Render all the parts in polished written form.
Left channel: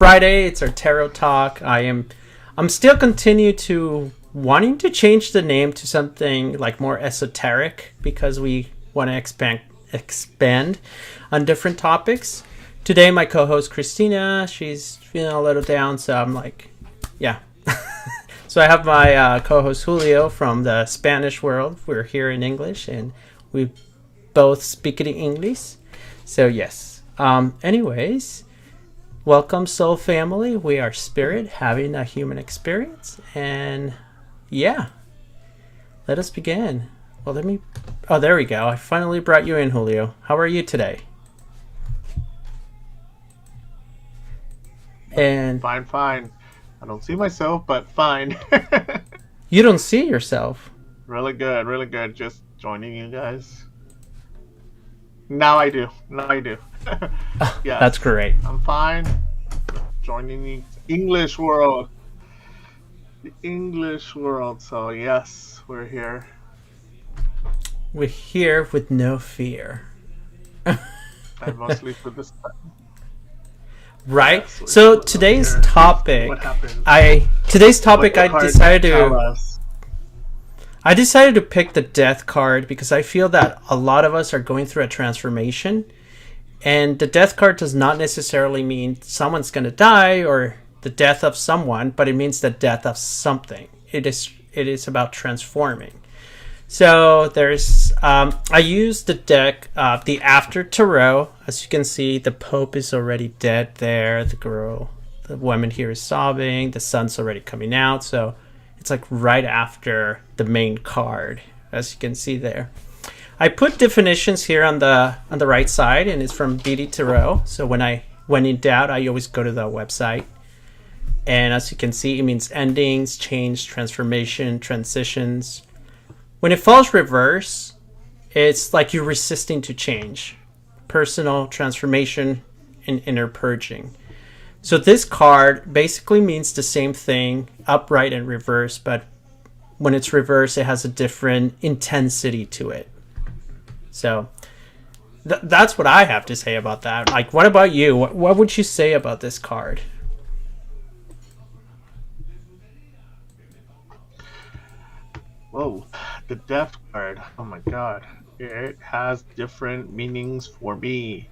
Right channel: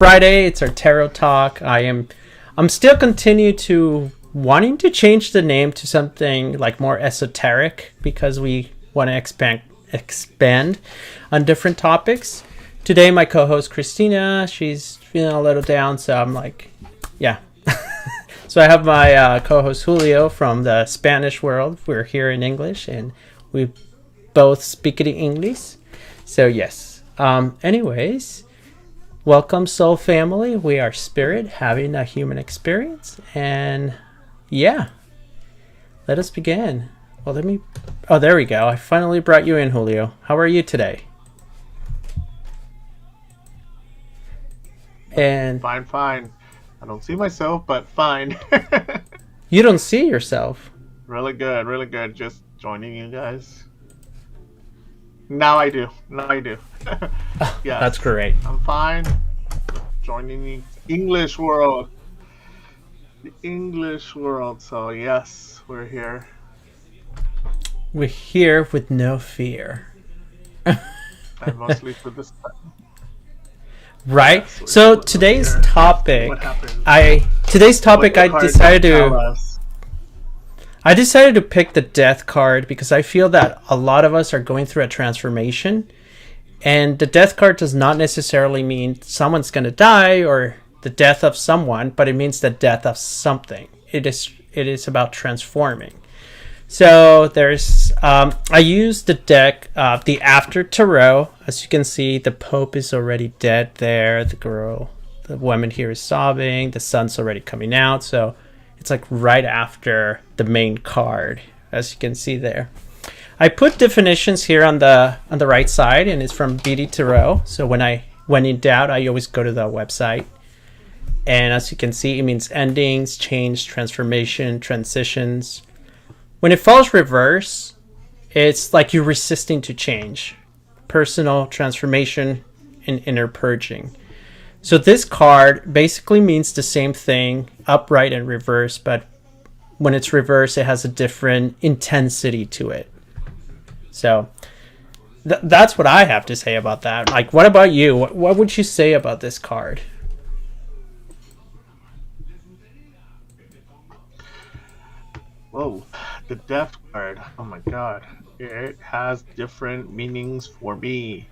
Friday. It's our tarot talk. I'm still continue to wanting to change the name to something like more esoteric because we want to expand on different topics. Today my co-host Christina, she's feeling a little down, so I'm like, yeah. So I have my co-host Julio from the Spanish world. We're here in English and we both speak in English. So yes. Anyways, welcome soul family. We are spirit having a human experience, and yeah, let us begin. Well, there we go. I finally brought you in, Julio. How are you today? And Fine. I don't see myself, but fine. you don't see yourself. Really good. Just joining you guys. Now I do. Yes. That's great. I'm fine. Joining the English world. The English world. So yes, we're here. We're here with no fear. And mostly for this time. Right. Yes, So today's topic, What happened? I decided to pick the death card because I feel that a lot of us are going through a transformation, and the death card does not necessarily mean someone's going to die or the death of someone, but it means the death of something. It is about transforming. So there's I used the deck, the After Tarot. As you can see, the Pope is already dead there. The woman here is sobbing. The sun's already coming out. So it's like right after the main card, as you can see there. I put definitions here on the right side, and it's from BD Tarot. So when in doubt, I always go to the website. And as you can see, it means endings, change, transformation, transitions. When it falls reverse, it's like you're resisting to change. Personal transformation and inner purging. So this card basically means the same thing, upright and reverse, but when it's reverse, it has a different intensity to it. So that's what I have to say about that. Like, what about you? What would you say about this card? Whoa, the death card. Oh my god. It has different meanings for me.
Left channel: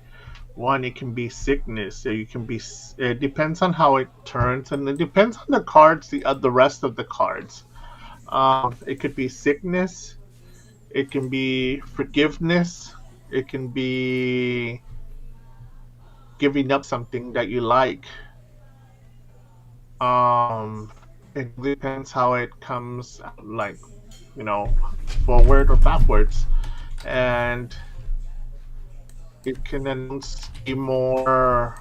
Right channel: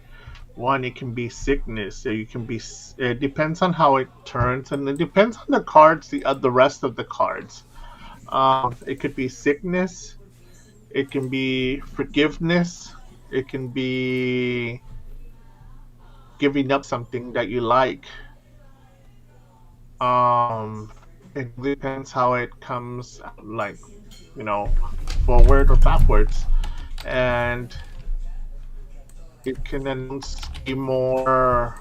One, it can be sickness. It depends on how it turns, and it depends on the cards, the rest of the cards. It could be sickness. It can be forgiveness. It can be giving up something that you like. It depends how it comes, like, forward or backwards, and it can then be more.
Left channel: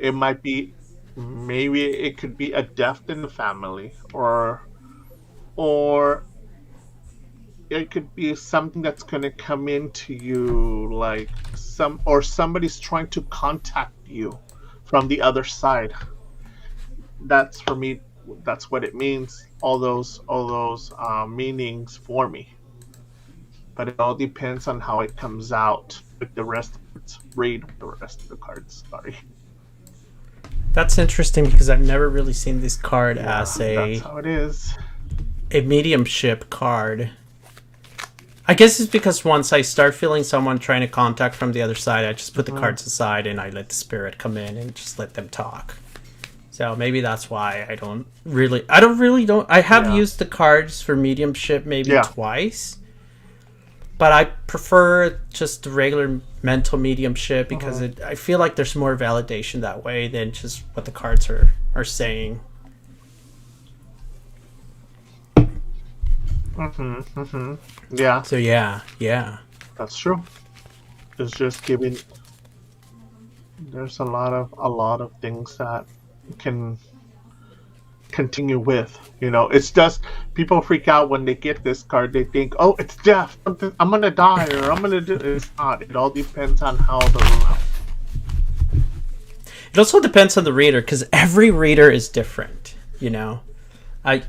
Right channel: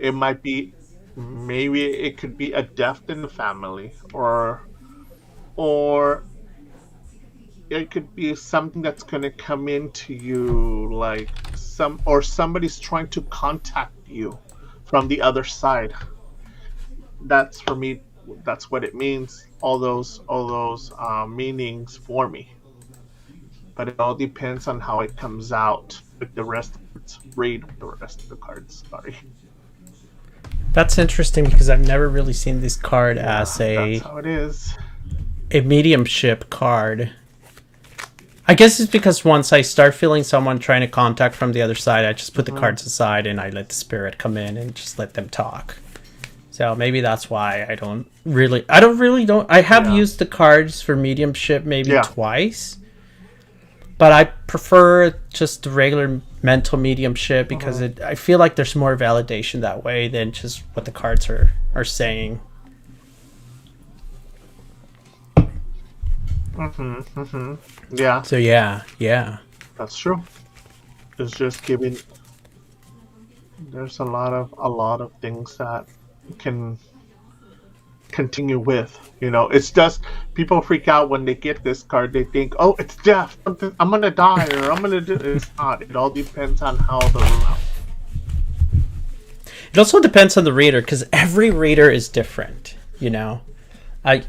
It might be, maybe it could be a death in the family, or it could be something that's going to come into you, like somebody's trying to contact you from the other side. That's, for me, that's what it means. All those meanings for me, but it all depends on how it comes out with the rest of it. Read the rest of the cards. Sorry. That's interesting because I've never really seen this card That's how it is. a mediumship card. I guess it's because once I start feeling someone trying to contact from the other side, I just put the cards aside and I let the spirit come in and just let them talk. So maybe that's why I have used the cards for mediumship maybe twice, but I prefer just the regular mental mediumship because I feel like there's more validation that way than just what the cards are saying. Yeah. So yeah. That's true. It's just giving. There's a lot of things that can continue with. It's just people freak out when they get this card. They think, oh, it's death. I'm gonna die, or I'm gonna do. It's not. It all depends on how It also depends on the reader because every reader is different. I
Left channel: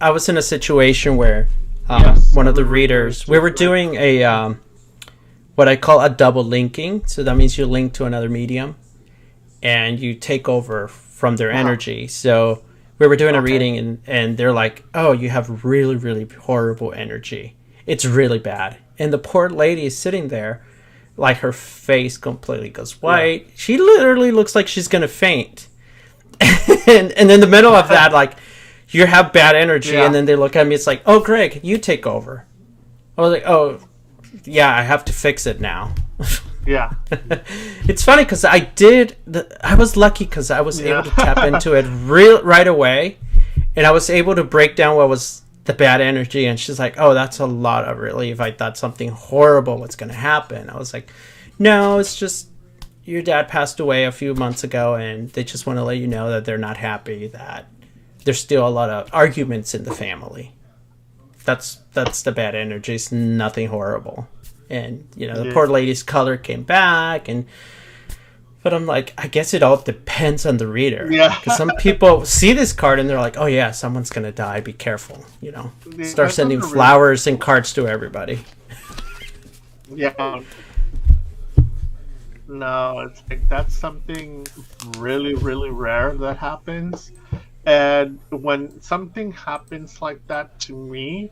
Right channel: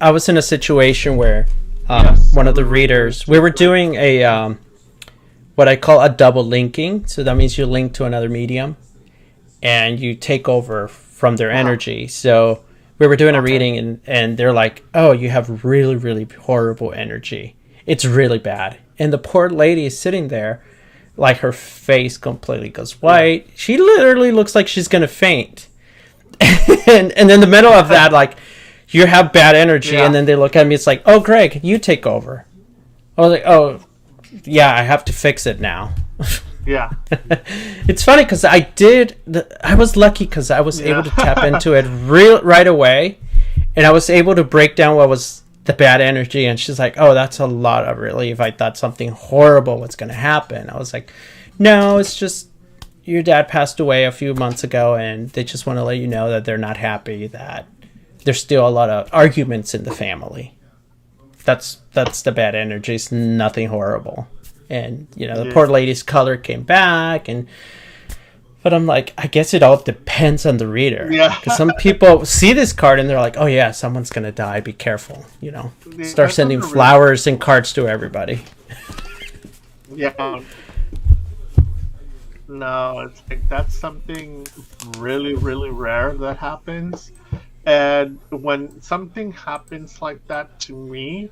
was in a situation where one of the readers, we were doing a what I call a double linking. So that means you link to another medium. and you take over from their energy. So we were doing a reading, and they're like, oh, you have really, really horrible energy. It's really bad. And the poor lady is sitting there, like her face completely goes white. Yeah. She literally looks like she's going to faint. and in the middle of that, like, you have bad energy, and then they look at me, it's like, oh, Greg, you take over. I was like, oh, yeah, I have to fix it now. Yeah. It's funny because I was lucky because I was able to tap into it right away, and I was able to break down what was the bad energy, and she's like, oh, that's a lot of relief. I thought something horrible was going to happen. I was like, no, it's just your dad passed away a few months ago, and they just want to let you know that they're not happy, that there's still a lot of arguments in the family. That's the bad energy. It's nothing horrible. And, the poor lady's color came back, but I'm like, I guess it all depends on the reader. Yeah. Because some people see this card and they're like, oh yeah, someone's going to die. Be careful. Start sending flowers and cards to everybody. Yeah. No, it's like that's something really, really rare that happens. And when something happens like that to me,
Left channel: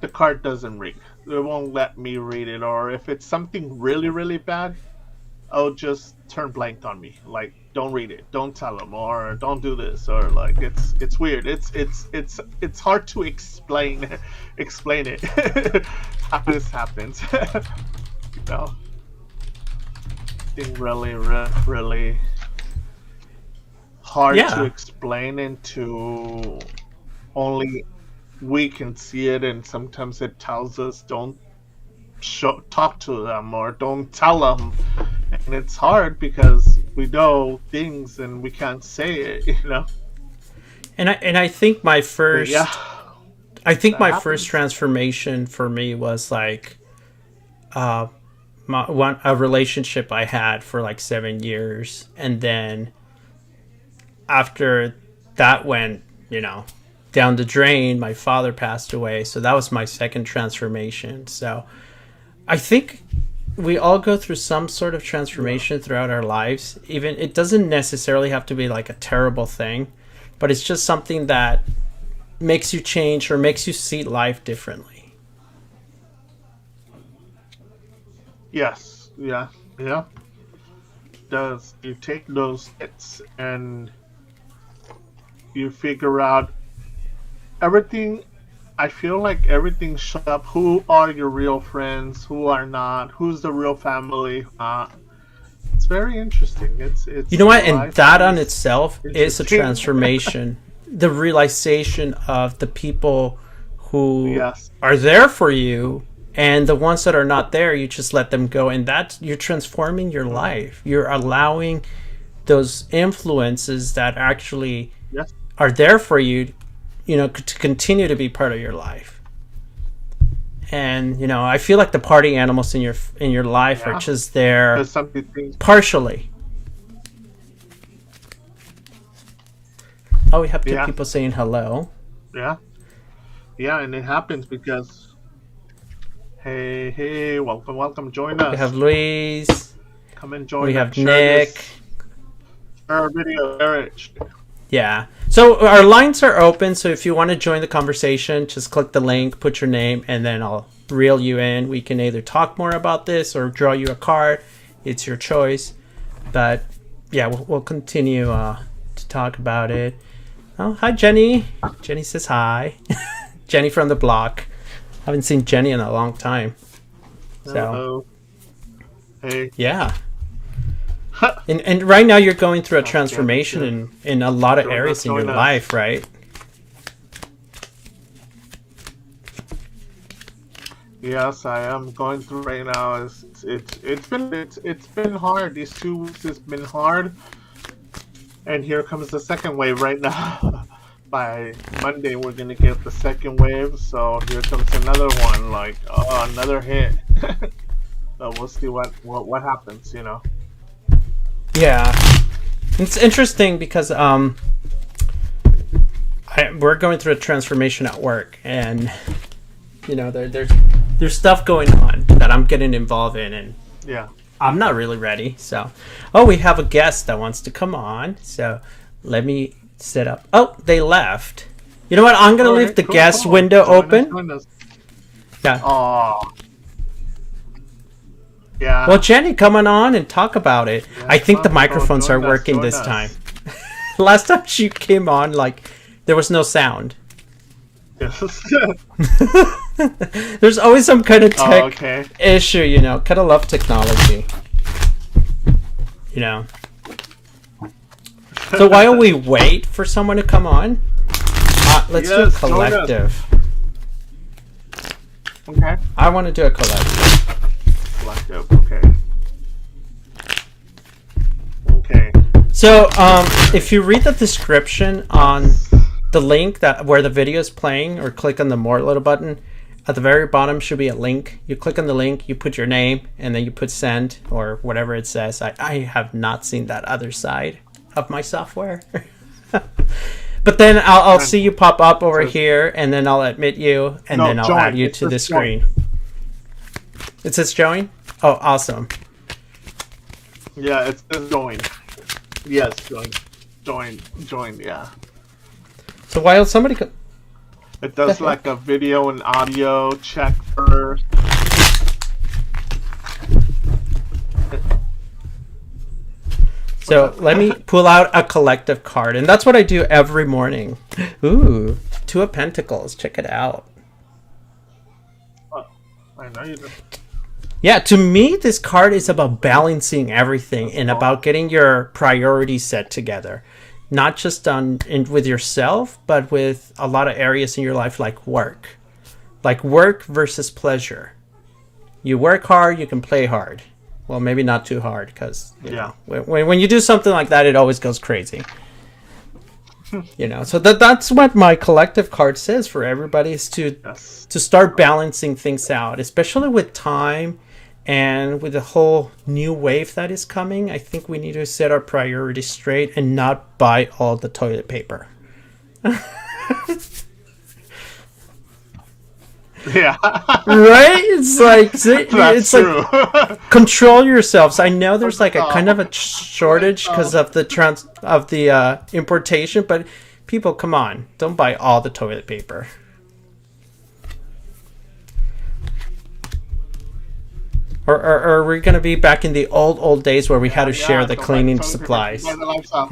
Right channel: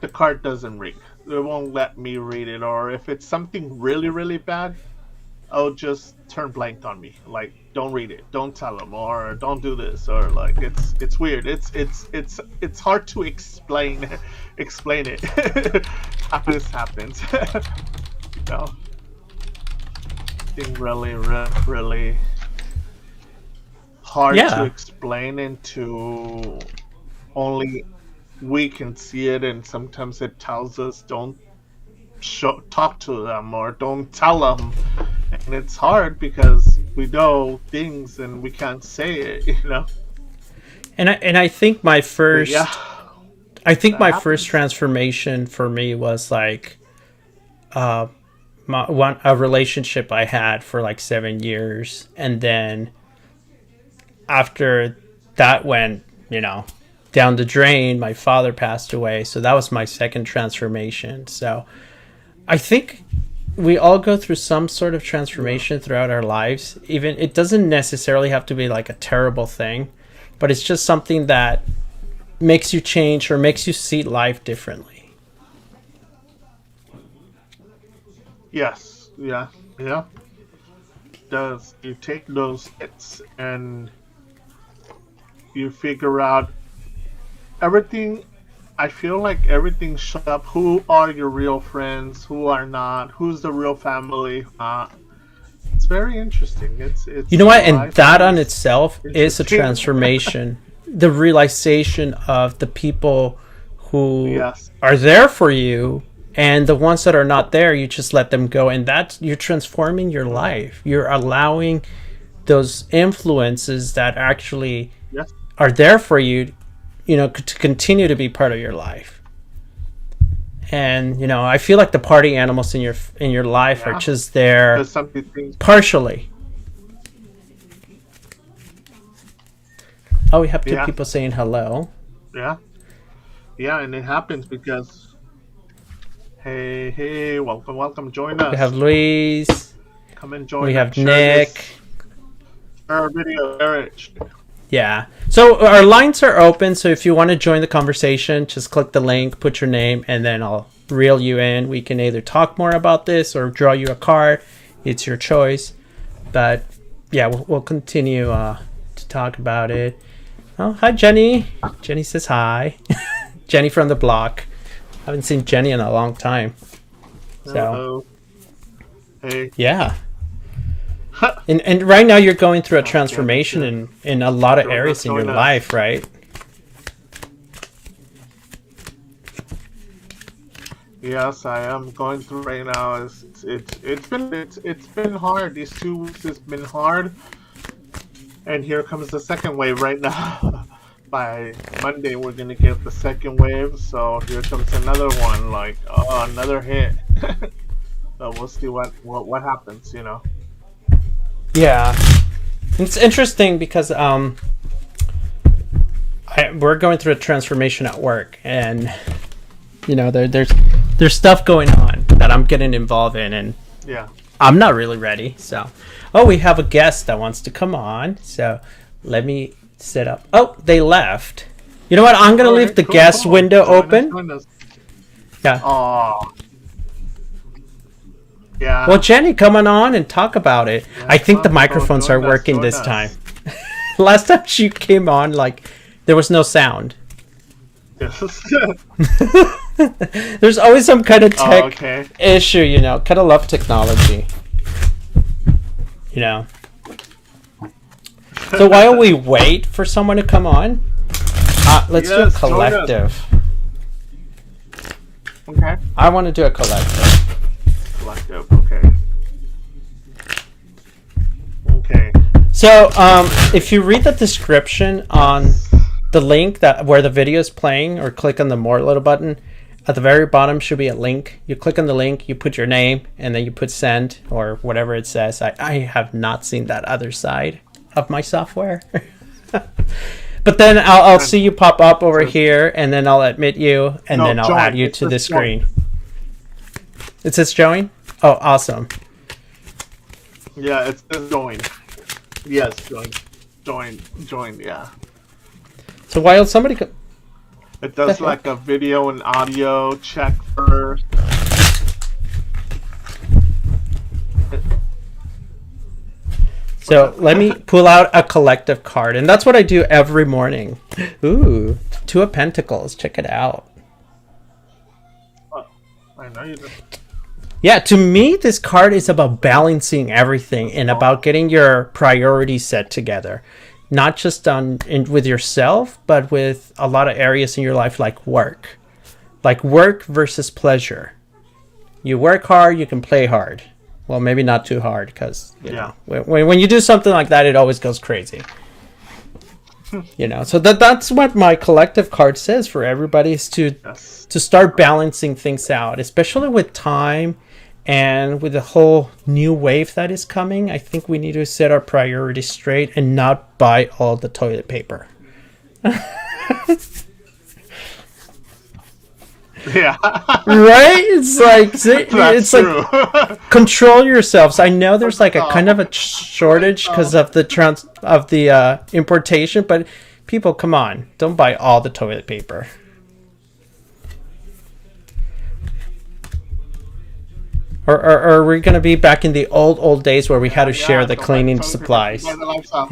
the card doesn't read. It won't let me read it. Or if it's something really, really bad, I'll just turn blank on me. Like, don't read it. Don't tell them. Or don't do this. Or like, it's weird. It's hard to explain it. How this happens. Thing really, really, really hard to explain into only we can see it, and sometimes it tells us don't talk to them or don't tell them, and it's hard because we know things and we can't say it, And I think my first, first transformation for me was like, a relationship I had for like 7 years, and then after that went, down the drain, my father passed away. So that was my second transformation. So I think we all go through some sort of transformation throughout our lives. Even it doesn't necessarily have to be like a terrible thing, but it's just something that makes you change or makes you see life differently. Yes. Yeah. Does you take those hits and you figure out everything. I feel like everything shows up. Who are your real friends? Who are not? Who's the real family? It's very interesting. It's you know what, and that on itself is a transformation. The realization of the people who are there for you, and the ones that are not there, you just let them go, and you're transforming your life. You're allowing those influences that actually are there for you, to continue to be part of your life. And I feel like the party animals in your life are just there partially. Oh, we have two people saying hello. Yeah, and it happens because hey, welcome, join us. We have Luis. Come and join. We have Nick. Our video, Eric. Yeah. So our lines are open. So if you want to join the conversation, just click the link, put your name, and then I'll reel you in. We can either talk more about this or draw you a card. It's your choice. But yeah, we'll continue to talk about it. Oh, hi, Jenny. Jenny says hi. Jenny from the block. I haven't seen Jenny in a long time. So. Hello. Hey. Yeah. And right now you're going through a transformation in a lot of areas in your life, right? Yes, I am going through right now. It's been hard. These 2 weeks has been hard, and here comes the second wave right now. By Monday, we're gonna get the second wave. So here comes another one, like another hit. So we'll see what happens, Yeah, it's interesting because we're going through a transformation at work, and there's stuff going on that I'm getting involved in, and I'm not really ready. So, oh, we have a guest that wants to come on. So, let me set up. Oh, they left. You know what? I'm gonna All leave right, the cool, guest cool. window Join us, open. join us. Yeah. Oh, Well, yeah. Jenny, coming on and talk about it. I Yes, think the so microphones are join us, working join this time. us. Last time she came on, like there was no sound. Yes. There's always some kind of Oh, tech okay. issue, you know. Kind of love technology, you know. So while we wait for someone to come on, let's do a Yes, join us. collective. Okay. I want to do a collective. Collective. Okay. Okay. So, if you read the description on the link that where the video is playing, or click on the more little button, at the very bottom should be a link. You click on the link, you put your name, and then you put send or whatever it says. I have not seen that other side of my software. But then I'll see you pop up over here, and then I'll admit you, and No, then I'll join. add you It to the says join. screen. It says join? Oh, awesome. Yeah, it says join. Yes, join. Join, yeah. So while somebody... It does The like heck? a video and audio check first. So let me pull out a collective card, and that's what I do every morning. Ooh, Two of Pentacles. Check it out. Oh, I know you did. Yeah, to me, this card is about balancing everything and about getting your priorities set together. Not just with yourself, but with a lot of areas in your life like work. Like work versus pleasure. You work hard, you can play hard. Well, maybe not too hard, because Yeah. when you do something like that, it always goes crazy. You know, so that's what my collective card says for everybody, is Yes. to start balancing things out, especially with time and with the whole new wave that is coming. I think we need to set our priorities straight and not buy all the toilet paper. Yeah. Right? It's like That's it's like true. control yourselves. I know there's like a kind of a shortage because of the importation, but people, come on, don't buy all the toilet paper. Or are we gonna be back in the old days where we had to share the don't buy cleaning toilet paper, supplies? buy the lifestyle.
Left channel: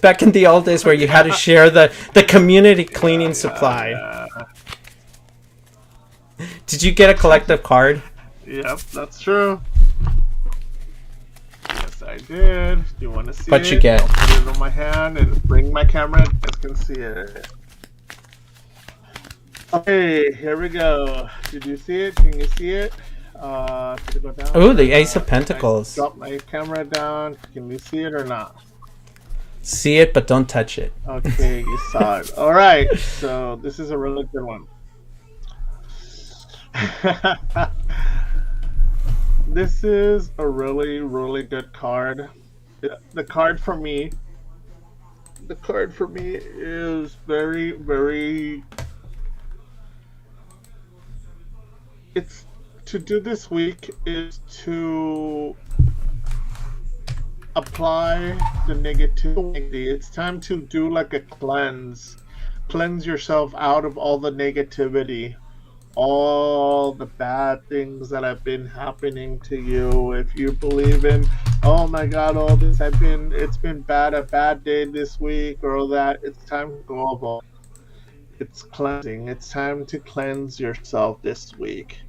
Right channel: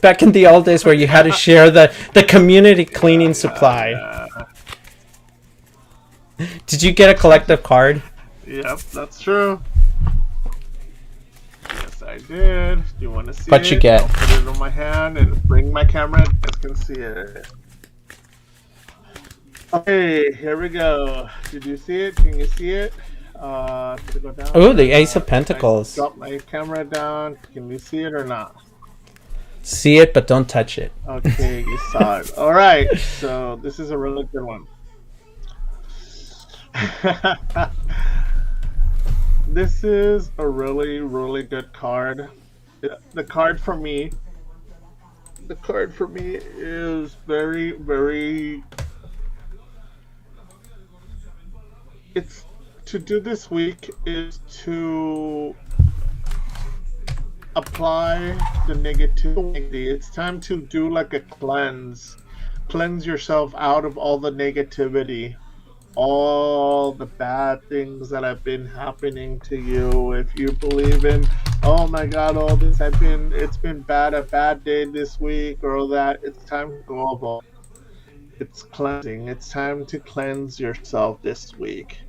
Back in the old days where you had to share the community cleaning supply. Yeah. Did you get a collective card? Yep, that's true. Yes, I did. Do you want to see What'd it? you get? I'll put it on my hand and bring my camera. You guys can see it. Okay, here we go. Did you see it? Can you see it? Did it go down? Ooh, the Ace of I Pentacles. dropped my camera down. Can you see it or not? See it, but don't touch it. Okay, you saw it. All right, so this is a really good one. This is a really, really good card. The card for me is very, very. It's to do this week is to apply the negativity. It's time to do like a cleanse yourself out of all the negativity, all the bad things that have been happening to you. If you believe in, oh my God, all this it's been bad, a bad day this week, or all that, it's time to go over. It's cleansing. It's time to cleanse yourself this week.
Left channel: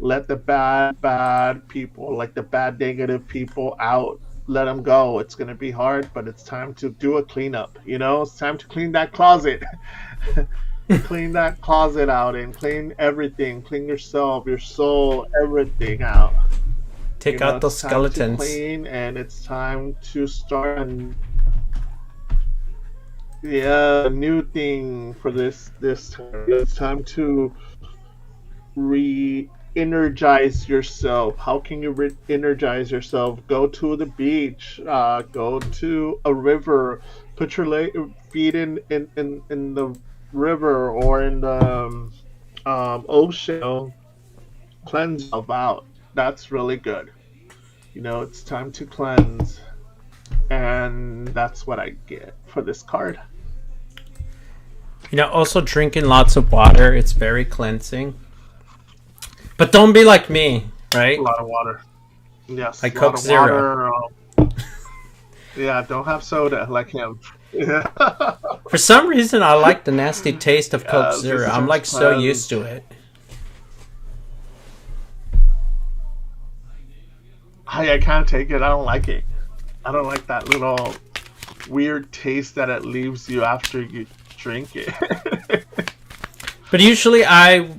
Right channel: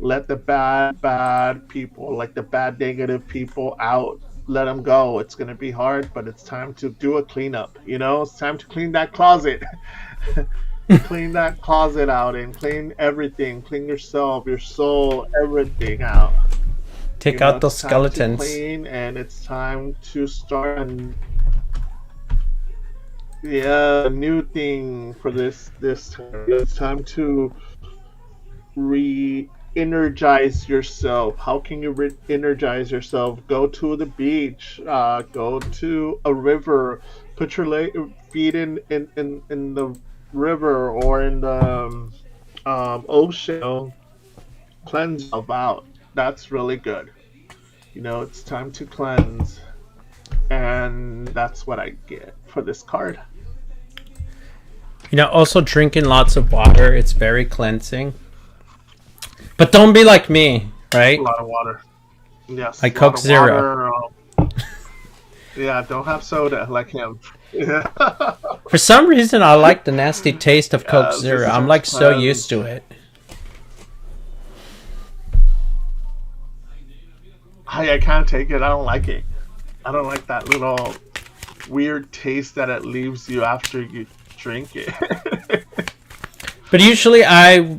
Let the bad people, like the bad negative people, out. Let them go. It's going to be hard, but it's time to do a cleanup. You know, it's time to clean that closet. Clean that closet out and clean everything. Clean yourself, your soul, everything out. Take out those it's time skeletons. to clean, and it's time to start a new thing for this time. It's time to re-energize yourself. How can you re-energize yourself? Go to the beach, go to a river, put your feet in the river or in the ocean. Cleanse yourself out. That's really good. It's time to cleanse, and that's what I get for this card. Also drinking lots of water. It's very cleansing. But don't be like me, A right? lot of water. Yes, I a lot Coke of Zero. water. Yeah, don't have soda like him. Yeah. For some reason, I like the nasty taste of Coke Yes, Zero. this is I'm just like so used cleanse. to it. I can't take it. I don't like it. I don't like that little weird taste that it leaves you after you drink it. But usually,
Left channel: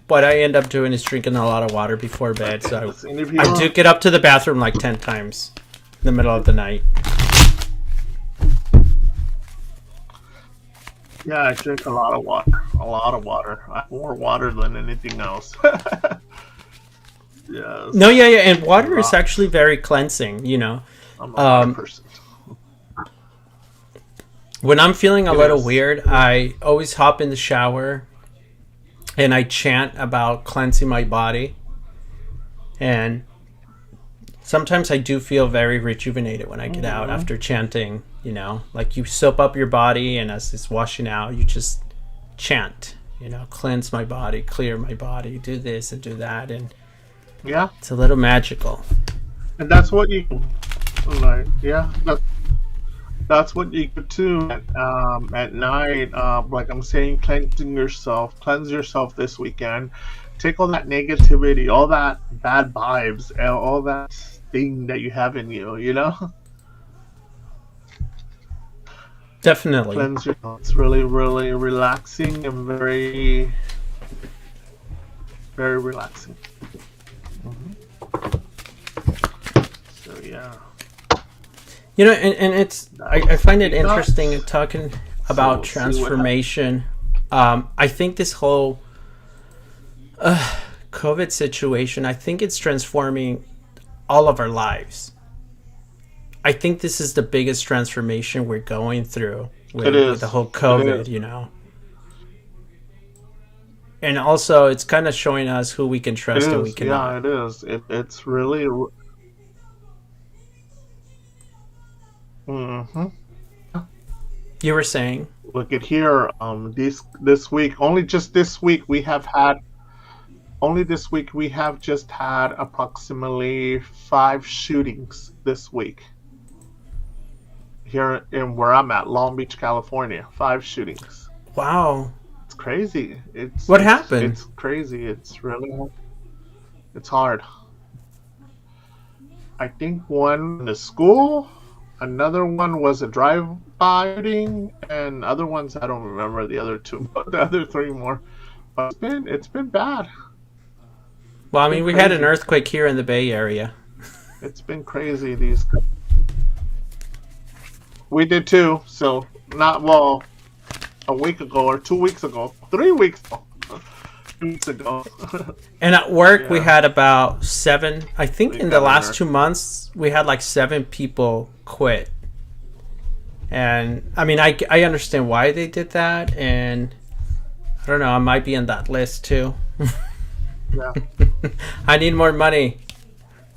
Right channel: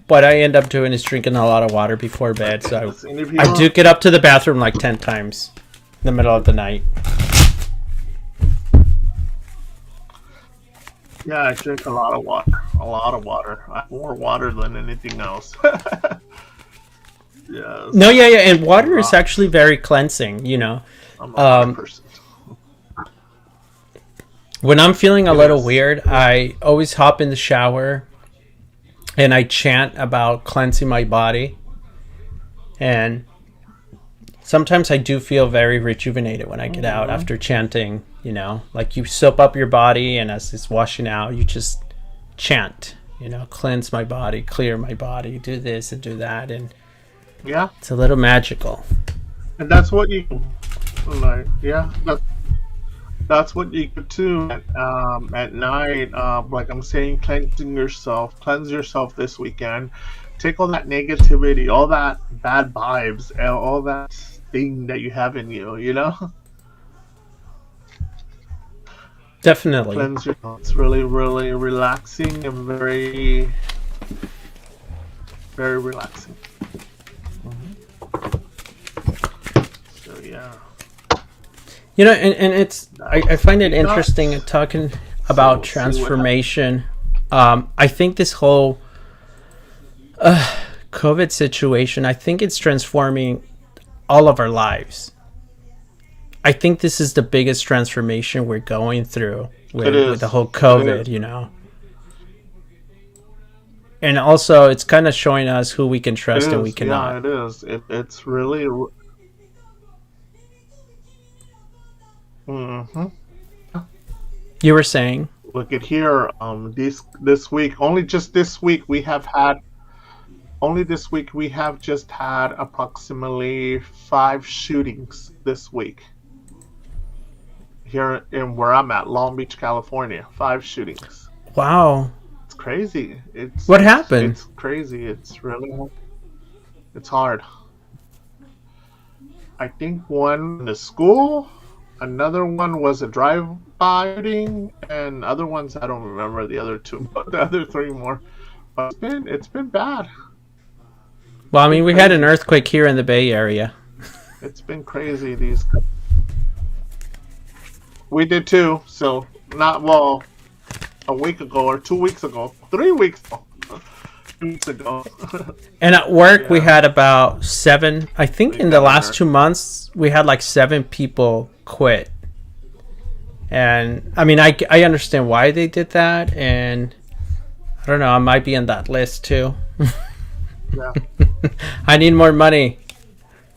what I end up doing is drinking a lot of water before bed. In So this interview, I do get up to the bathroom like 10 times in the middle of the night. yeah, I drink a lot of water. A lot of water. I have more water than anything else. No, Yes, yeah. And a water is lot. actually very cleansing. I'm a water Um, person. when I'm feeling a It little is. weird, It is. I always hop in the shower and I chant about cleansing my body. And sometimes I do feel very rejuvenated when I get out Mhm. after chanting. Like you soap up your body, and as it's washing out, you just chant, cleanse my body, clear my body, do this and do that. And Yeah, it's a little magical. and that's what you like. Yeah, that's what you could do at night. Like I'm saying, cleanse yourself this weekend. Take all that negativity, all that bad vibes, and all that thing that you have in you. Definitely. Cleanse yourself. It's really, really relaxing and very, very relaxing. So yeah, And it's I that's find what it we got. interesting talking So about we'll see what happens. transformation. I think this whole COVID situation, I think it's transforming all of our lives. I think this is the biggest transformation we're going through It with the is. whole It is. COVID. And also, it's kind of showing us who we can It trust and we is. cannot. Yeah, it is. It's really. Hmm. You were saying, Look at here. This week, only this week we have just had approximately 5 shootings this week here in where I'm at, Long Beach, California. 5 shootings. wow, It's crazy. It's what it's happened? it's crazy. It's hard. I think one in the school, another one was a drive-by shooting, and other ones I don't remember the other two, but the other three more. But it's been bad. Well, It's I been mean, we had an crazy. earthquake here in the Bay Area. It's been crazy. We did too. So not well a week ago or 2 weeks ago, 3 weeks ago, 2 weeks ago. And at work, we Yeah, had about seven. I think we in the got an last earth. 2 months, we had like 7 people quit. And I mean, I understand why they did that. And I don't know, I might be on that list too. Yeah. I need more money.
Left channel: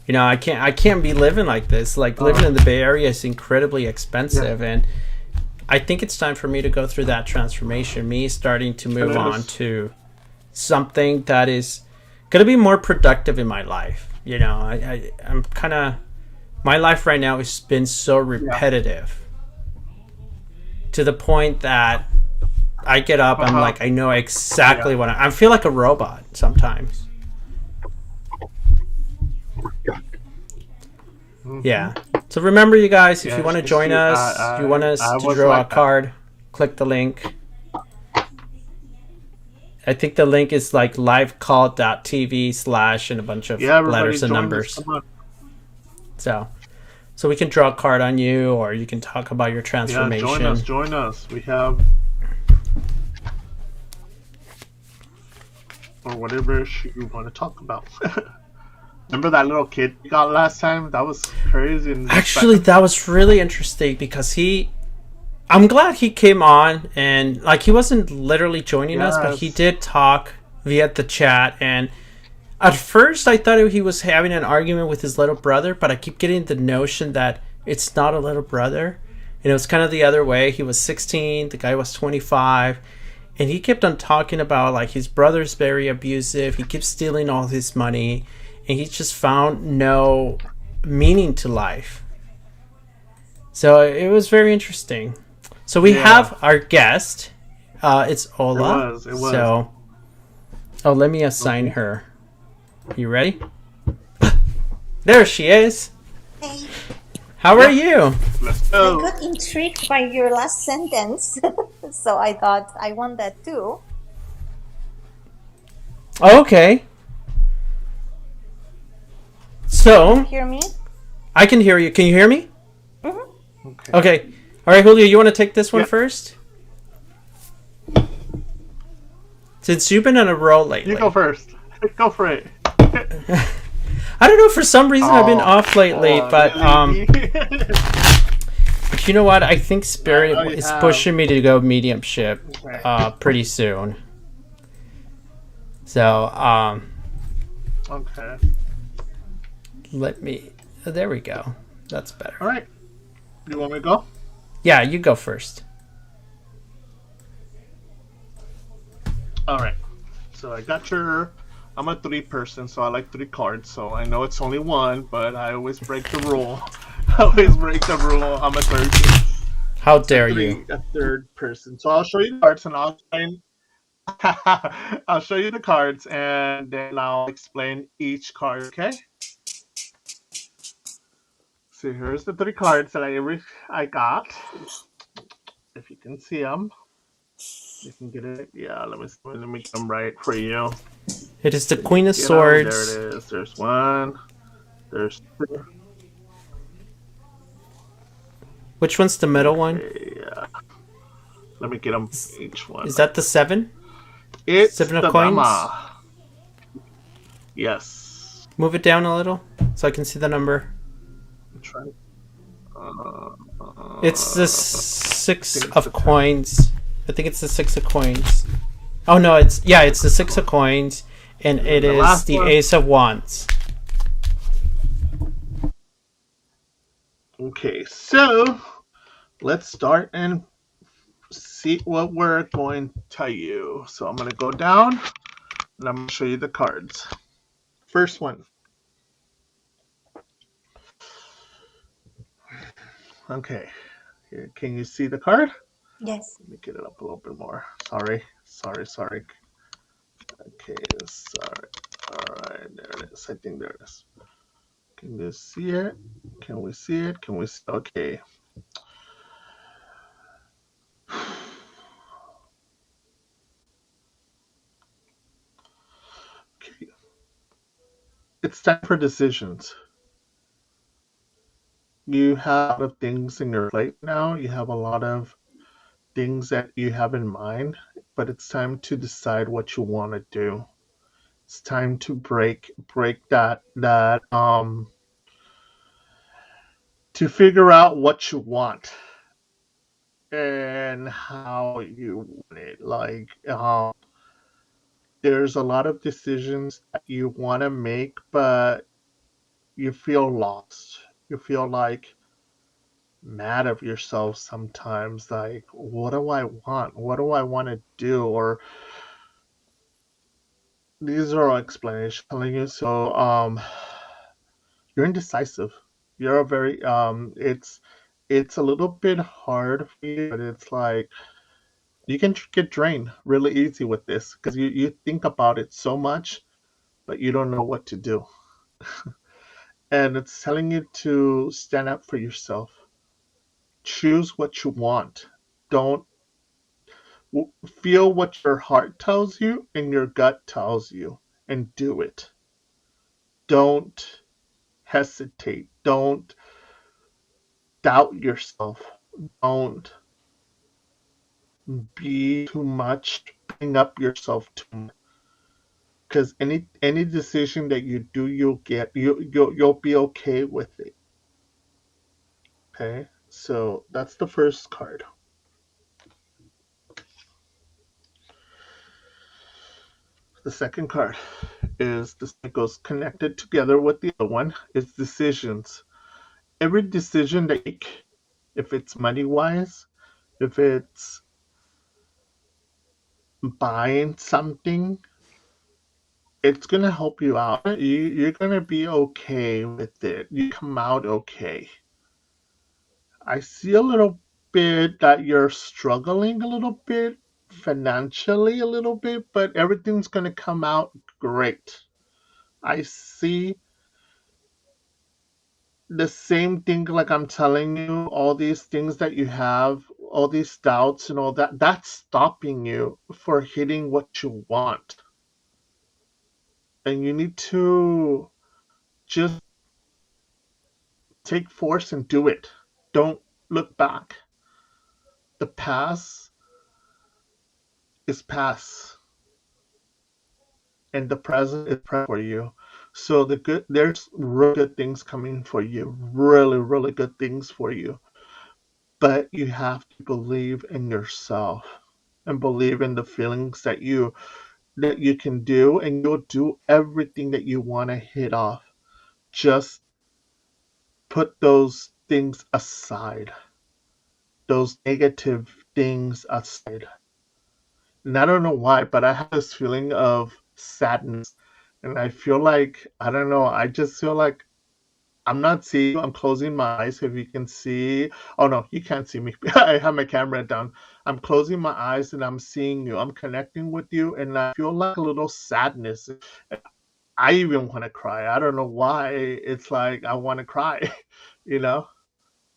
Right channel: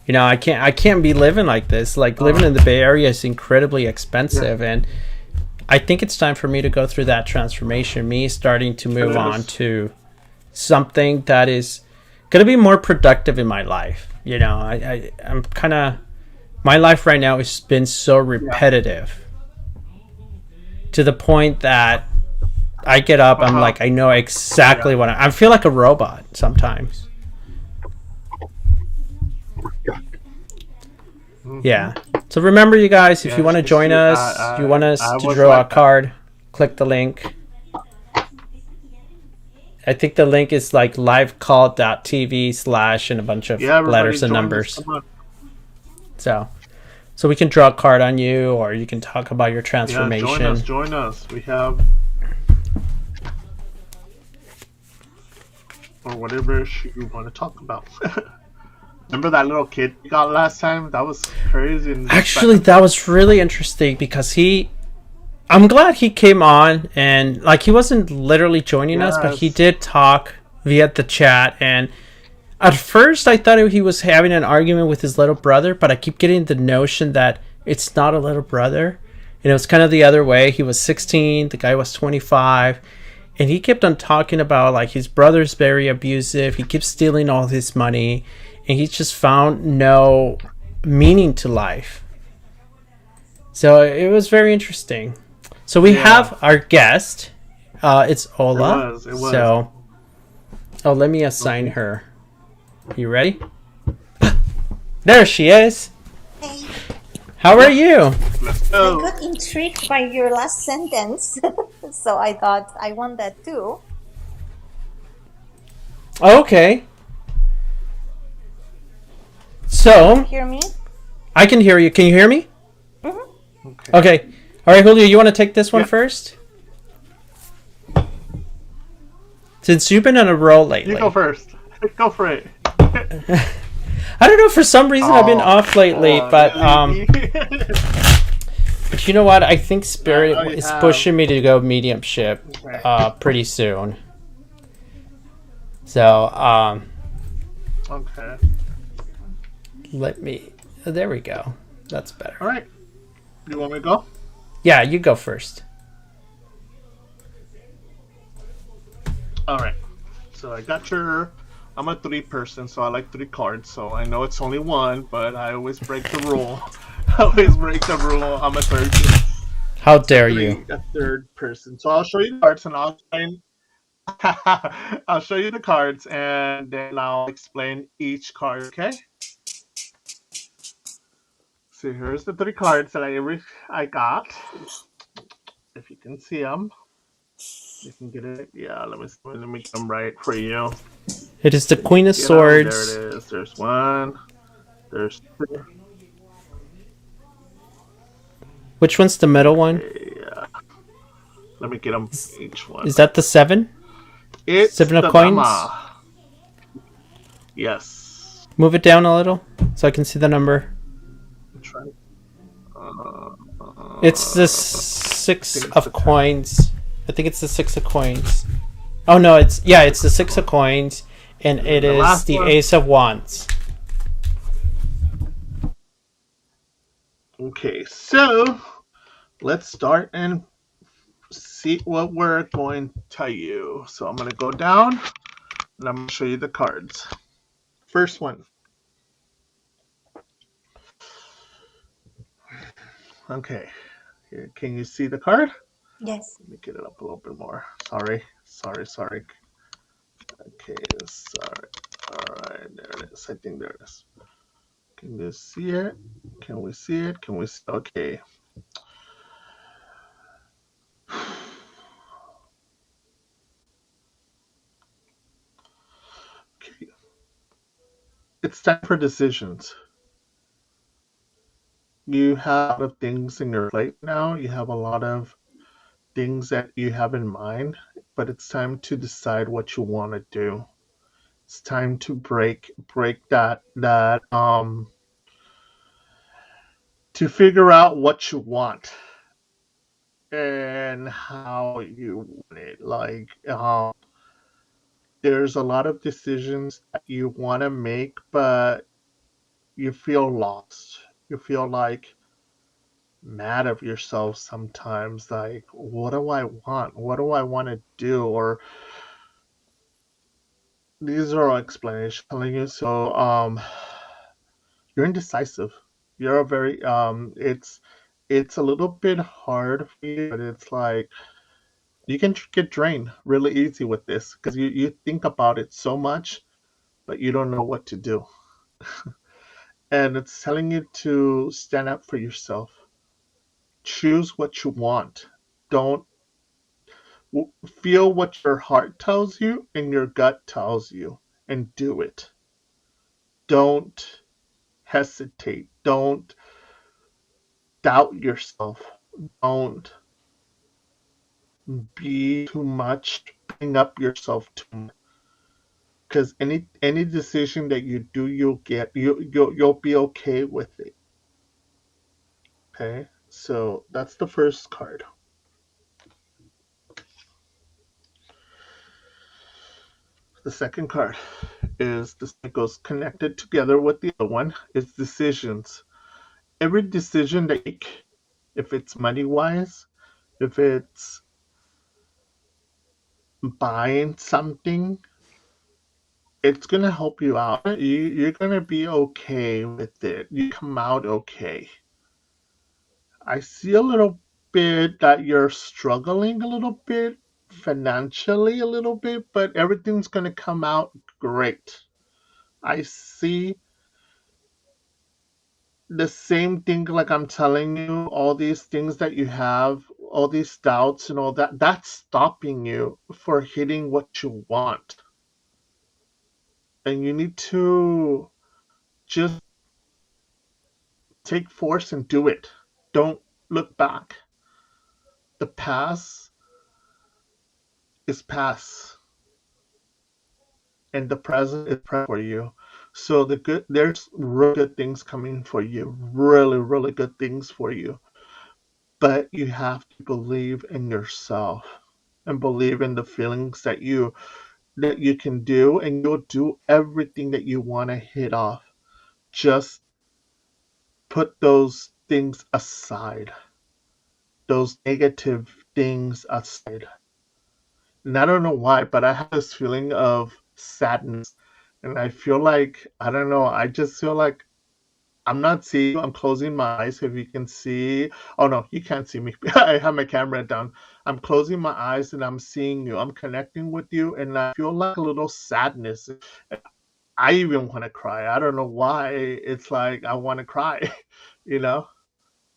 I can't be living like this. Like living Uh, in the Bay Area is incredibly yeah. expensive, and I think it's time for me to go through that transformation. Me starting to It move on is. to something that is going to be more productive in my life. I'm kind of my life right now has been so Yeah. repetitive to the point that I get up, Uh I'm huh. like, I know Yeah. exactly I feel like a robot sometimes. Hmm. Yeah. So remember, you guys, if you want Yes. to You join see, us, you want us I to was draw a like that. card, click the link. I think the link is like livecall.tv/ and a bunch of Yeah. Everybody, letters and join us. numbers. Come on. So we can draw a card on you, or you can talk about your Yeah. Join us. transformation. Join us. We have or whatever issue you want to talk about. Remember that little kid you got last time? That was crazy and Actually, respectful. that was really interesting because I'm glad he came on, and like he wasn't literally joining us, but he Yes. did talk via the chat. And At first, I thought he was having an argument with his little brother, but I keep getting the notion that it's not a little brother. And it was kind of the other way. He was 16, the guy was 25, and he kept on talking about like his brother's very abusive. He keeps stealing all his money, and he just found no meaning to life. So it was very interesting. So we Yeah, have our guest. It's it Ola. was. It was. So, oh, let me assign Okay. her. You ready? There she is. Hey, How are Yep. you? Let's I go. got intrigued by your last sentence, so I thought I want that too. Okay. Can you So, hear me? I can hear you. Can you hear me? Mm-hmm. Okay. Okay. All right, Julio, you want to take this one Yep. first? Since you've been on a roll lately. You go first. Go for it. I don't know, for some reason I've been Oh, off lately, but really? but you know what? I think Spirit I know you is have. pushing me to go mediumship Okay. pretty soon. So, Okay. let me there we go. That's better. All right. You want me to go? Yeah, you go first. All right. So I got your. I'm a 3 person, so I like 3 cards. So I know it's only one, but I always break the rule. I always break the rule. I'm a third. How dare you? A third person. So I'll show you the cards, and I'll explain. I'll show you the cards, and then I'll explain each card. Okay. So here's the 3 cards that I got. If you can see them, you can get it. Yeah. Let me get them right for you. It is the Can you Queen of get them? There it Swords. is. There's one. There's two. Which one's the middle one? Okay, let me get them Is, each one. is that the 7? It's 7 of the coins? Dama. Yes. Move it down a little so I can see the number. I'm trying. Uh, It's the I 6 think it's the of 10. coins. I think it's the 6 of coins. Oh no, it's the 6 of coins, and And it then the is last the one. Ace of Wands. Okay, so let's start and see what we're going to tell you. So I'm going to go down and I'm going to show you the cards. First one. Okay. Here, can you see the card? Yes. Let me get it up a little bit more. Sorry. Okay, sorry. All right, there it is. I think there it is. Can you see it? Can we see it? Can we see? Okay. Okay. It's time for decisions. You have a lot of things in your plate now. You have a lot of things that you have in mind, but it's time to decide what you want to do. It's time to break that to figure out what you want and how you want it. Like there's a lot of decisions that you want to make, but you feel lost. You feel like mad of yourself sometimes. Like, what do I want? What do I want to do? Or these are all explanations telling you. So, you're indecisive. You're a very it's a little bit hard for you, but it's like you can get drained really easy with this because you think about it so much, but you don't know what to do. And it's telling you to stand up for yourself. Choose what you want. Don't feel what your heart tells you and your gut tells you and do it. Don't hesitate. Don't doubt yourself. Don't be too much, bring up yourself too much. Because any decision that you do, you'll be okay with it. Okay, so that's the first card. The second card is this, it goes connected together with the other one is decisions. Every decision that you make, if it's money wise, if it's buying something, it's gonna help you out. You're gonna be okay with it. You come out okay. I see a little bit that you're struggling a little bit financially, a little bit, but everything's gonna come out great. I see the same thing like I'm telling you, all these things that you have, all these doubts and all that, that's stopping you for hitting what you want. And you need to just take force and do it. Don't look back. The past is past, and the present is present for you. So there's really good things coming for you, really, really good things for you. But you have to believe in yourself and believe in the feelings that you can do, and you'll do everything that you want to hit off. Just put those things aside, those negative things aside. And I don't know why, but I have this feeling of sadness. And I feel like, I don't know, I just feel like I'm not seeing you. I'm closing my eyes if you can see. Oh no, you can't see me. I have my camera down. I'm closing my eyes and I'm seeing you. I'm connecting with you and I feel like a little sadness. I even want to cry. I don't know why. It's like I want to cry. you know,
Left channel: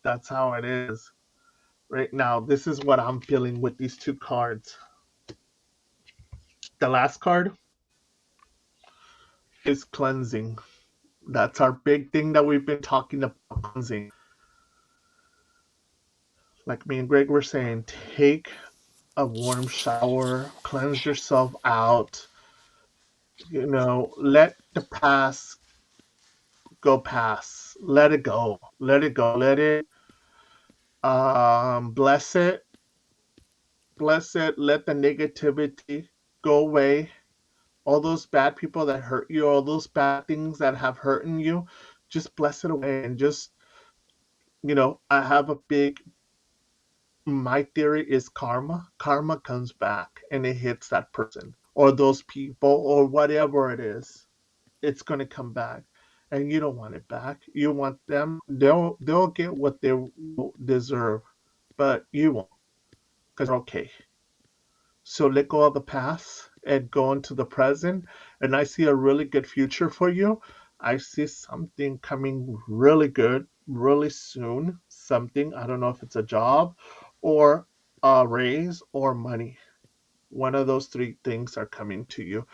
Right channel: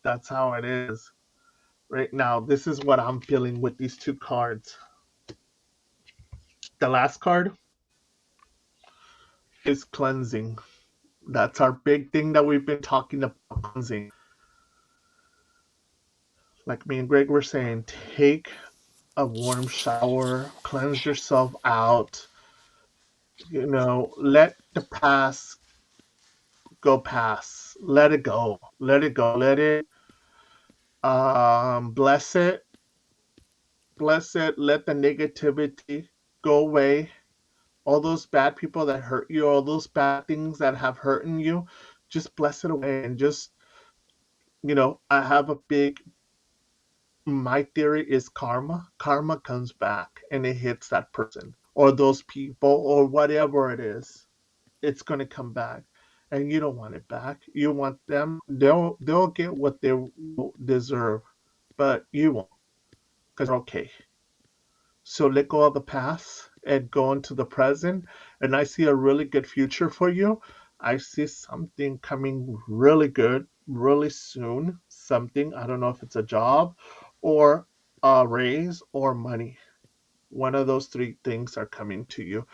that's how it is right now. This is what I'm feeling with these two cards. The last card is cleansing. That's our big thing that we've been talking about, cleansing. Like me and Greg were saying, take a warm shower, cleanse yourself out, let the past go past. Let it go. Let it go. Let it bless it. Bless it. Let the negativity go away. All those bad people that hurt you, all those bad things that have hurt you, just bless it away and just I have a big my theory is karma. Karma comes back and it hits that person or those people or whatever it is. It's going to come back. And you don't want it back. You want them. They'll get what they deserve, but you won't because they're okay. So let go of the past and go into the present. And I see a really good future for you. I see something coming really good, really soon. Something, I don't know if it's a job or a raise or money. One of those three things are coming to you.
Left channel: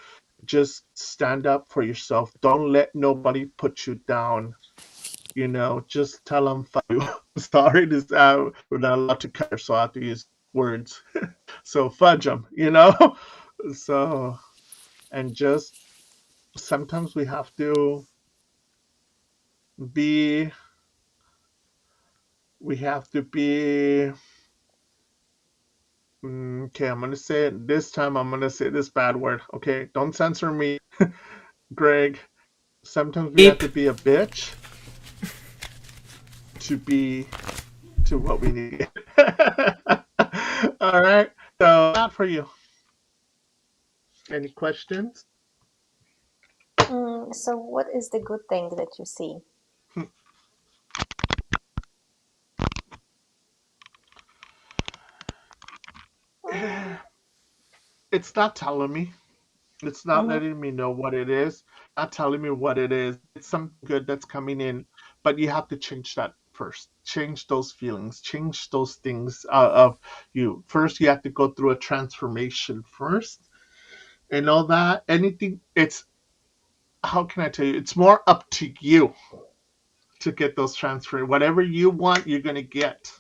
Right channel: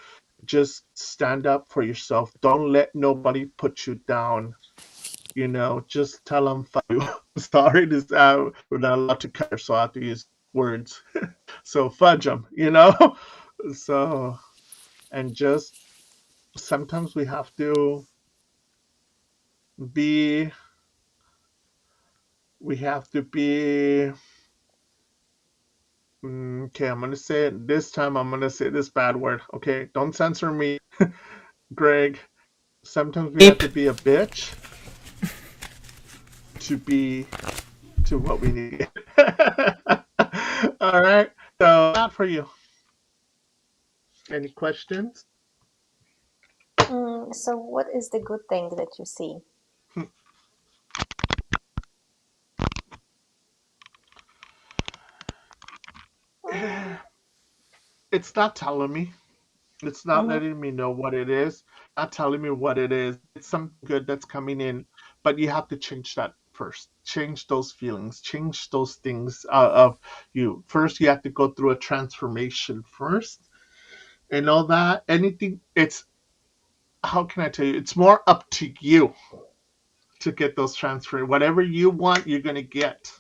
Just stand up for yourself. Don't let nobody put you down. Just tell them fuck you. Sorry, we're not allowed to curse, so I have to use words. So fudge them. So, and just sometimes be, we have to be, okay, I'm going to say it this time. I'm going to say this bad word. Okay, don't censor me, Greg. Sometimes we have Beep. to be a bitch to be to what we need. All right. So, that for you. Any questions? So, what is the good thing that you see? It's not telling me. It's not Mm-hmm. letting me know what it is. Not telling me what it is. It's something good that's coming in, but you have to change that first. Change those feelings. Change those things of you. First, you have to go through a transformation first, and all that. Anything. It's how can I tell you? It's more up to you to get those transfer. Whatever you want, you're gonna get.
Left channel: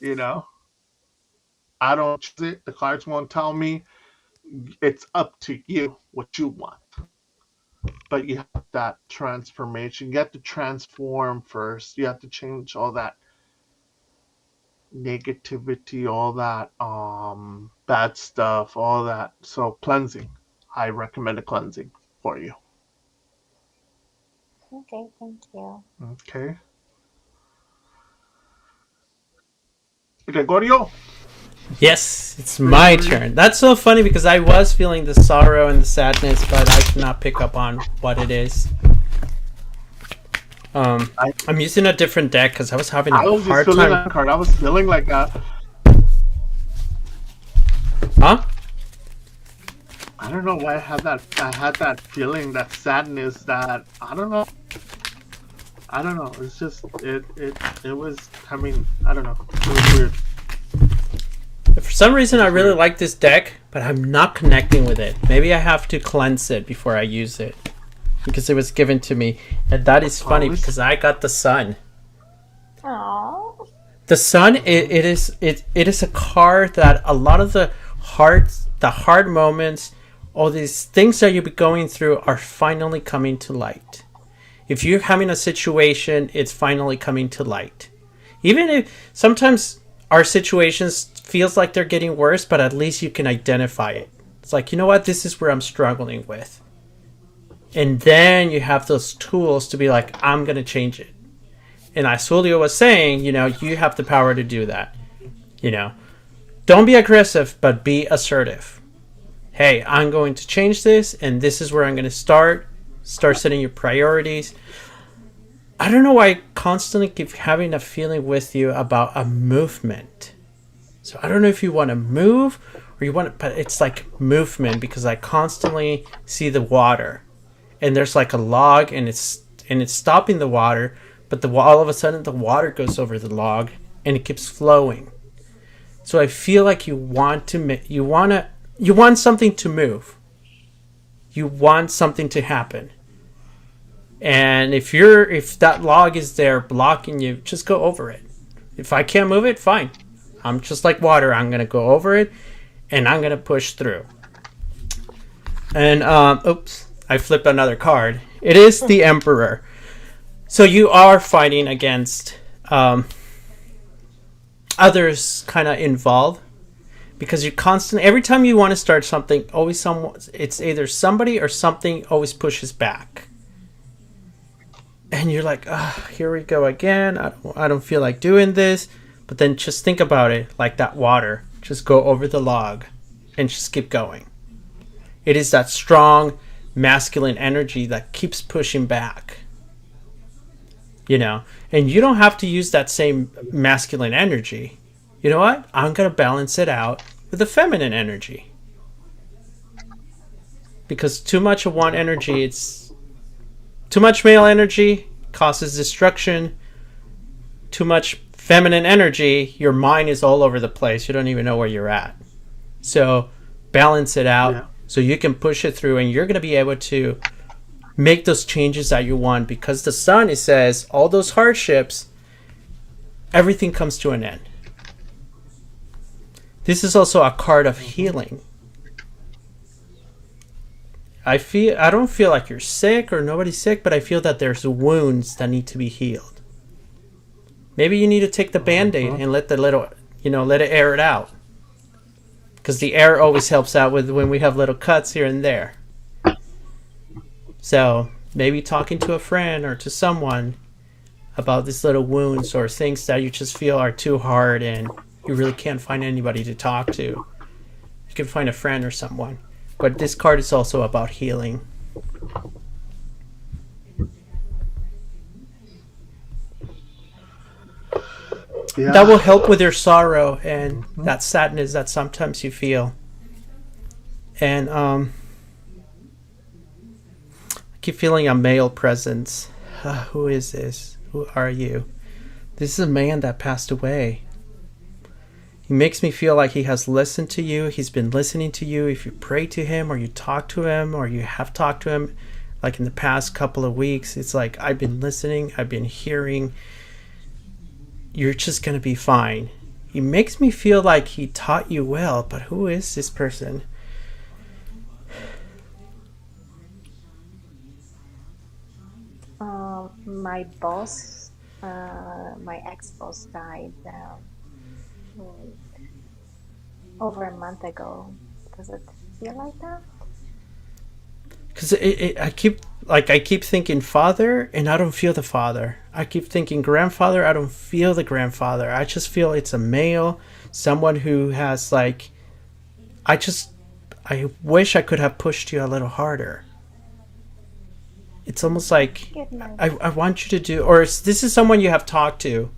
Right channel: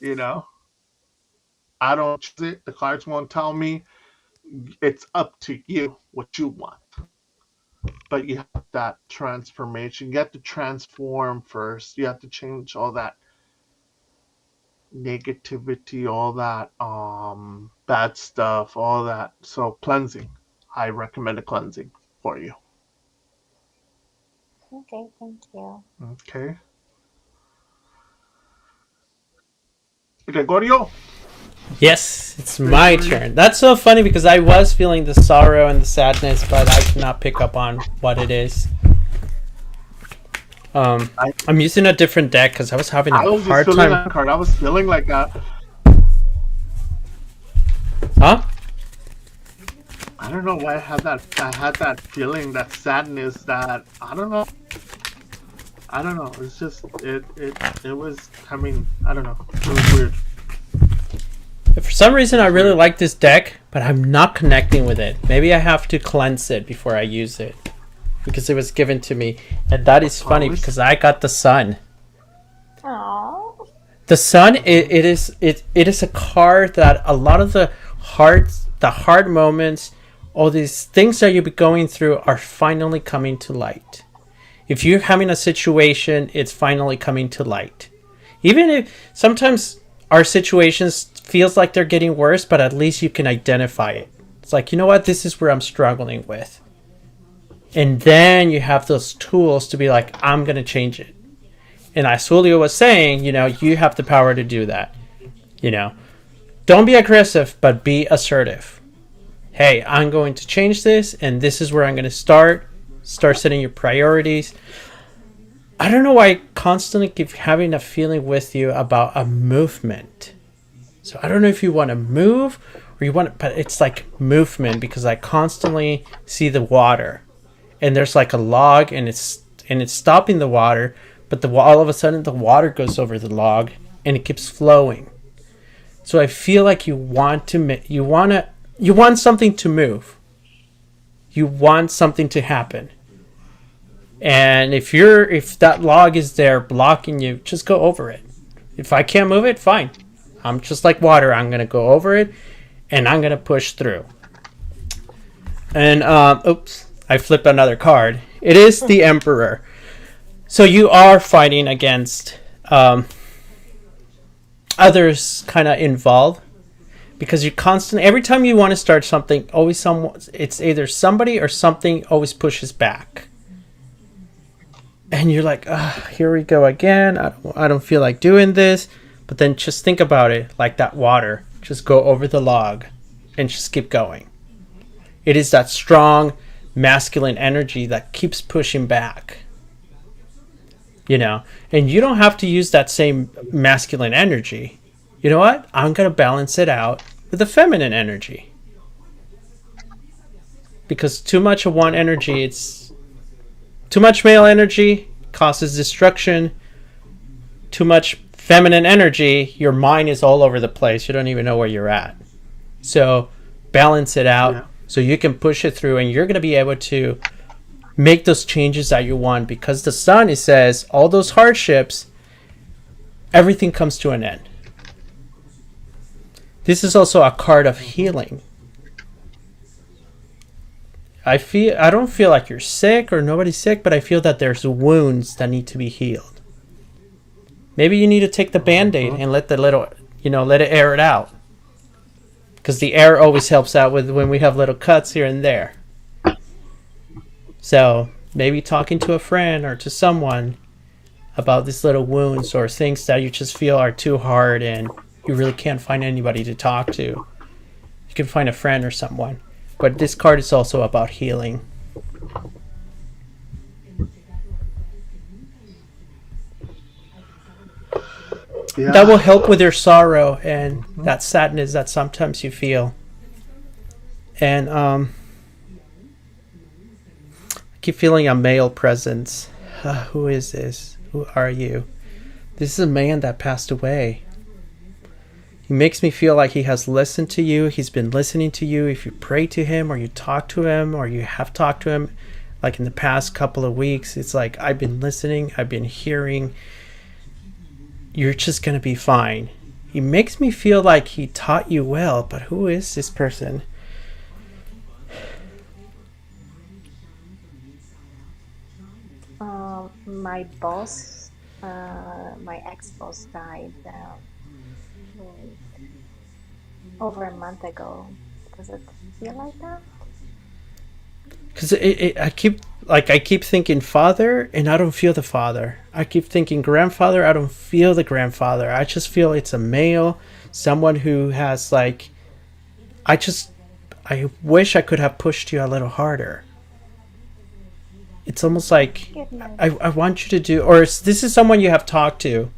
You know. I don't choose it. The cards won't tell me. It's up to you what you want. But you have that transformation. You have to transform first. You have to change all that negativity, all that bad stuff, all that. So cleansing. I recommend a cleansing for you. Okay, thank you. Okay. Gregorio? Yes, it's my Gregory? turn. That's so funny because I was feeling the sorrow and the sadness, but I cannot pick up on what it is. I, I'm using a different deck because I was having a I was just hard feeling time. that card. I was feeling like Huh? I don't know why I had that feeling, that sadness, that I don't know. I don't know. It's just it was coming. I don't know. It was weird. For some reason, It I was really weird. like this deck, but I'm not connecting with it. Maybe I have to cleanse it before I use it because it was given to me, and that is funny Oh, it's because I got the sun. Oh, The sun, it is a card that a lot of the hard moments, all these things that you'll be going through are finally coming to light. If you're having a situation, it's finally coming to light. Even if sometimes our situations feels like they're getting worse, but at least you can identify it. It's like, you know what, this is where I'm struggling with. And then you have those tools to be like, I'm going to change it. And as Julio was saying, you have the power to do that. You know, don't be aggressive, but be assertive. Hey, I'm going to change this, and this is where I'm going to start. Start setting your priorities. I don't know why I constantly keep having a feeling with you about a movement. So I don't know if you want to move or you want, but it's like movement because I constantly see the water, and there's like a log, and it's stopping the water, but all of a sudden the water goes over the log and it keeps flowing. So I feel like you want something to move. You want something to happen. And if that log is there blocking you, just go over it. If I can't move it, fine. I'm just like water. I'm gonna go over it, and I'm gonna push through. And oops, I flipped another card. It is the Emperor. So you are fighting against others, kind of involved, because you constantly every time you want to start something, always it's either somebody or something always pushes back. And you're like, here we go again. I don't feel like doing this. But then just think about it like that water. Just go over the log and just keep going. It is that strong masculine energy that keeps pushing back. And you don't have to use that same masculine energy. You know what? I'm going to balance it out with the feminine energy. Because too much of one energy, it's too much male energy causes destruction. Too much feminine energy, your mind is all over the place. You don't even know where you're at. So balance it out yeah. so you can push it through, and you're going to be able to make those changes that you want, because the sun, it says, all those hardships, everything comes to an end. This is also a card of healing. I don't feel like you're sick or nobody's sick, but I feel that there's wounds that need to be healed. Maybe you need to take the Band-Aid and let let it air it out. Because the air always helps out with when we have little cuts here and there. So maybe talking to a friend or to someone about these little wounds or things that you just feel are too hard and you really can't find anybody to talk to. You can find a friend or someone. But this card is also about healing. That will Yeah. help with your sorrow and that sadness that sometimes you feel. And I keep feeling a male presence. Who is this? Who are you? This is a man that passed away. He makes me feel like he has listened to you. He's been listening to you. If you pray to him or you talk to him or you have talked to him, like in the past couple of weeks, it's like, I've been listening. I've been hearing. You're just going to be fine. He makes me feel like he taught you well, but who is this person? my boss, my ex-boss died over a month ago. Does it feel like that? because I keep thinking father, and I don't feel the father. I keep thinking grandfather, I don't feel the grandfather. I just feel it's a male, someone who has like, I wish I could have pushed you a little harder. It's almost like I want you to do, or this is someone you have talked to.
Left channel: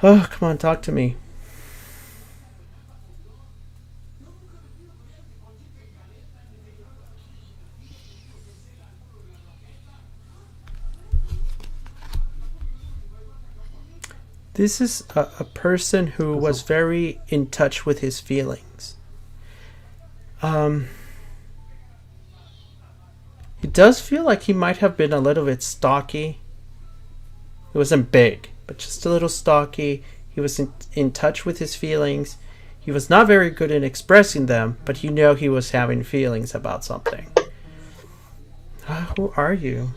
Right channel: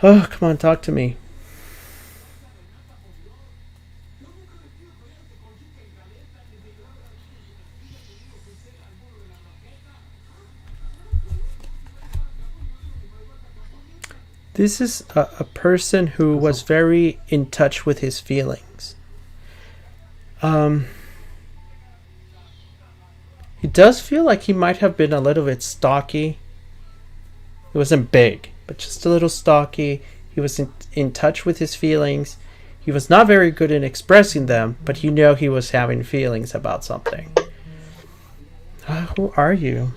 Oh, come on, talk to me. This is a person who was very in touch with his feelings. It does feel like he might have been a little bit stocky. It wasn't big, but just a little stocky. He was in touch with his feelings. He was not very good in expressing them, but you know he was having feelings about something. Who are you?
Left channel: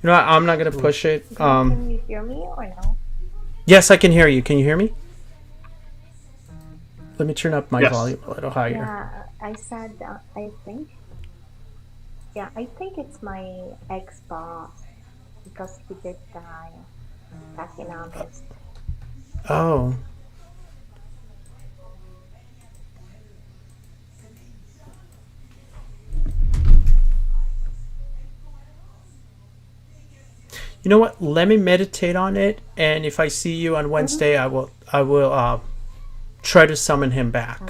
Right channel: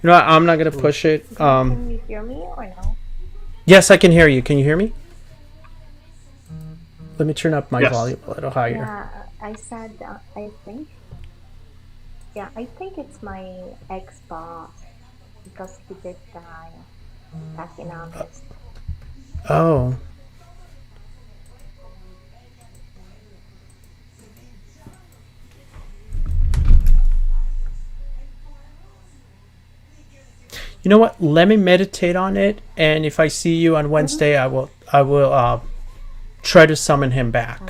You know what? I'm not going to push it. Can you hear me or no? Yes, I can hear you. Can you hear me? Let me turn up my volume a little higher. Yeah, I said, I think it's my ex-boss because he did die back in August. Oh. You know what? Let me meditate on it, and if I see you on Wednesday, I will try to summon him back.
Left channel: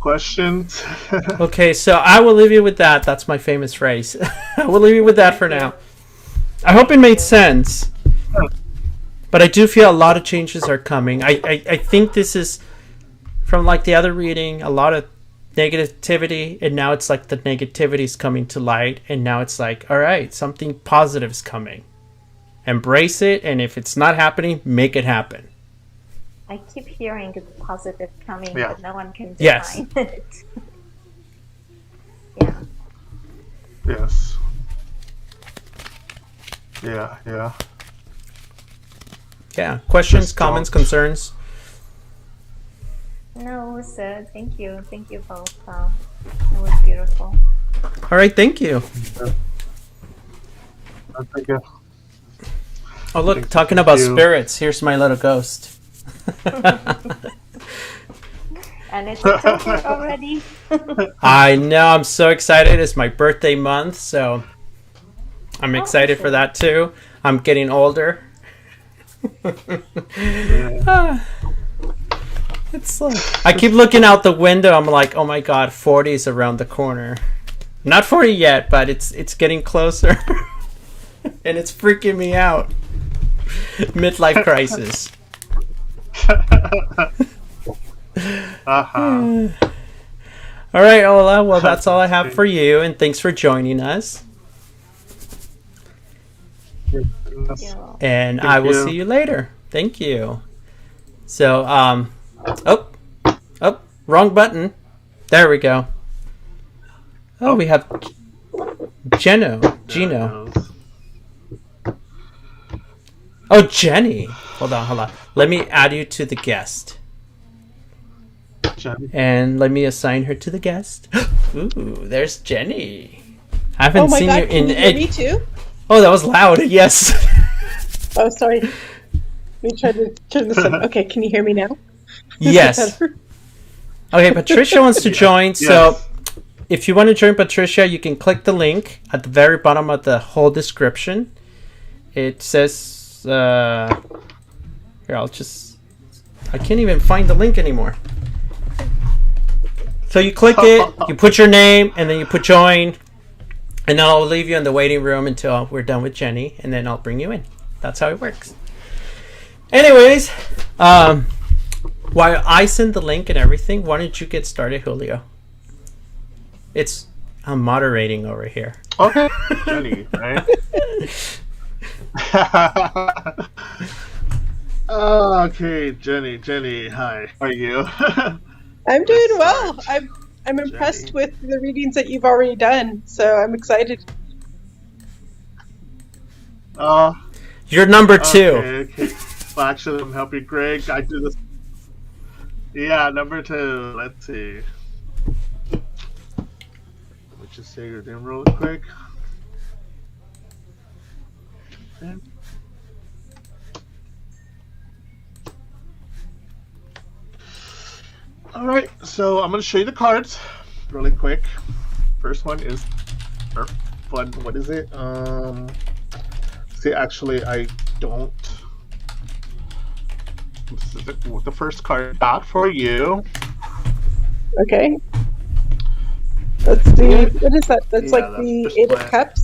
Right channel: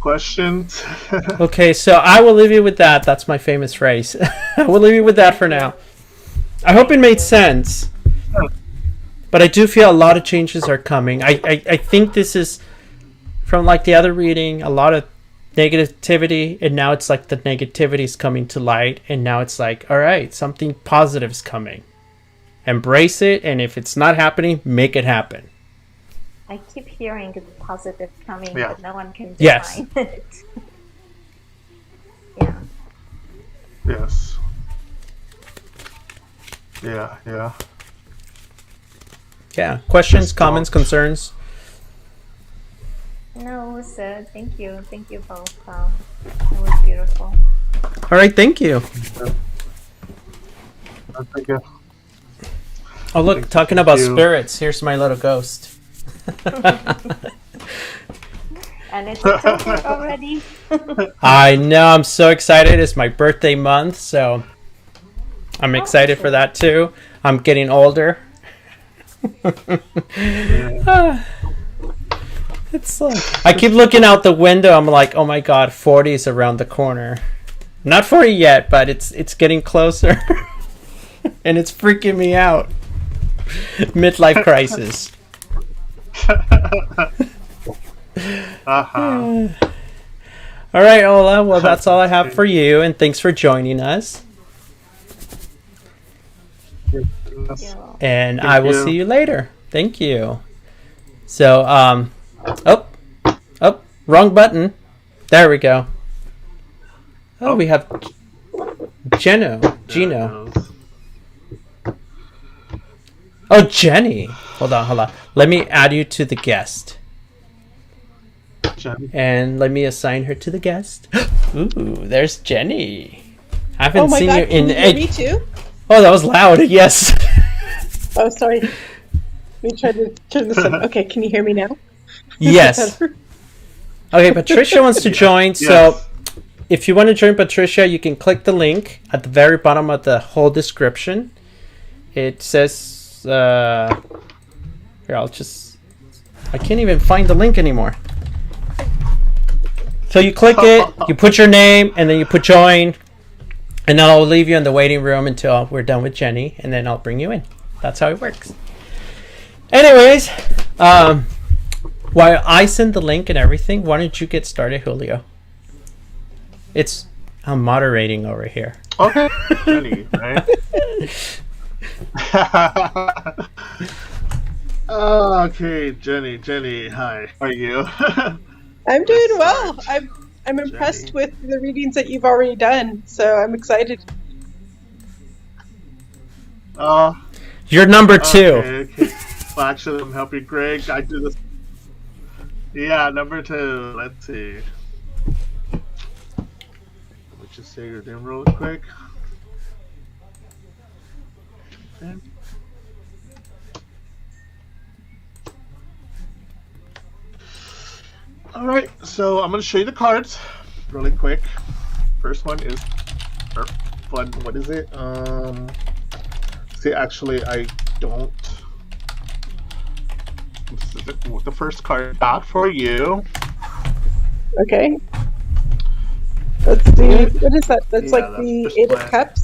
Questions? Okay, so I will leave you with that. That's my famous phrase. I will leave you with that for now. I hope it made sense. But I do feel a lot of changes are coming. I think this is, from like the other reading, a lot of negativity, and now it's like the negativity is coming to light, and now it's like, all right, something positive is coming. Embrace it, and if it's not happening, make it happen. I keep hearing the positive coming, Yeah. but no one can Yes. define it. Yeah. Yes. Yeah. Yeah. Questions, Just comments, don't. concerns? No, sir. Thank you. Thank you both. It was beautiful. All right, thank you. Thank you. Oh, look, Thank talking about you. spirits. Here's my little ghost. And it's October already. I know, I'm so excited. It's my birthday month, so I'm excited for that too. I'm getting older. It's like, I keep looking out the window. I'm like, oh my god, 40 is around the corner. Not 40 yet, but it's getting closer. And it's freaking me out. Midlife crisis. Uh-huh. All right, Ola. Well, that's all I have for you, and thanks for joining us. Yeah. And Thank I will you. see you later. Thank you. So, wrong button. There we go. Oh, we have Gino. Oh, Jenny. Hold on. Let me add you to the guest. Jenny. And let me assign her to the guest. Ooh, there's Jenny. I haven't seen you in Can you hear me too? Oh, that was loud. Yes. Oh, sorry. Let me try to turn this on. Okay, can you hear me now? Yes. Okay, Patricia wants to join. So Yes. if you want to join Patricia, you can click the link at the very bottom of the whole description. It says, here, I can't even find the link anymore. So you click it, you put your name, and then you put join, and then I'll leave you in the waiting room until we're done with Jenny, and then I'll bring you in. That's how it works. Anyways, while I send the link and everything, why don't you get started, Julio? I'm moderating over here. Okay. Jenny, right? Okay, Jenny, hi. How are you? I'm doing Let's well. start. I'm impressed Jenny. with the readings that you've already done, so I'm excited. Uh, You're number 2. okay. Well, actually, I'm helping Greg. I do this. Yeah, number 2. Let's see. Let me just say your name real quick. Okay. All right, so I'm gonna show you the cards really quick. First one is fun. What is it? See, actually, I don't. This is the first card I got for you. Okay. That's the, what is that? That's Yeah, like that's the first 8 of plan. Cups.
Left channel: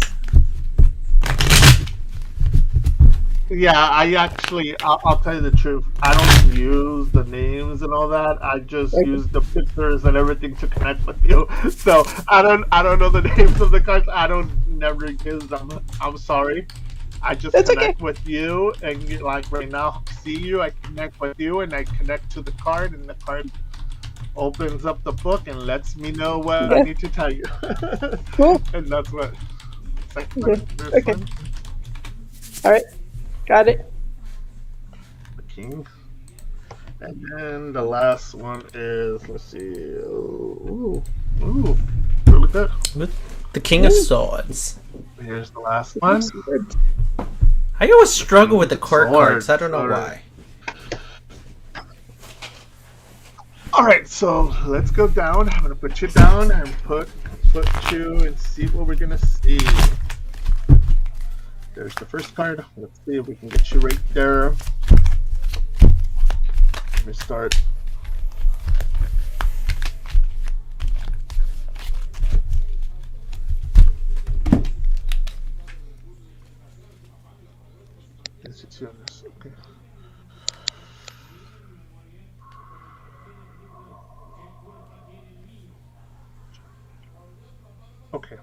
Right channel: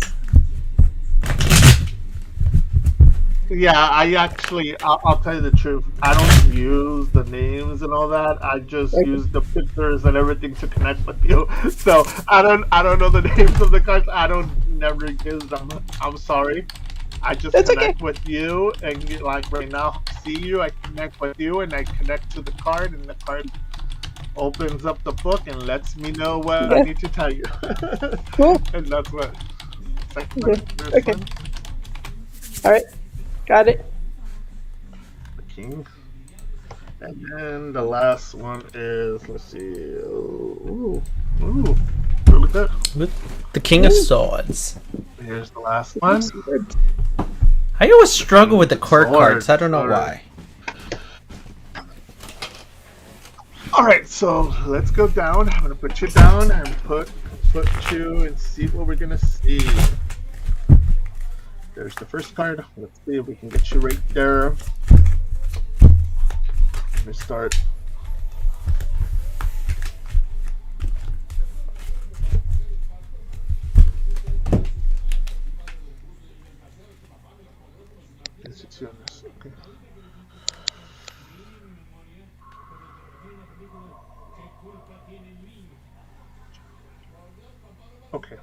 Yeah, I actually, I'll tell you the truth. I don't use the names and all that. I just Okay. use the pictures and everything to connect with you. So I don't know the names of the cards. I don't never use them. I'm sorry. I just That's okay. connect with you, and you, like right now, I see you. I connect with you, and I connect to the card, and the card opens up the book and lets me know what I Yeah. need to tell you. Cool. And that's what. Second Okay. one, this Okay. one, All right. Got it. the king. And then the last one is, let's see. Ooh, really good. With the King of Ooh. Swords. Here's the last one. Swords. I always The struggle King with the of court cards. I don't know Swords. why. All right, so let's go down. I'm gonna put you down and put you and see what we're gonna see. There's the first card. Let's see if we can get you right there. Let me start. Is it you on this? Okay. Okay.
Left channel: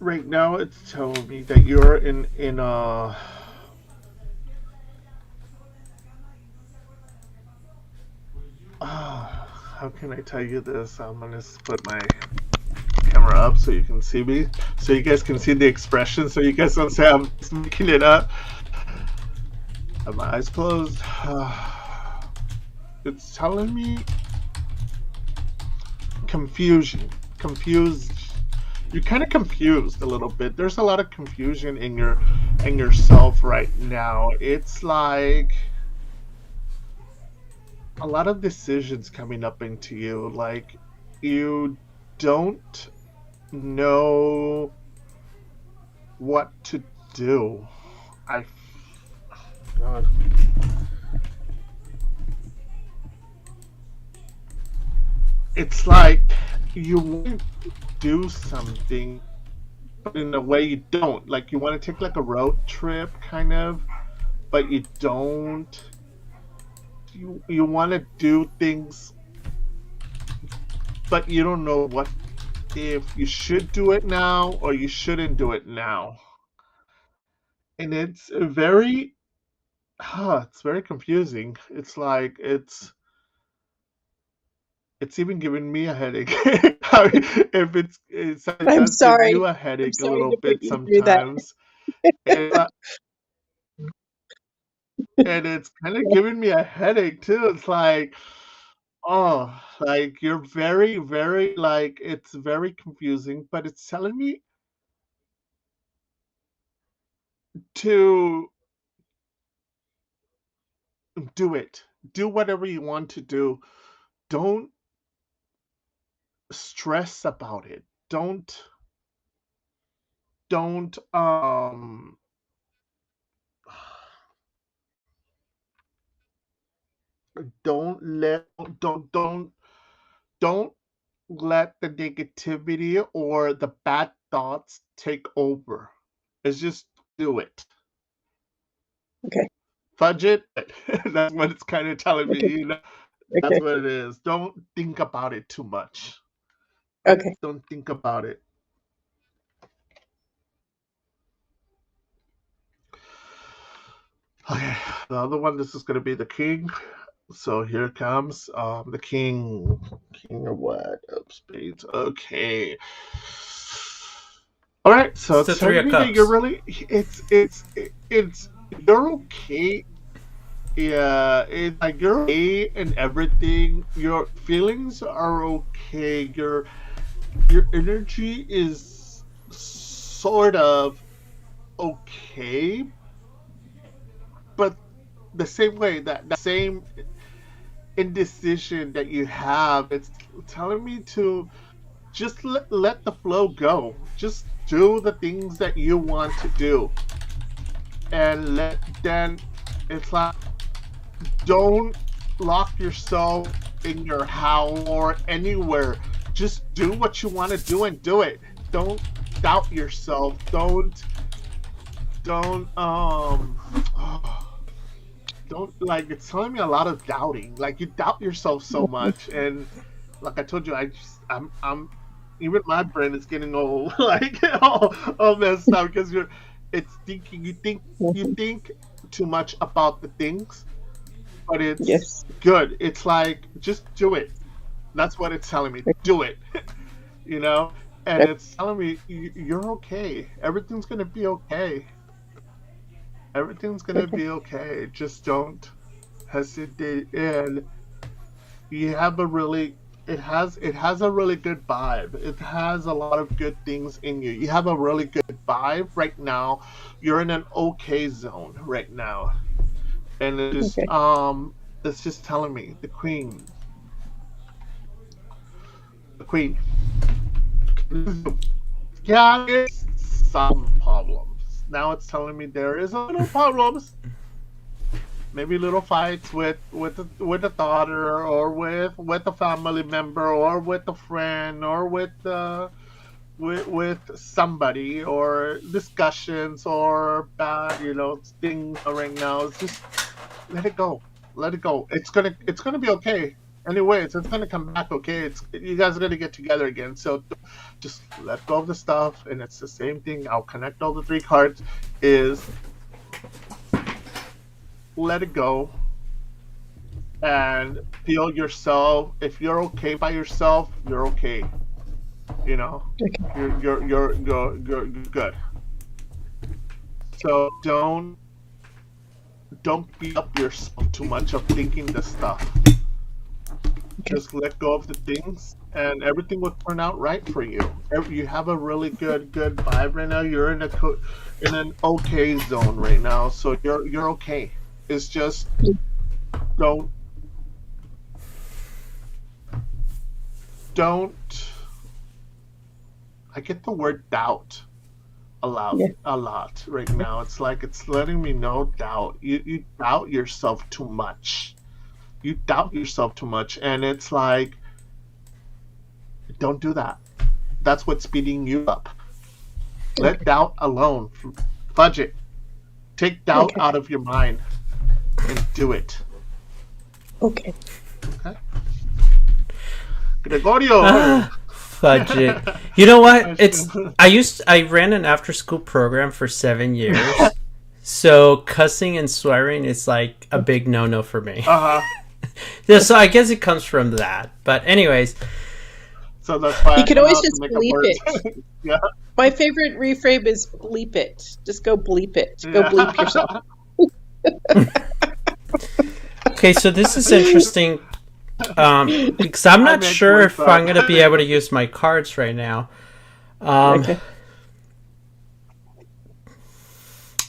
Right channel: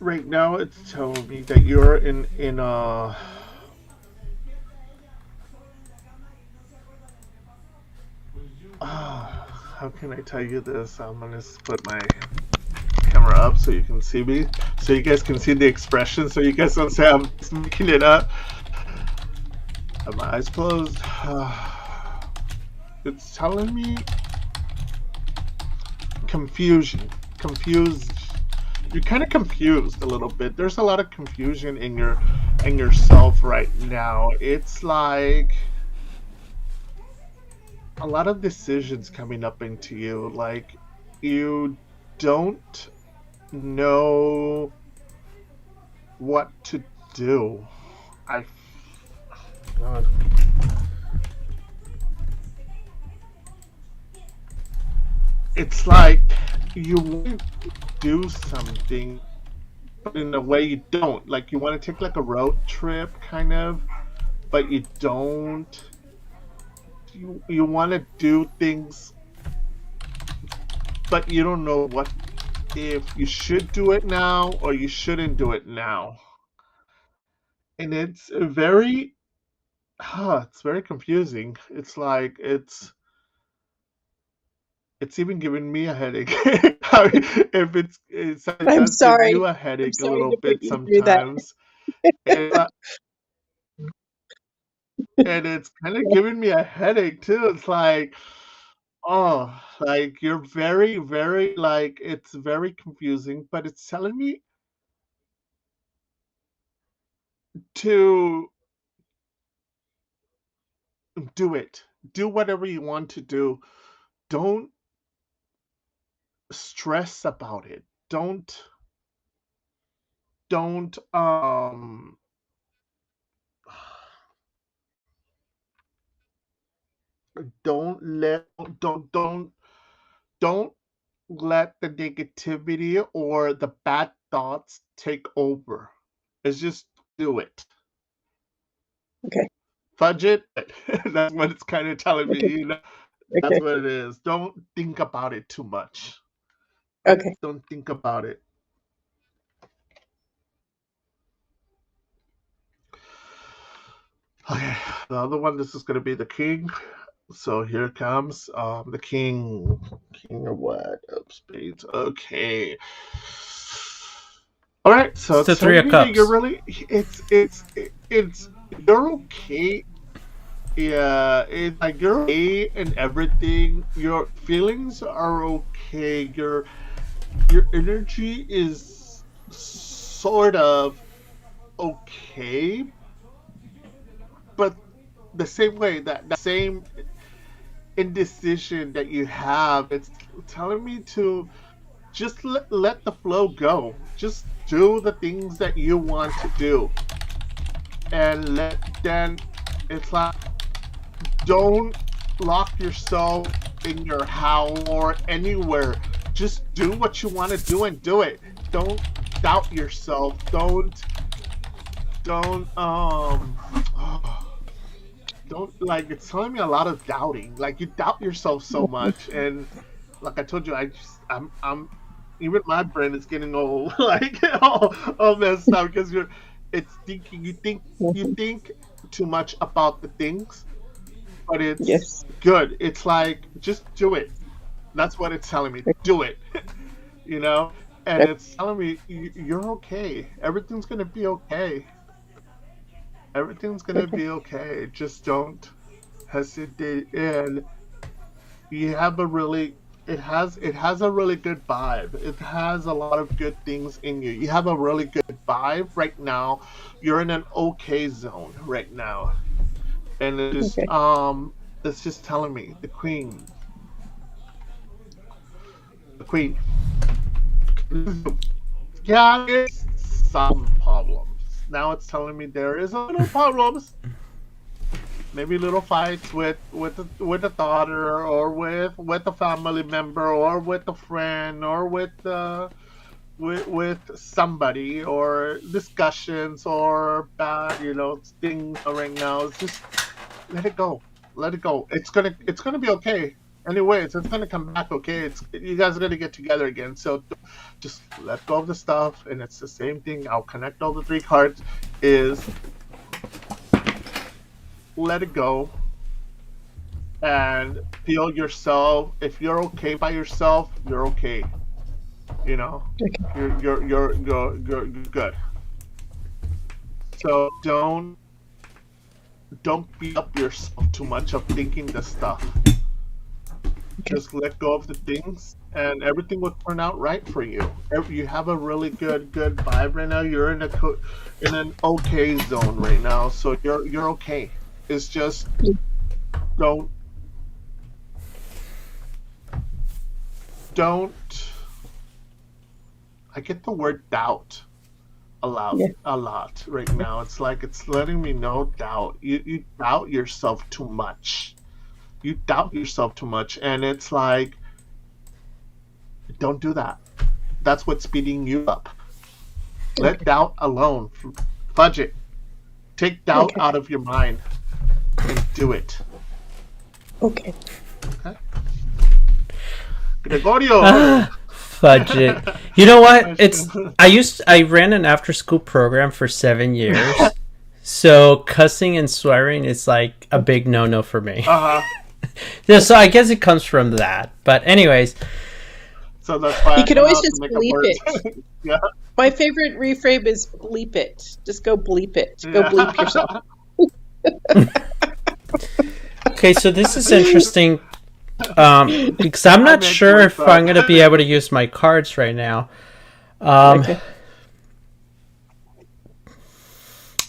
Right now, it's telling me that you're in a. How can I tell you this? I'm gonna put my camera up so you can see me, so you guys can see the expression, so you guys don't say I'm just making it up. Have my eyes closed. It's telling me confusion. Confused. You're kind of confused a little bit. There's a lot of confusion in yourself right now. It's like a lot of decisions coming up into you. Like you don't know what to do. I. God. It's like you want to do something, but in a way you don't. Like you want to take like a road trip, kind of, but you don't. You want to do things, but you don't know what if you should do it now or you shouldn't do it now. And it's very confusing. It's like it's even giving me a headache. If it I'm does give sorry. you a I'm headache a sorry little to put bit you through that. sometimes. And, and it's kind of giving me a headache too. It's like, oh, like you're very, very like it's very confusing, but it's telling me to do it. Do whatever you want to do. Don't stress about it. Don't don't let don't let the negativity or the bad thoughts take over. It's just do it. Okay. Fudge it. That's what it's kind of telling me, Okay. you know. That's Okay. what it is. Don't think about it too much. Okay. Don't think about it. Okay, the other one, this is going to be the king. So here comes the king. King of what? Of spades. Okay. All right, so It's the it's Three telling of me that you're Cups. really it's you're okay. Yeah, it's like you're okay and everything. Your feelings are okay. Your energy is sort of okay, but the same way that same indecision that you have, it's telling me to just let the flow go. Just do the things that you want to do, and then it's like don't lock yourself in your house or anywhere. Just do what you want to do and do it. Don't doubt yourself. Don't don't like it's telling me a lot of doubting. Like you doubt yourself so much, and like I told you, I'm even my brain is getting all like all messed up because it's thinking you Mhm. think too much about the things, but it's Yes. good. It's like just do it. That's what it's telling me. Do it, you know. And it's telling me you're okay. Everything's gonna be okay. Everything's gonna Okay. be okay. Just don't hesitate. And you have a really it has a really good vibe. It has a lot of good things in you. You have a really good vibe right now. You're in an okay zone right now. And Okay. it's just telling me the queen. Yeah, it's some problems. Now it's telling me there is a little problems, maybe little fights with a daughter or with a family member or with a friend or with somebody or discussions or bad things right now. It's just let it go. Let it go. It's gonna be okay. Anyway, it's gonna come back okay. It's you guys are gonna get together again. So just let go of the stuff, and it's the same thing. I'll connect all the three cards. Is let it go and feel yourself. If you're okay by yourself, you're okay. You know, Okay. you're good. So don't beat up yourself too much of thinking this stuff. Okay. Just let go of the things and everything will turn out right for you. You have a really good vibe right now. You're in an okay zone right now, so you're okay. It's just don't don't I get the word doubt Yeah. a lot right now. It's like it's letting me know doubt. You doubt yourself too much. You doubt yourself too much, and it's like don't do that. That's what's speeding you up. Let Okay. doubt alone. Fudge it. Take doubt Okay. out of your mind and do it. Okay. Okay? Gregorio! Ah, fudge it. You know what? I ran an after school program for 7 years. So cussing and swearing is like a big no no for me. Uh-huh. Yeah, so I guess it comes from that. But anyways, So that's why You I can know always how to just make up bleep words. it. Yeah. My favorite reframe is bleep it. Just go bleep it. Go bleep yourself. Yeah. okay, so this is interesting because I'm I not make sure words if I'm going to be up. able to use my cards right now. Um, Okay.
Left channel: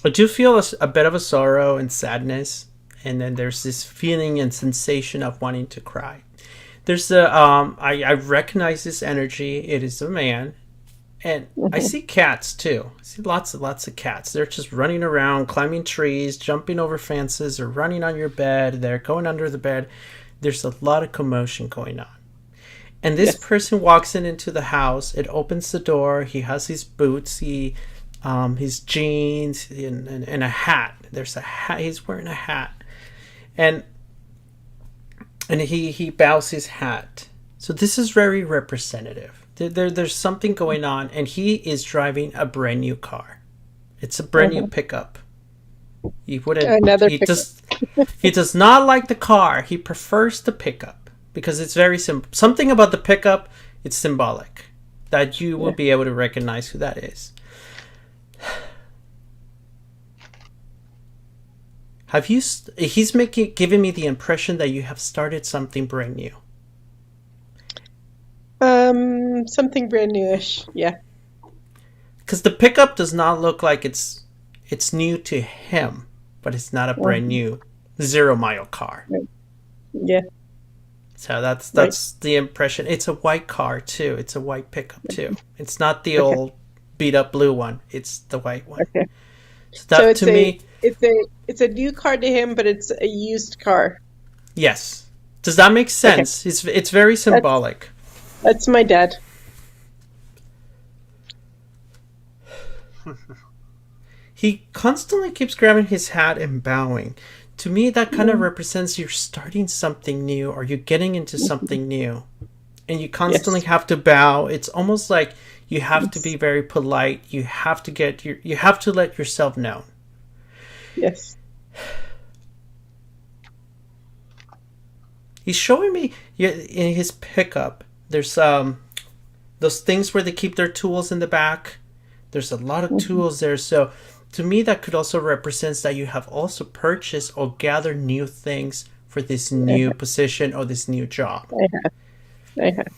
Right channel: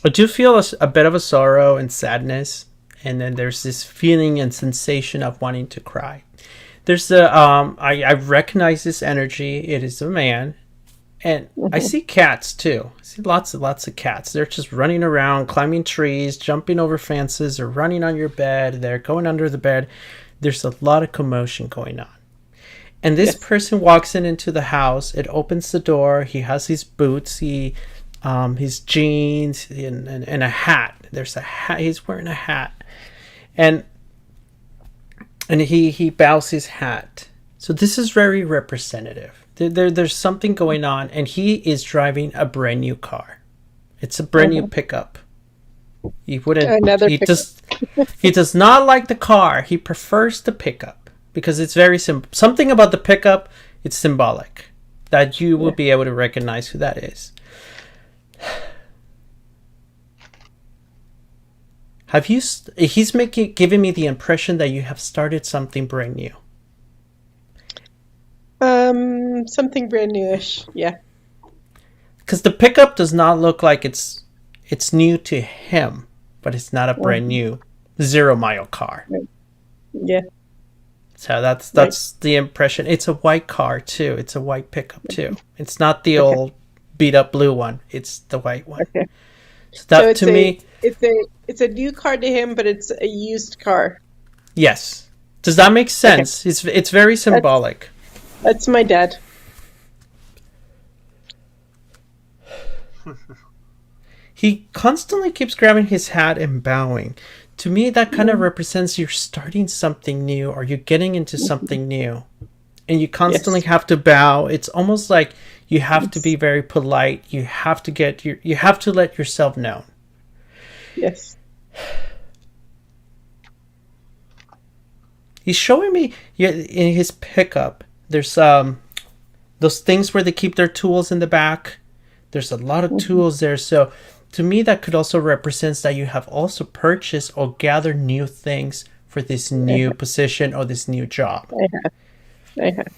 I do feel a bit of a sorrow and sadness, and then there's this feeling and sensation of wanting to cry. There's I recognize this energy. It is a man, and I Mhm. see cats too. I see lots and lots of cats. They're just running around, climbing trees, jumping over fences, or running on your bed. They're going under the bed. There's a lot of commotion going on. And this Yes. person walks into the house. It opens the door. He has his boots. His jeans and a hat. There's a hat. He's wearing a hat, and he bows his hat. So this is very representative. There's something going on, and he is driving a brand new car. It's a brand new Mhm. pickup. He wouldn't. Another pickup. He does not like the car. He prefers the pickup because it's very simple. Something about the pickup, it's symbolic that you will Yeah. be able to recognize who that is. Have you? He's giving me the impression that you have started something brand new. Something brand newish. Yeah. Because the pickup does not look like it's new to him, but it's not a brand new 0-mile car. Right. Yeah. So that's the impression. It's a white car too. It's a white pickup too. It's not the old beat up blue one. It's the white one. Okay. So that to me, it's a new car to him, but it's a used car. yes. Does that make sense? Okay. It's very symbolic. That's my dad. He constantly keeps grabbing his hat and bowing. To me, that kind of represents you're starting something new or you're getting into something new. And you constantly have to bow. It's almost like you have to be very polite. You have to let yourself known. Yes. He's showing me in his pickup, there's those things where they keep their tools in the back. There's a lot of tools there. So to me, that could also represent that you have also purchased or gathered new things for this new position or this new job. I have.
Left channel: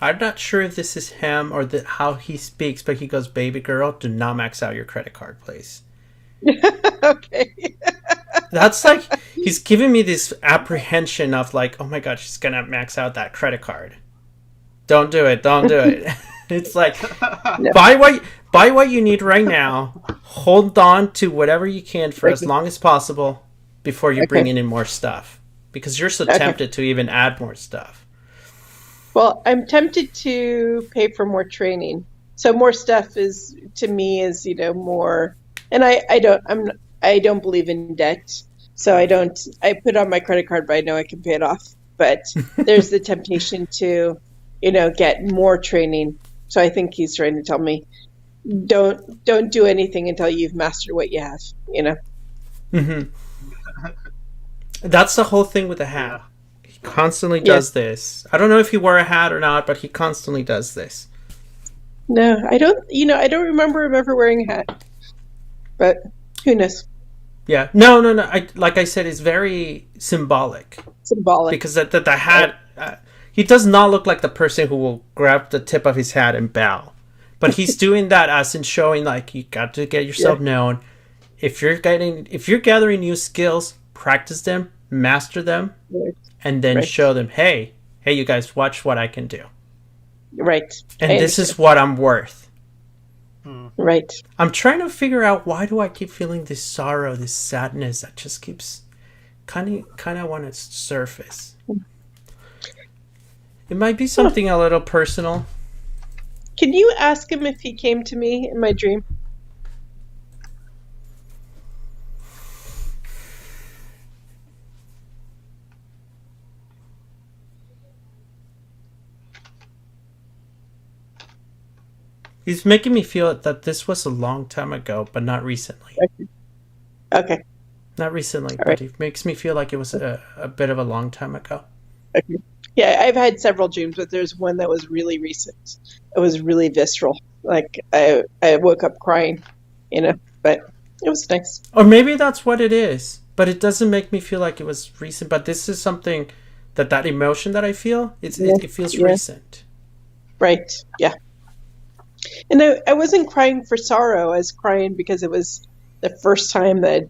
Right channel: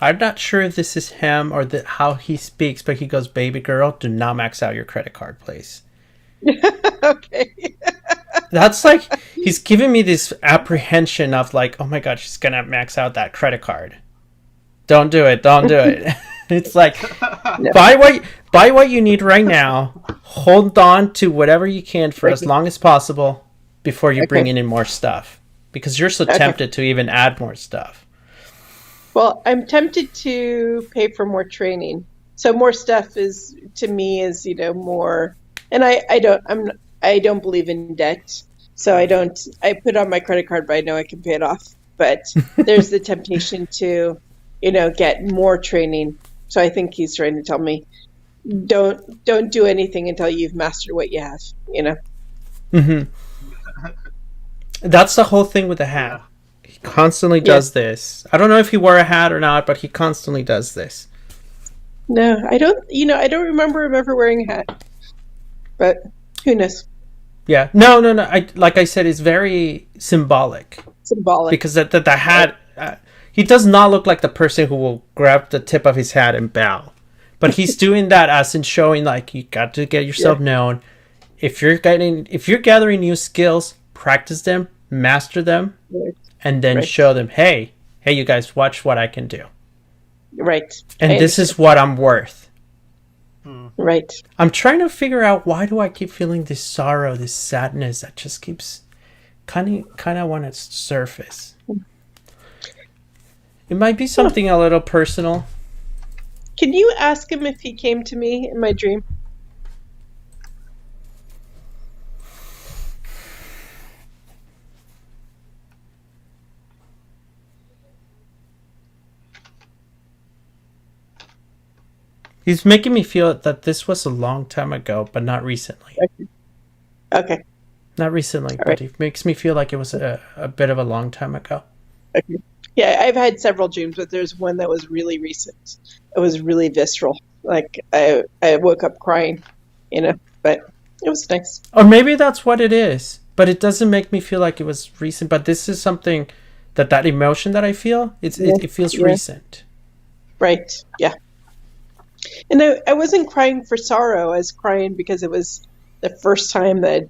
I'm not sure if this is him or how he speaks, but he goes, "Baby girl, do not max out your credit card, please." Okay. That's like, he's giving me this apprehension of like, oh my God, she's going to max out that credit card. Don't do it. Don't do it. It's like, buy what you need right now. Hold on to whatever you can for as long as possible before you bring in more stuff. Because you're so tempted to even add more stuff. Well, I'm tempted to pay for more training. So more stuff is, to me, is, more, and I don't believe in debt. So I put on my credit card, but I know I can pay it off. But there's the temptation to, get more training. So I think he's trying to tell me, don't do anything until you've mastered what you have, Mm-hmm. That's the whole thing with the hat. He constantly does this. I don't know if he wore a hat or not, but he constantly does this. No, I don't remember him ever wearing a hat. But who knows? Yeah. No. Like I said, it's very symbolic. Because the hat, he does not look like the person who will grab the tip of his hat and bow. But he's doing that as in showing like you got to get yourself known. If you're gathering new skills, practice them, master them, and then show them, hey, you guys, watch what I can do. Right. And this is what I'm worth. Right. I'm trying to figure out, why do I keep feeling this sorrow, this sadness that just keeps kind of want to surface. It might be something a little personal. Can you ask him if he came to me in my dream? He's making me feel that this was a long time ago, but not recently. Okay. Not recently, but it makes me feel like it was a bit of a long time ago. Okay. Yeah, I've had several dreams, but there's one that was really recent. It was really visceral. Like I woke up crying, but it was nice. Or maybe that's what it is, but it doesn't make me feel like it was recent. But this is something that emotion that I feel, it feels recent. Right. Yeah. And I wasn't crying for sorrow. I was crying because it was the first time that,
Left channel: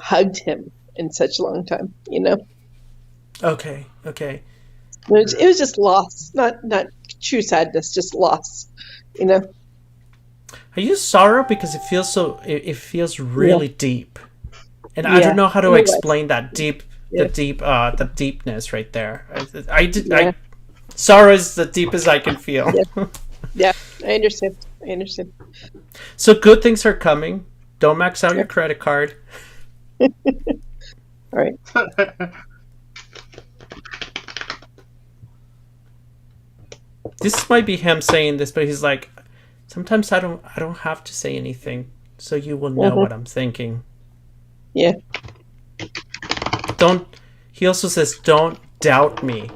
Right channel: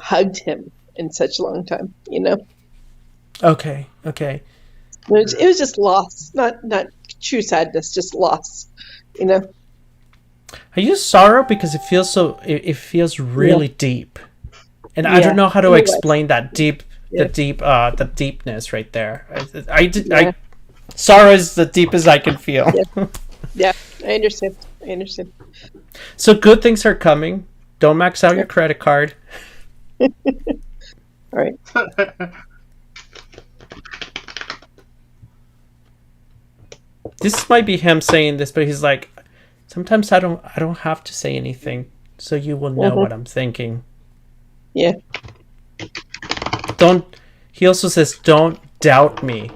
hugged him in such a long time, Okay. It was just loss, not true sadness, just loss, I use sorrow because it feels really deep. And I don't know how to explain that the deepness right there. Sorrow is the deepest I can feel. Yeah, I understand. So good things are coming. Don't max out your credit card. All right. This might be him saying this, but he's like, sometimes I don't have to say anything, so you will know what I'm thinking. Yeah. He also says, don't doubt me.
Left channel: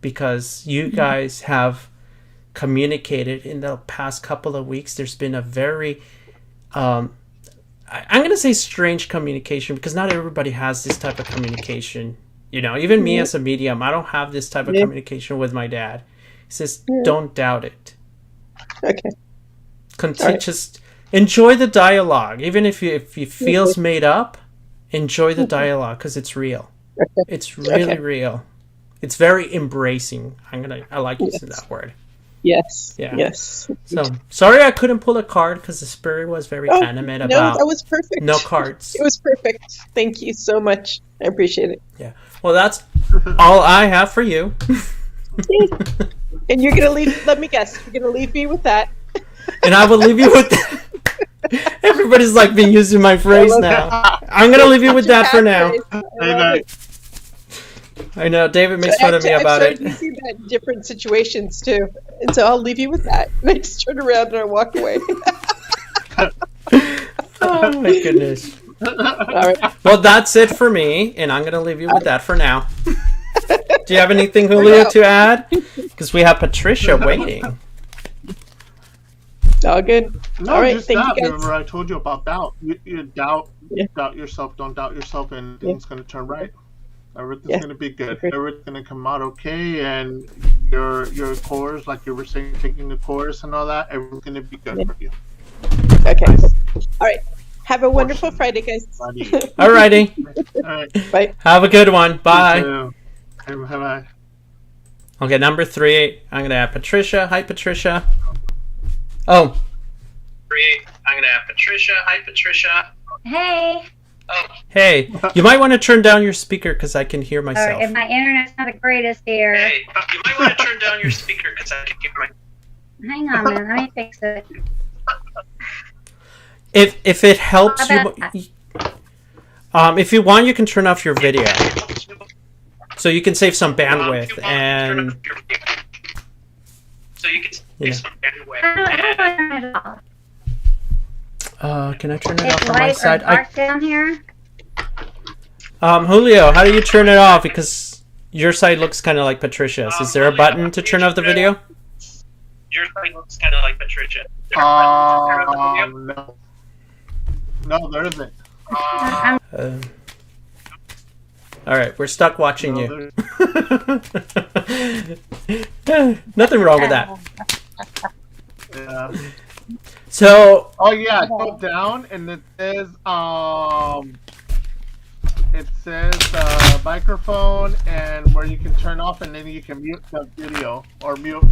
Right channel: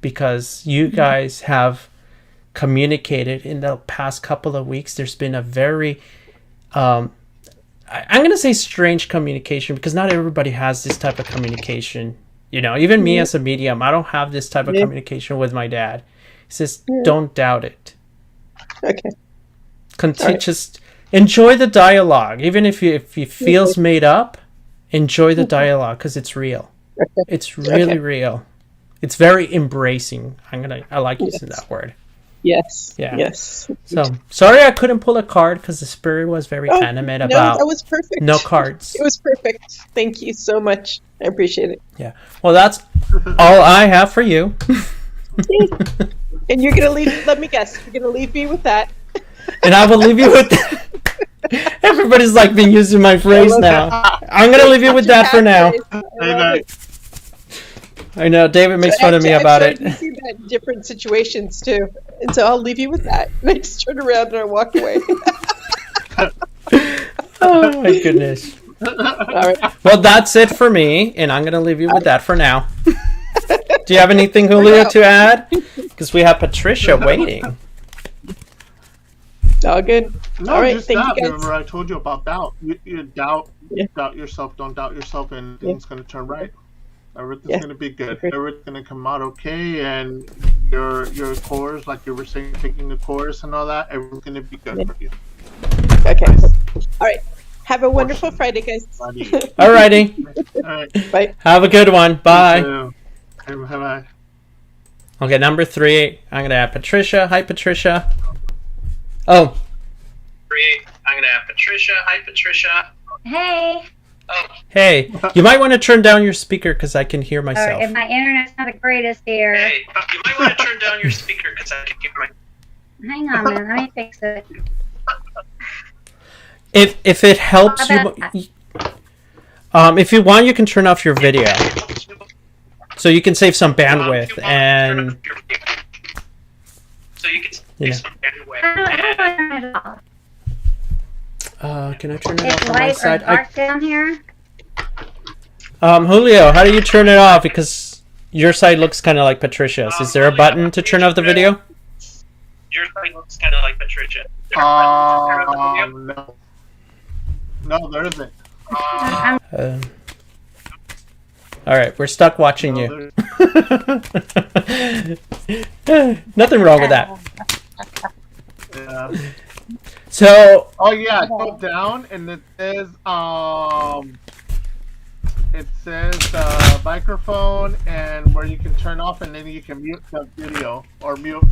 because you guys have communicated in the past couple of weeks. There's been a very I'm going to say strange communication, because not everybody has this type of communication. You know, even me as a medium, I don't have this type of communication with my dad. He says, don't doubt it. Okay. Just enjoy the dialogue. Even if it feels made up, enjoy the dialogue, because it's real. Okay. It's really real. It's very embracing. I like using that word. Yes. Yeah. Yes. So sorry I couldn't pull a card, because the spirit was very animate about that was perfect. No cards. It was perfect. Thank you so much. I appreciate it. Yeah. Well, that's all I have for you. And you're gonna leave. Let me guess. You're gonna leave me with that. And I will leave you with that. Everybody's like been using my phrase now. I'm gonna leave you with that for now. I know David makes fun of me about it. I've seen that in different situations too, and so I'll leave you with that. And I just turn around and I walk away. Oh my goodness. All right. Well, that's it for me, and I'm gonna leave you with that for now. Do you have anything, Julio, to add? Because we have Patricia waiting. All good. No, all right. just Thank doubt. you guys. Remember, I told you about doubt. You doubt yourself. Don't doubt yourself, and things going to turn right. Everything's going to be good. Everything's going to come out okay, and your course, like you were saying, taking the course and all that, everything's going to be good for you. Okay. Nice. All right. Have a wonderful Friday, guys. All righty. All right. Bye. Have a good one. Bye. Bye. Okay, number 3. I'm gonna add Patricia. Hi, Patricia. Oh. 3. I'm gonna add Patricia. Hi, Patricia. Hey. Oh. Hey, you might want to turn down your speaker, because I can hear myself. If my internet's not the greatest here. Hey, you might want to turn down your speaker, because I can hear my. Hang on a minute. Let me fix it. If it helps you, if you want, you can turn off your video, so you can save some bandwidth. And so you can save some bandwidth. Can I turn it It's off on my light or side? dark down here. Julio, how do you turn it off? Because your side looks kind of like Patricia's. Is there a button to turn off the video? Your side looks kind of like Patricia. No. No, there isn't. All right, we're stuck watching you. Nothing wrong with that. Yeah. So. Oh yeah, go down and it says microphone and where you can turn off, and then you can mute the video or mute.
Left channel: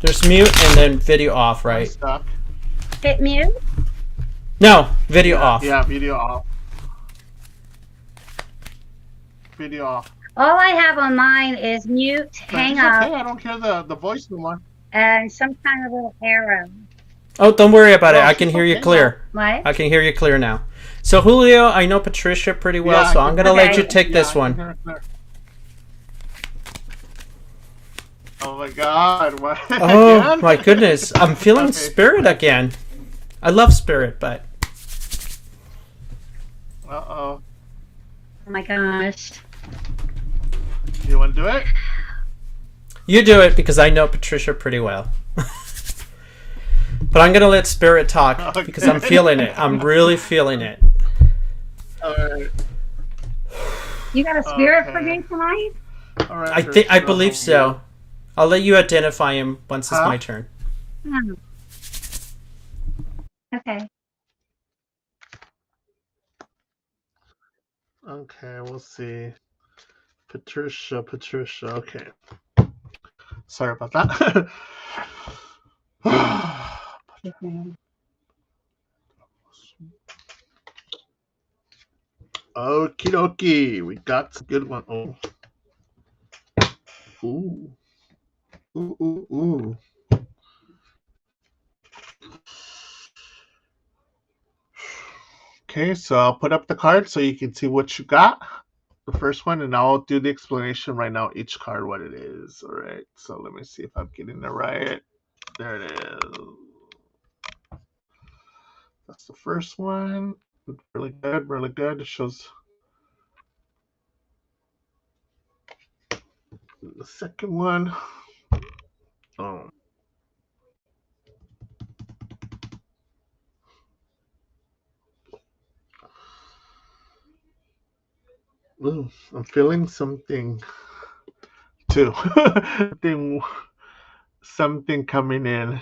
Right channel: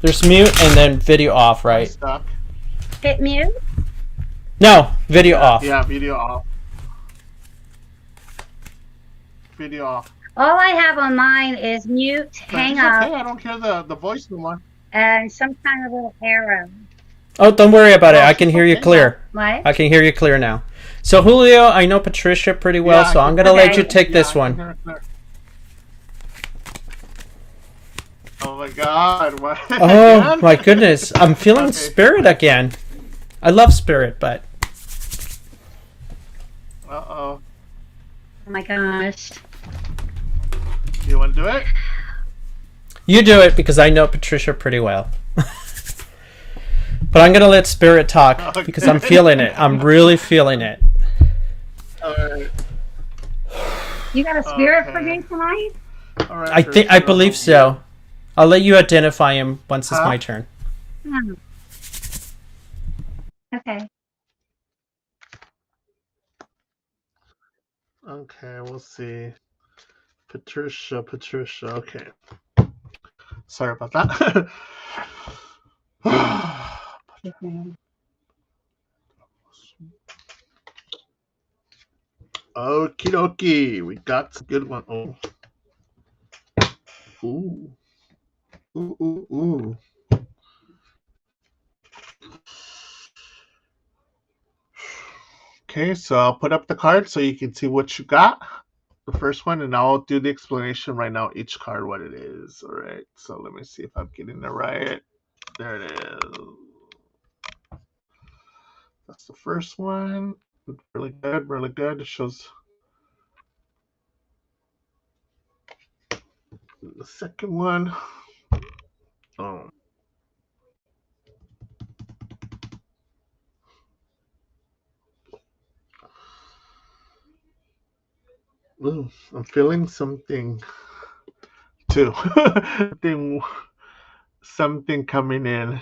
There's mute and then video off, I'm right? stuck. Hit mute. No, video off. Yeah, video off. Video off. All I have on mine is mute, hang It's up, okay, I don't hear the voice no more. and some kind of little arrow. Oh, don't worry about it. No, I can she's hear you okay clear. What? I can hear you clear now. So, Julio, I know Patricia pretty well, Yeah, so I'm going to let you take this one. Oh my god. What? Oh, Again? my goodness. I'm feeling Okay. Spirit again. I love Spirit, but... Uh-oh. Oh my gosh. You want to do it? You do it, because I know Patricia pretty well. But I'm going to let Spirit talk, Okay. because I'm feeling it. I'm really feeling it. Alright. You got a spirit for Okay. me tonight? Alright. I believe so. I'll let you identify him once it's Huh? my turn. Hmm. Okay. Okay, we'll see. Patricia. Okay. Sorry about that. Okie dokie. We got a good one. Oh. Ooh. Ooh. Okay, so I'll put up the card so you can see what you got. The first one, and I'll do the explanation right now, each card, what it is. All right, so let me see if I'm getting it right. There it is. That's the first one. Really good. It shows The second one. Oh. Ooh, I'm feeling something too. something coming in.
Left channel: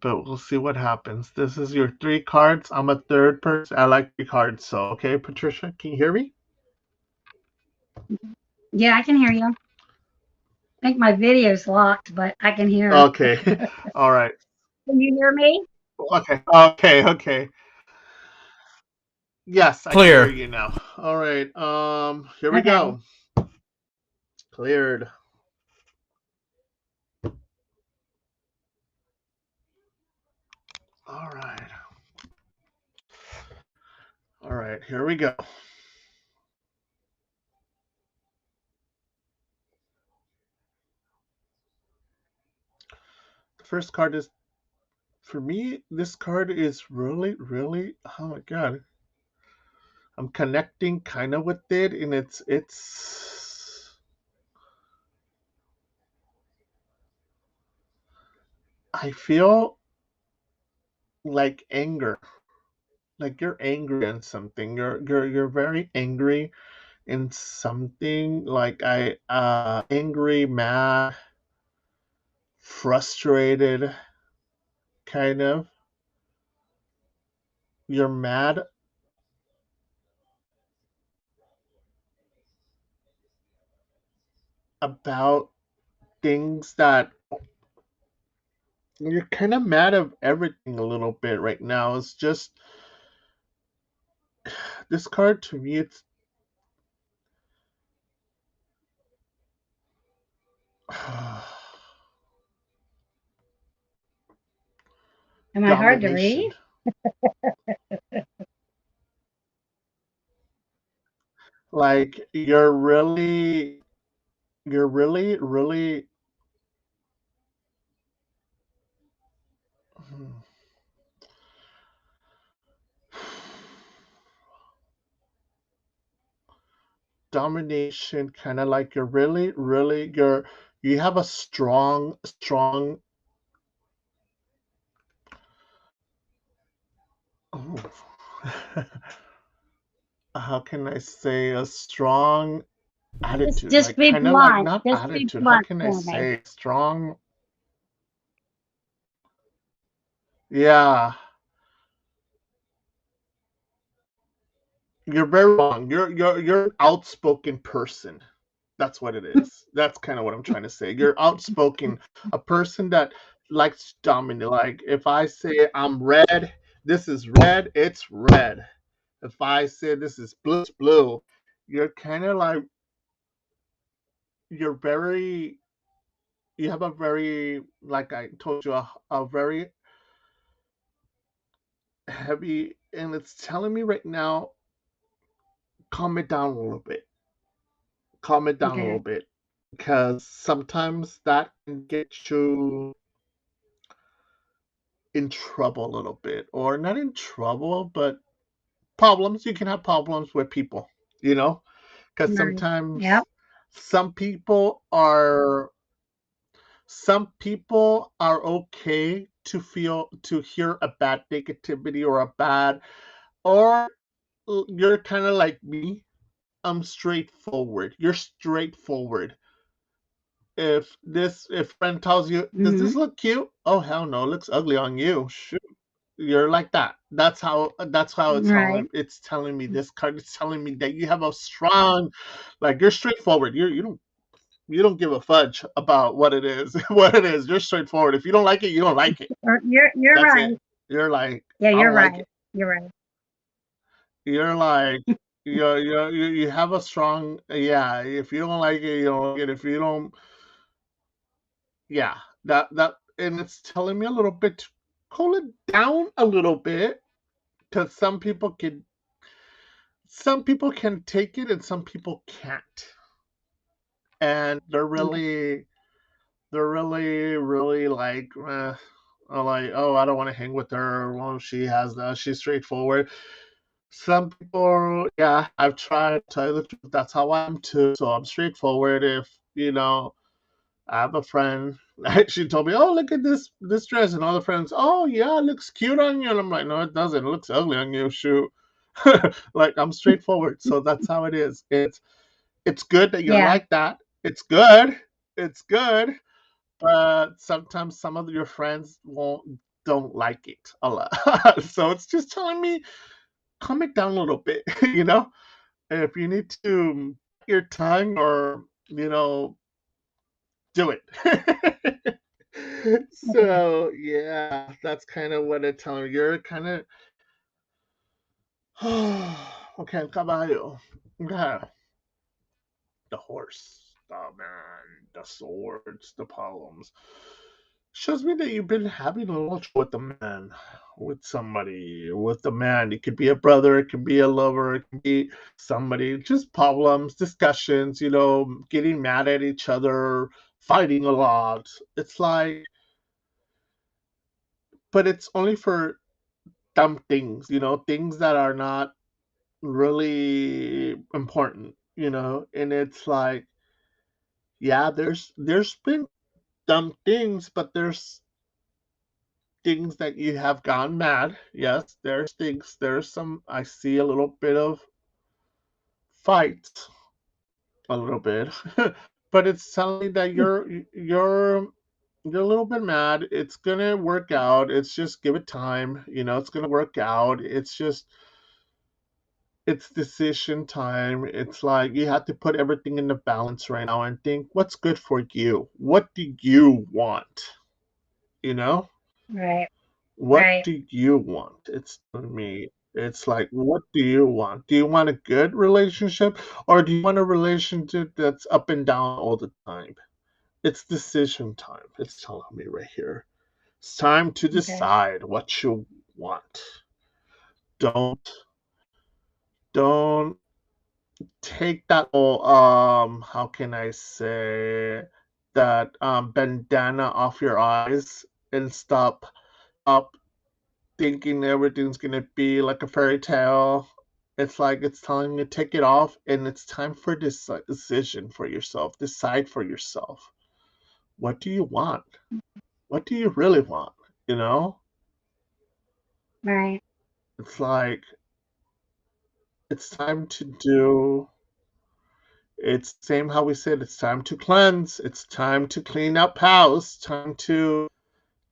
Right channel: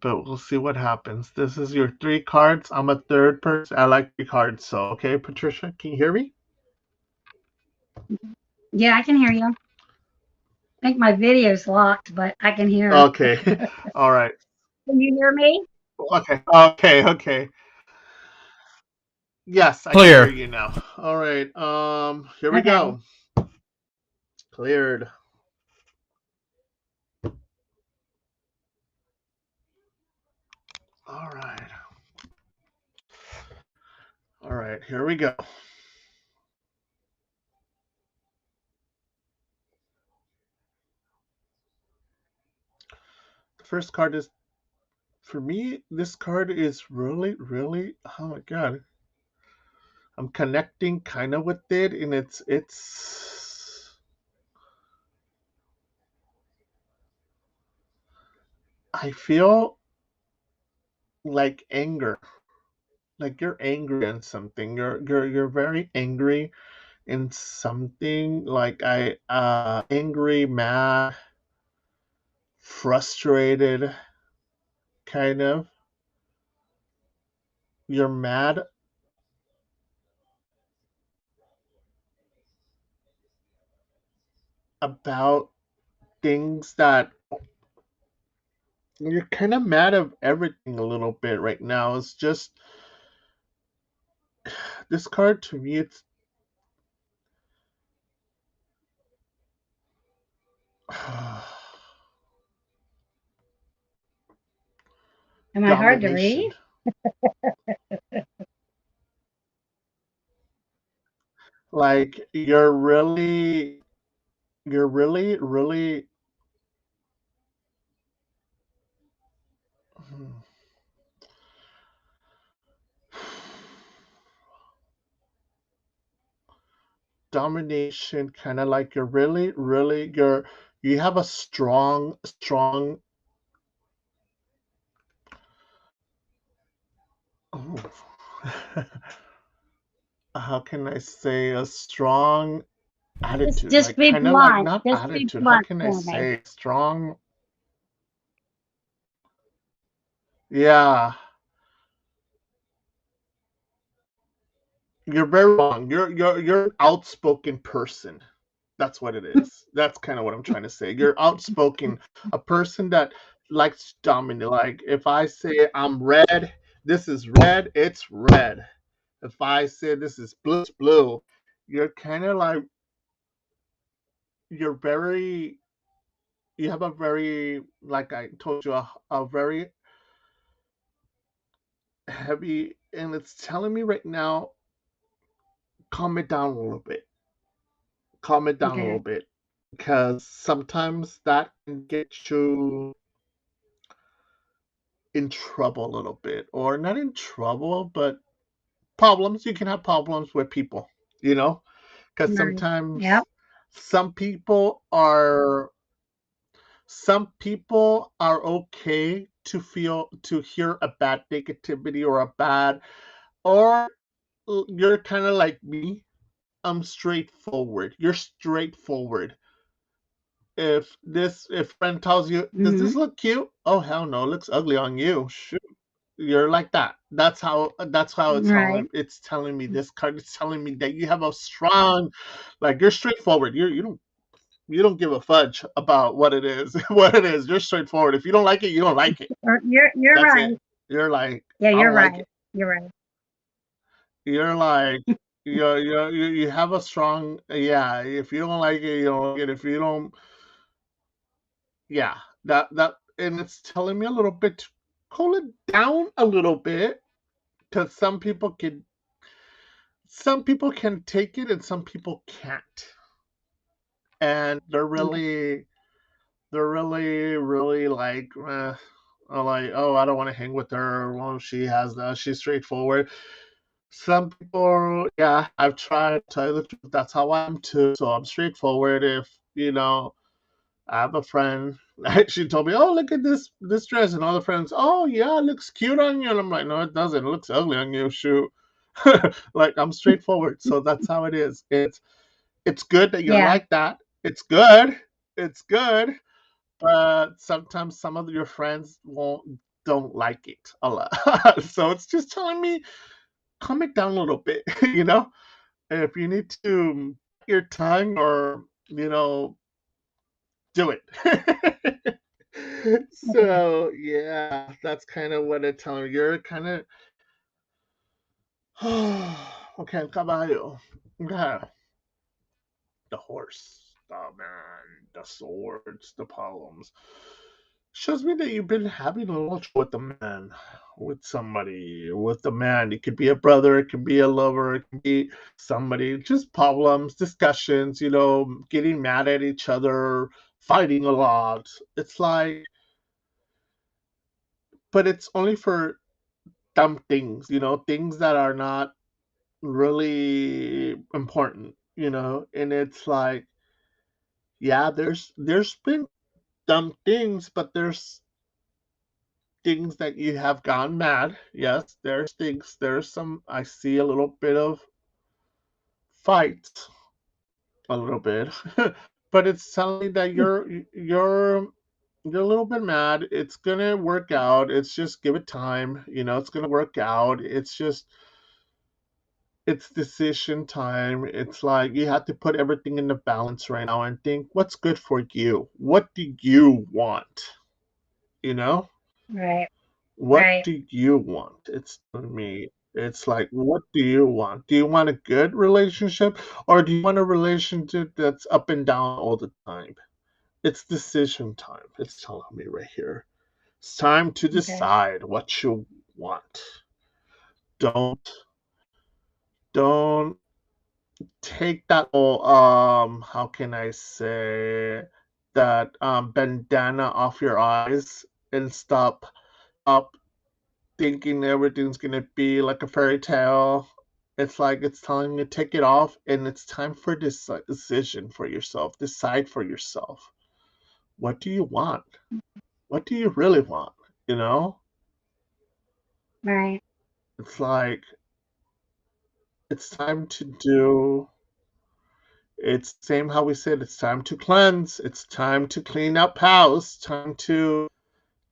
But we'll see what happens. This is your 3 cards. I'm a third person. I like 3 cards. So, okay, Patricia, can you hear me? Yeah, I can hear you. I think my video's locked, but I can hear. Okay. All right. Can you hear me? Okay. Yes, I can hear Clear. you now. All right. Here we Okay. go. Cleared. All right. All right, here we go. The first card is, for me, this card is really, really, oh my god. I'm connecting kind of with it, and I feel like anger. Like you're angry on something. You're very angry in something. Like angry, mad, frustrated, kind of. You're mad about things that you're kind of mad of everything a little bit right now. It's just this card to me. It's Am I hard to read? domination. Like you're really, really. hmm, Domination, kind of like you're really, really, you have a strong. Oh, how can I say a strong attitude? Just Like be kind of like blunt. not Just be attitude. How blunt can I for me. say strong? Yeah, you're very wrong. You're an outspoken person. That's what it is. That's kind of what I'm trying to say. You're outspoken, a person that likes to dominate. Like if I say I'm red, this is red, it's red. If I say this is blue, it's blue. You're kind of like you're very. You have a very, like I told you, a very heavy, and it's telling me right now, calm it down a little bit. Calm it down a little Okay. bit, because sometimes that can get you in trouble a little bit, or not in trouble, but problems. You can have problems with people, you know, because Right. Yep. some people are okay to hear a bad negativity or a bad, or you're kind of like me. I'm straightforward. You're straightforward. If friend tells you, does Mm-hmm. this look cute? Oh hell no, it looks ugly on you. Shoot. You're like that. That's how Right. it's telling me, this card is telling me that you have a strong, like you're straightforward. You don't give a fudge about what it is. What it is. You're straightforward. If you don't like it, you don't like it. You're That's it. right. You're like, Yeah, I you're don't like right. it. You're right. You're like, you have a strong, yeah. If you don't like it, you don't like it. If you don't, yeah, that, and it's telling me a little bit to cool it down a little bit, because some people can take it and some people can't, and Okay. they're really, really like, are like, oh, I don't want to hang with her. Well, she's straightforward. Some people, yeah, I've tried to tell you the truth. That's how I am too. So I'm straightforward. If I have a friend. She told me, "Oh, look at this dress," and all the friends, "Oh, yeah, it looks cute on you." And I'm like, "No, it doesn't. It looks ugly on you." Shoot, like I'm straightforward. So that's how it is. It's good that you're Yeah. like that. It's good. It's good. But sometimes some of your friends don't like it a lot. So it's just telling me calm it down a little bit. If you need to bite your tongue or do it. Okay. So yeah, that's kind of what it's telling me. You're kind of okay, caballo. Okay, the horse, the man, the swords, the problems. Shows me that you've been having a little trouble with the man, with somebody, with the man. It could be a brother, it could be a lover, it could be somebody. Just problems, discussions. Getting mad at each other, fighting a lot. It's like, but it's only for dumb things, things that are not really important, and it's like, yeah, there's been dumb things, but there's things that you have gone mad. Yes, there's some, I see a little bit of fights, a little bit, but it's telling me that you're a little bit mad. It's gonna work out. It's just give it time. It's gonna work out. It's decision time. It's like you have to put everything in the balance right now and think what's good for you. What do you want? You know? Right. What Right. do you want? It's for me. It's like, what do you want? Do you want a good relationship or do you want a relationship that's up and down all the time? It's decision time. It's telling me right here. It's time to Okay. decide what you want. Don't don't take that whole how can I say that bandana off your eyes and stop thinking everything's gonna be like a fairy tale. It's like it's telling you to take it off and it's time for this decision for yourself. Decide for yourself. What do you want? What do you really want? You know? Right. It's like it's time to do it's same how we said it's time to cleanse, it's time to clean up house, time to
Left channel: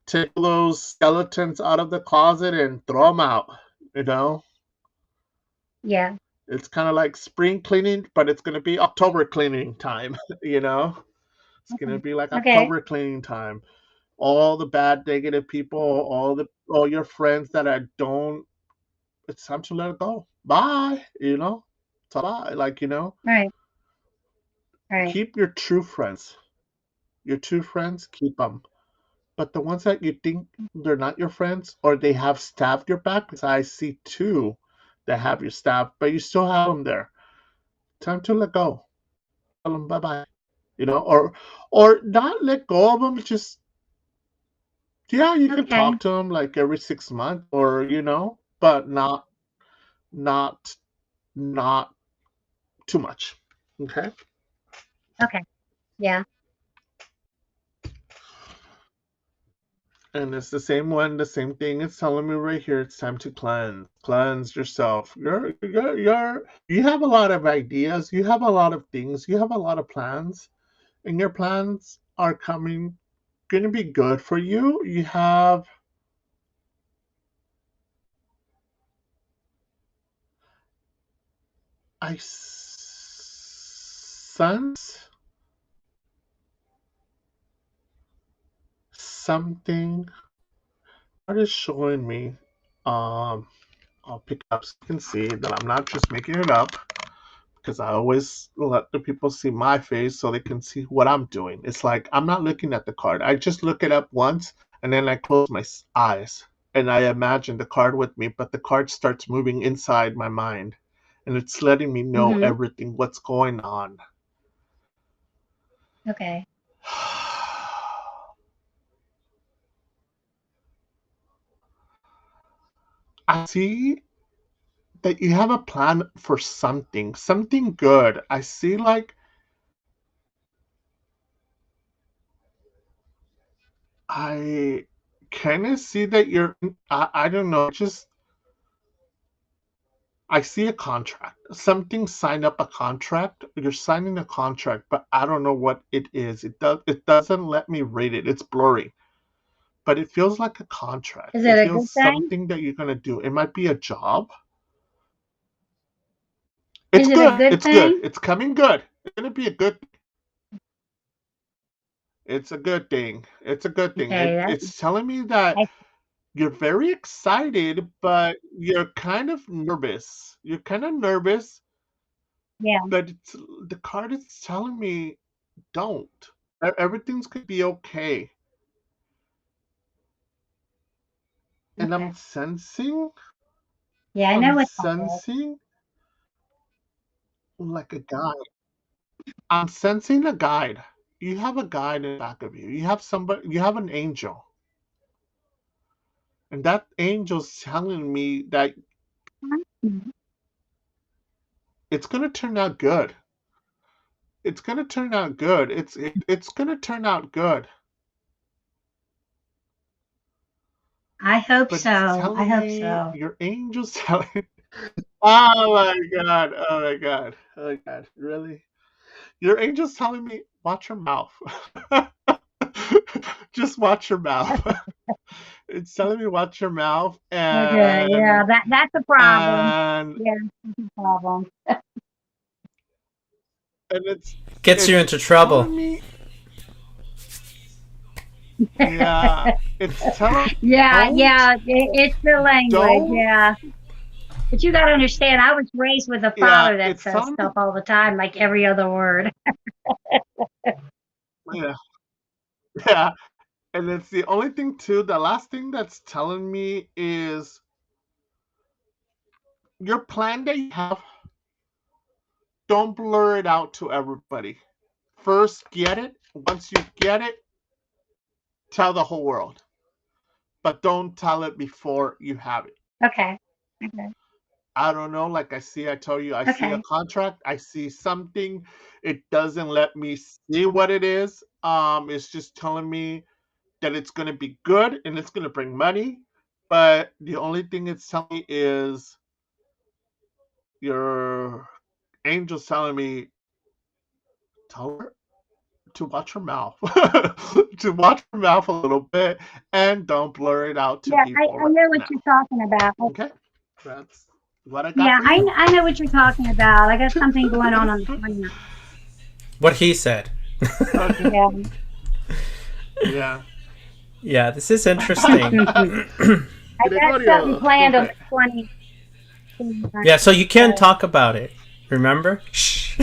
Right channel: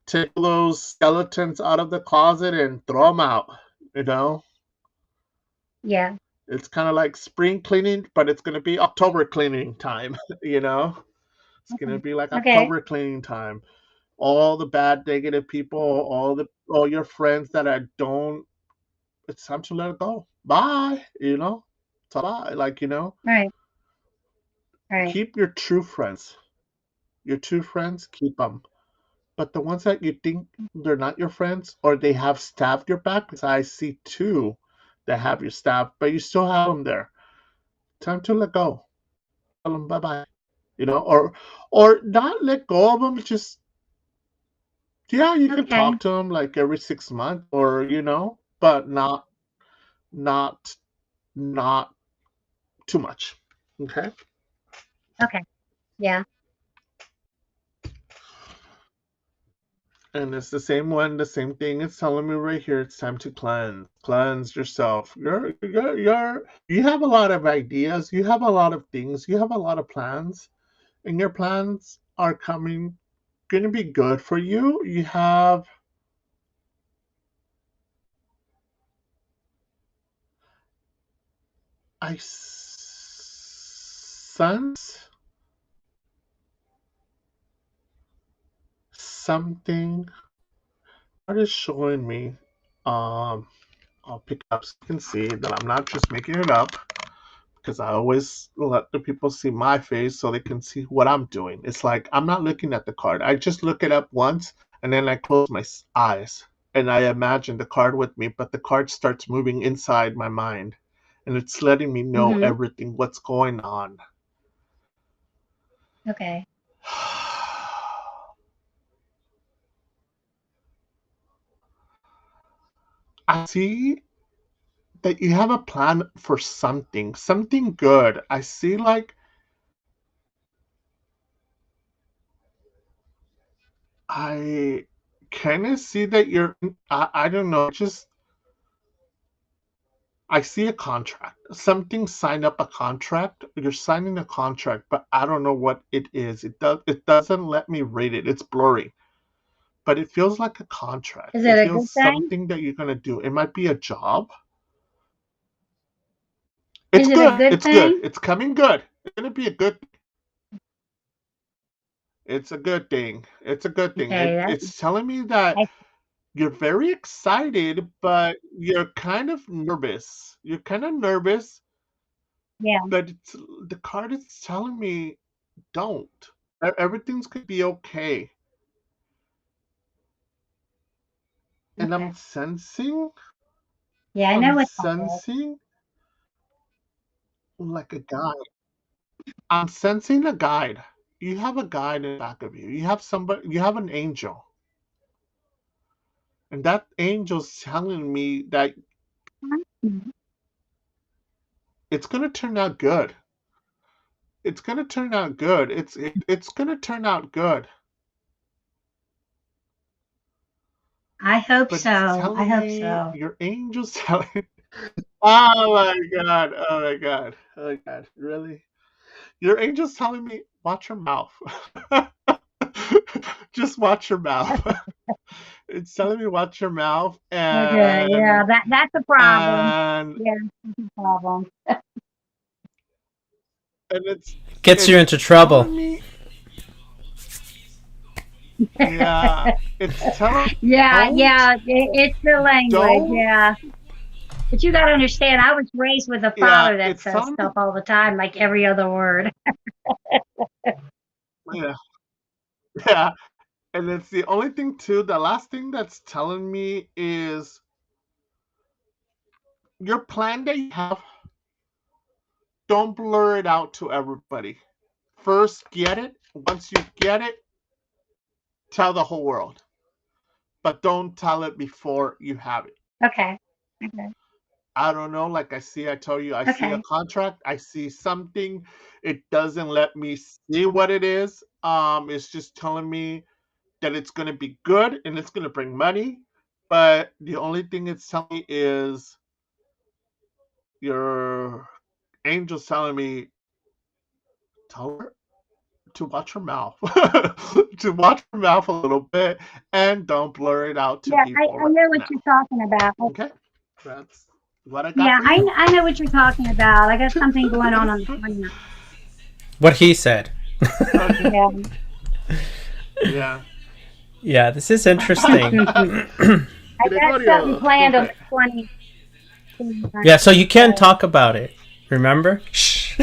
take those skeletons out of the closet and throw them out, you know? Yeah. It's kind of like spring cleaning, but it's going to be October cleaning time, you know? It's going to Okay. be like Okay. October cleaning time. All the bad negative people, all your friends that I don't it's time to let it go. Bye, Ta-bye, like, Right. Right. keep your true friends. Your true friends, keep them. But the ones that you think they're not your friends or they have stabbed your back, because I see two that have you stabbed, but you still have them there. Time to let go. Tell them bye bye. Or not let go of them. Just yeah, you can Okay. talk to them like every 6 months, or but not not too much. Okay. Okay. Yeah. And it's the same one, the same thing. It's telling me right here. It's time to cleanse yourself. You have a lot of ideas. You have a lot of things. You have a lot of plans, and your plans are going to be good for you. You have I sense something. What is showing me? Um, I'll pick up so you can see that I'm not just making it up because I always let the people see my face so they can see what I'm doing. It's like I'm not looking at the card. I just look it up once and then I close my eyes and I imagine the card with me, but the card starts moving inside my mind and it's letting me know Mhm. everything, what's going on. Okay. I see that you have a plan for something good. I see like I kind of see that I don't know, just I see a contract. Something signed up a contract. You're signing a contract, but I don't know what it is. It doesn't let me read it. It's blurry. But it feels like a contract. Is It it a good feels thing? something that you're gonna do. It might be a job. Is It's it a good. good It's good. thing? It's coming good. It's gonna be a good. It's a good thing. It's a good thing. Okay, It's telling me that I, you're very excited, but you're kind of nervous. You're kind of nervous, yeah, but the card is telling me don't. Everything's gonna be okay. And okay. Yeah, I I'm know what that is. sensing like a guide. I'm sensing a guide. You have a guide in the back of you. You have somebody. You have an angel, and that angel's telling me that Mhm. it's gonna turn out good. It's gonna turn out good. It's gonna turn out good. I hope But it's so. I telling hope me so. your angel's telling. Oh my god! Oh my god! Oh my god! Really? Your angel's telling me watch your mouth. Just watch your mouth. It's telling me watch your mouth Okay, yeah, that's a problem. and Yeah, that's a problem. and it's Gets you it's into trouble. telling me yeah, it's telling me Yeah, don't yeah, it's the language, don't yeah. But you got to understand, I was raised with a yeah, father that it's says telling me stuff all the time, like every other word. yeah, yeah. And it's the only thing too, the last thing that's telling me is your plan that you have, don't blur it out to everybody. First get it. Once you get it, tell the whole world. But don't tell it before you have it. Okay, okay, I don't know. Like I told you, I see a okay. contract. I see something. It doesn't let me see what it is. It's just telling me that it's gonna be good and it's gonna bring money. But the only thing it's telling me is your angel's telling me tell her to watch her mouth, to watch her mouth a little bit, and don't blur it out to Yeah, people I right know what now. you're talking about. Okay, that's what I got Yeah, for you. I know what you're talking about. I got something going on the 29th. What he said. Okay. Yeah. Yeah. Yeah, this is interesting. I got something Gregorio, planned on scupe. the 20th. Yeah, so you can't So, talk about it. Remember? Shh.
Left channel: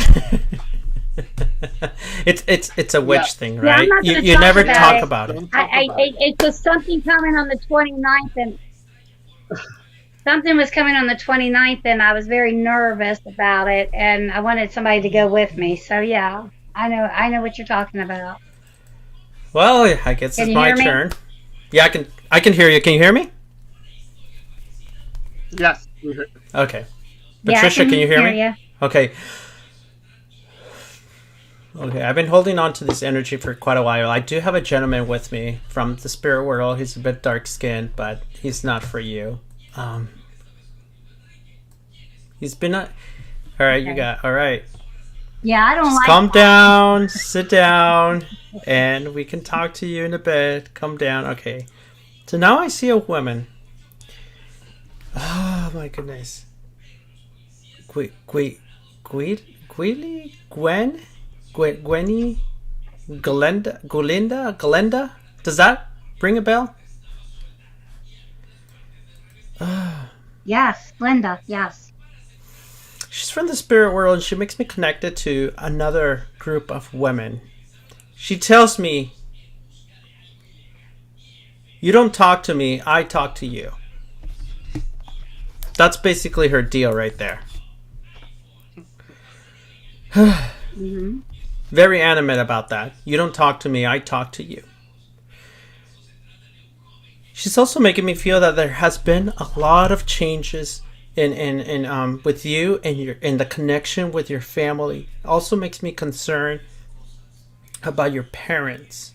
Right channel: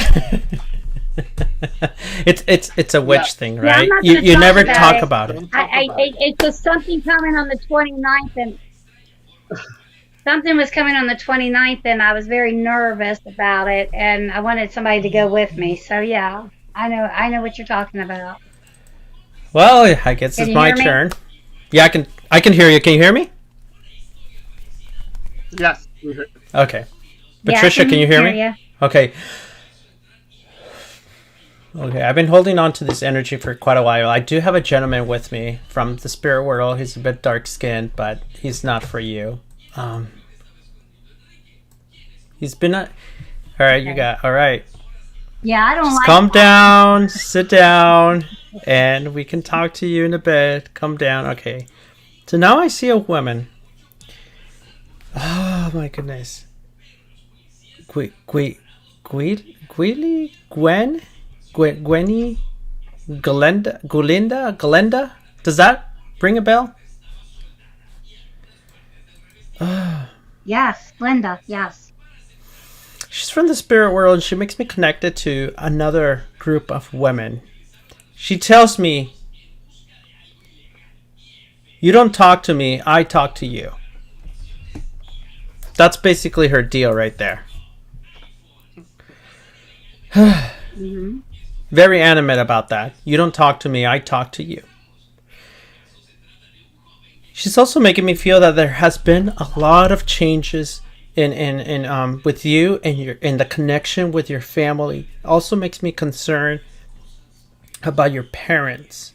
It's a Yeah. witch thing, yeah, I'm right? not going to You talk never about talk it. about it. Don't talk about it. It's just something coming on the 29th, and something was coming on the 29th, and I was very nervous about it, and I wanted somebody to go with me. So yeah, I know what you're talking about. Well, I guess Can it's you my hear me? turn. Yeah, I can hear you. Can you hear me? Yes. Okay. Yeah, I Patricia, can you hear hear me? you. Okay. Okay, I've been holding on to this energy for quite a while. I do have a gentleman with me from the spirit world. He's a bit dark skinned, but he's not for you. Um, he's been a. All right, you Okay. got. All right. Yeah, I don't Just like calm that. down, sit down, and we can talk to you in a bit. Calm down. Okay. So now I see a woman. Oh my goodness. Gwili? Gwenny? Galenda? Does that ring a bell? Yes, Linda. Yes. She's from the spirit world and she makes me connected to another group of women. She tells me, you don't talk to me, I talk to you. That's basically her deal right there. Hmm. Very animate about that. You don't talk to me, I talk to you. She's also making me feel that there has been a lot of changes in with you and your and the connection with your family also makes me concerned about your parents.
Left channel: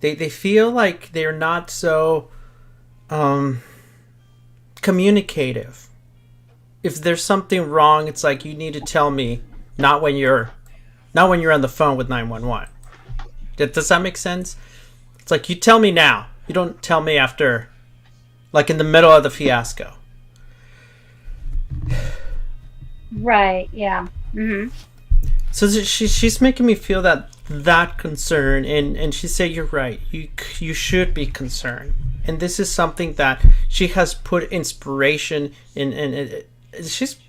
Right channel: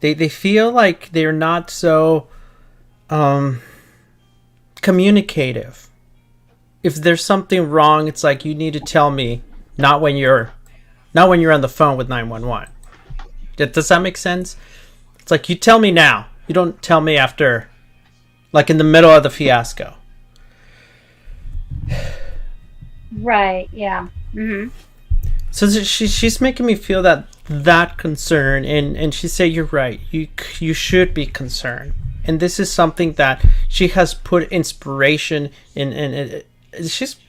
They feel like they're not so communicative. If there's something wrong, it's like you need to tell me, not when you're on the phone with 911. Does that make sense? It's like you tell me now. You don't tell me after, like in the middle of the fiasco. Right. Yeah. Mm-hmm. So she's making me feel that concern, and she said you're right. You should be concerned, and this is something that she has put inspiration in. And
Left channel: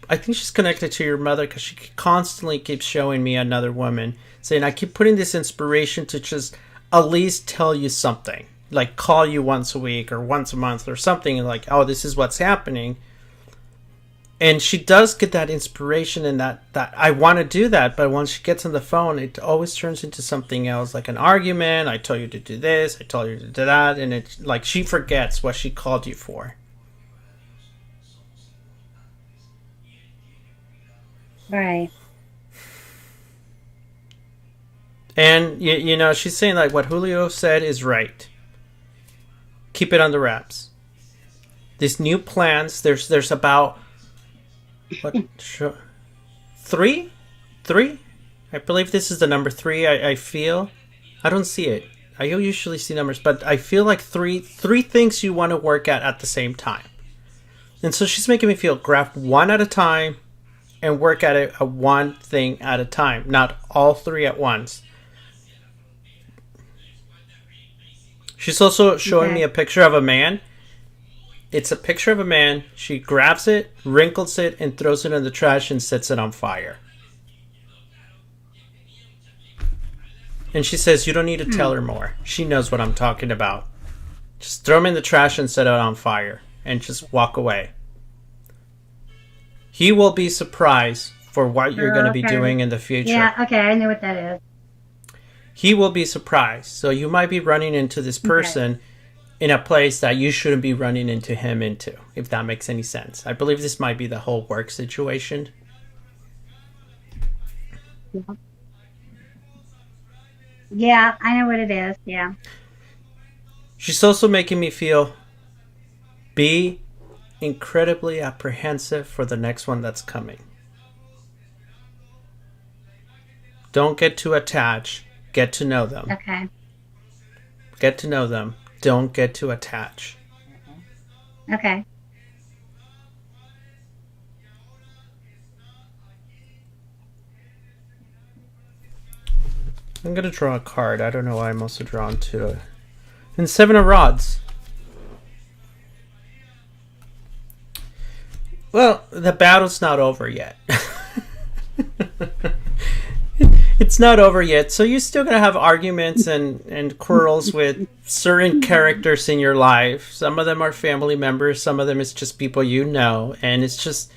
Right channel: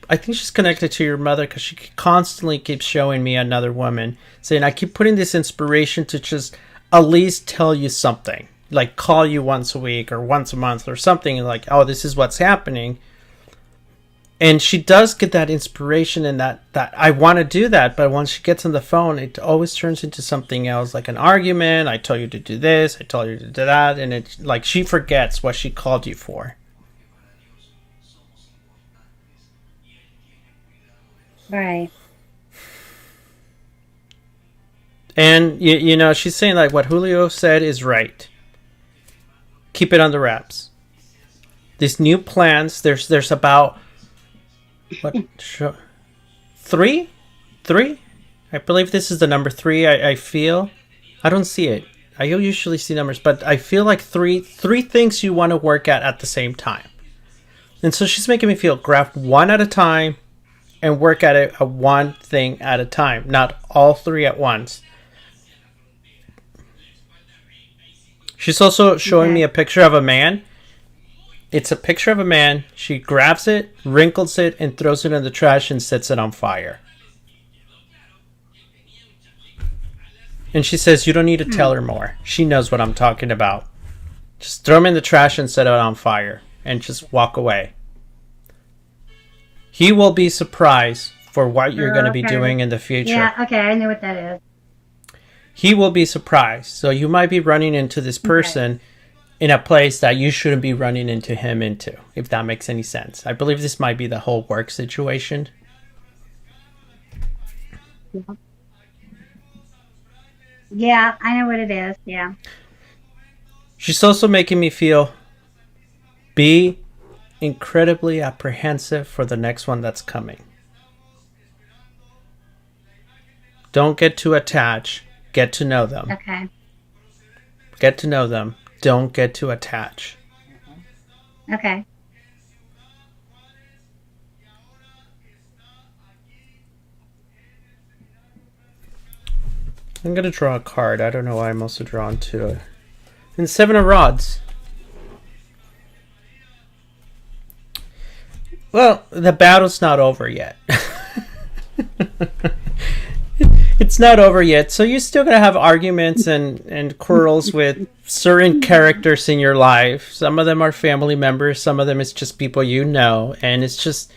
I think she's connected to your mother because she constantly keeps showing me another woman saying I keep putting this inspiration to just at least tell you something, like call you once a week or once a month or something, and like, oh, this is what's happening. And she does get that inspiration and that I want to do that, but once she gets on the phone, it always turns into something else, like an argument. I told you to do this, I told you to do that, and it's like she forgets what she called you for. Right. And you know, she's saying like what Julio said is right. Keep it under wraps. These new plans, there's about what? Three? I believe this is the number 3. I feel. I don't see it. I usually see numbers, but I feel like three things you want to work at the same time. And so she's making me feel grab one at a time and work at it one thing at a time, not all 3 at once. She's also showing me a picture of a man. It's a picture of a man. She grabs it, wrinkles it, and throws it in the trash and sets it on fire. And she says, you don't need to tell her more. She knows what I'm talking about. Just throw him in the trash and set it on fire. And just walk away. He will be surprised for what you're going to be doing in the future. Yeah, okay, I know what that is. He will be surprised. So you might be running into this person in a place that you shouldn't be running into him into, if that makes any sense. I believe this might be the whole work situation. Yeah, I know what it is. Yeah. She's also making me feel be incredibly apprehensive for the next one that's coming. Don't get too attached. Get to know them. Okay. Get to know them. Don't get too attached. Okay. I'm going to draw a card. I don't know why I'm also drawn to it. And 7 of Rods. Well, the battle's not over yet. It's not over yet, so you're still going to have arguments and quarrels with certain characters in your life. Some of them are family members, some of them is just people you know, and it's just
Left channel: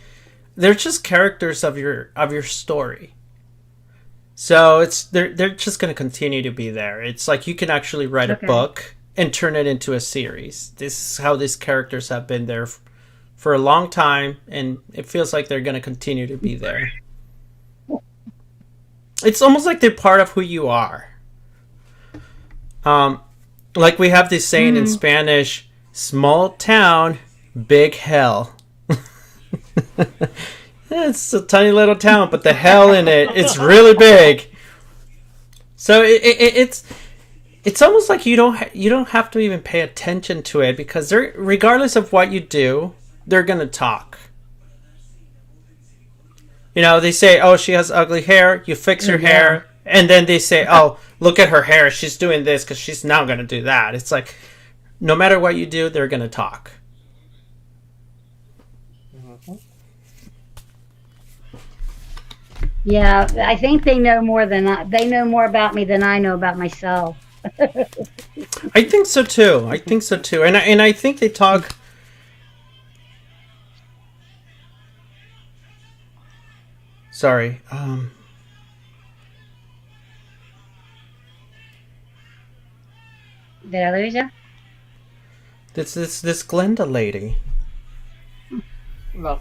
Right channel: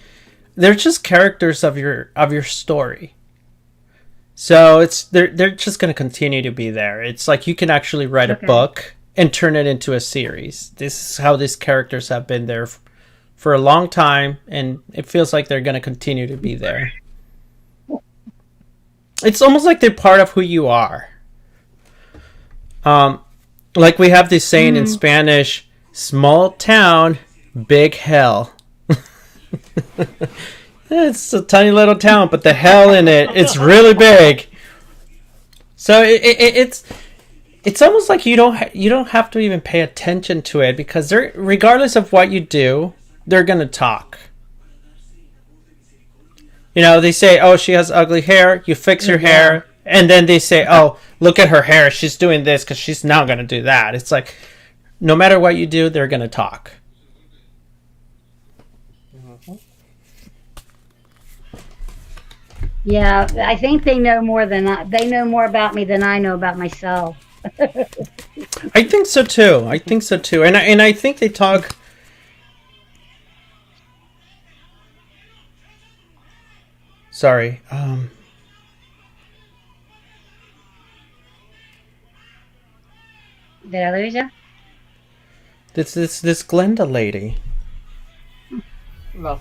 they're just characters of your story. So they're just going to continue to be there. It's like you can actually write a book and turn it into a series. This is how these characters have been there for a long time, and it feels like they're going to continue to be there. It's almost like they're part of who you are. Like we have this saying in Spanish, small town, big hell. It's a tiny little town, but the hell in it's really big. So it's almost like you don't have to even pay attention to it, because they're, regardless of what you do, they're gonna talk. You know, they say, oh, she has ugly hair. You fix her hair. And then they say, oh, look at her hair. She's doing this because she's now going to do that. It's like, no matter what you do, they're going to talk. Yeah, I think they know more they know more about me than I know about myself. I think so too. And I think they talk. Sorry. Did I lose you? This Glenda lady. No.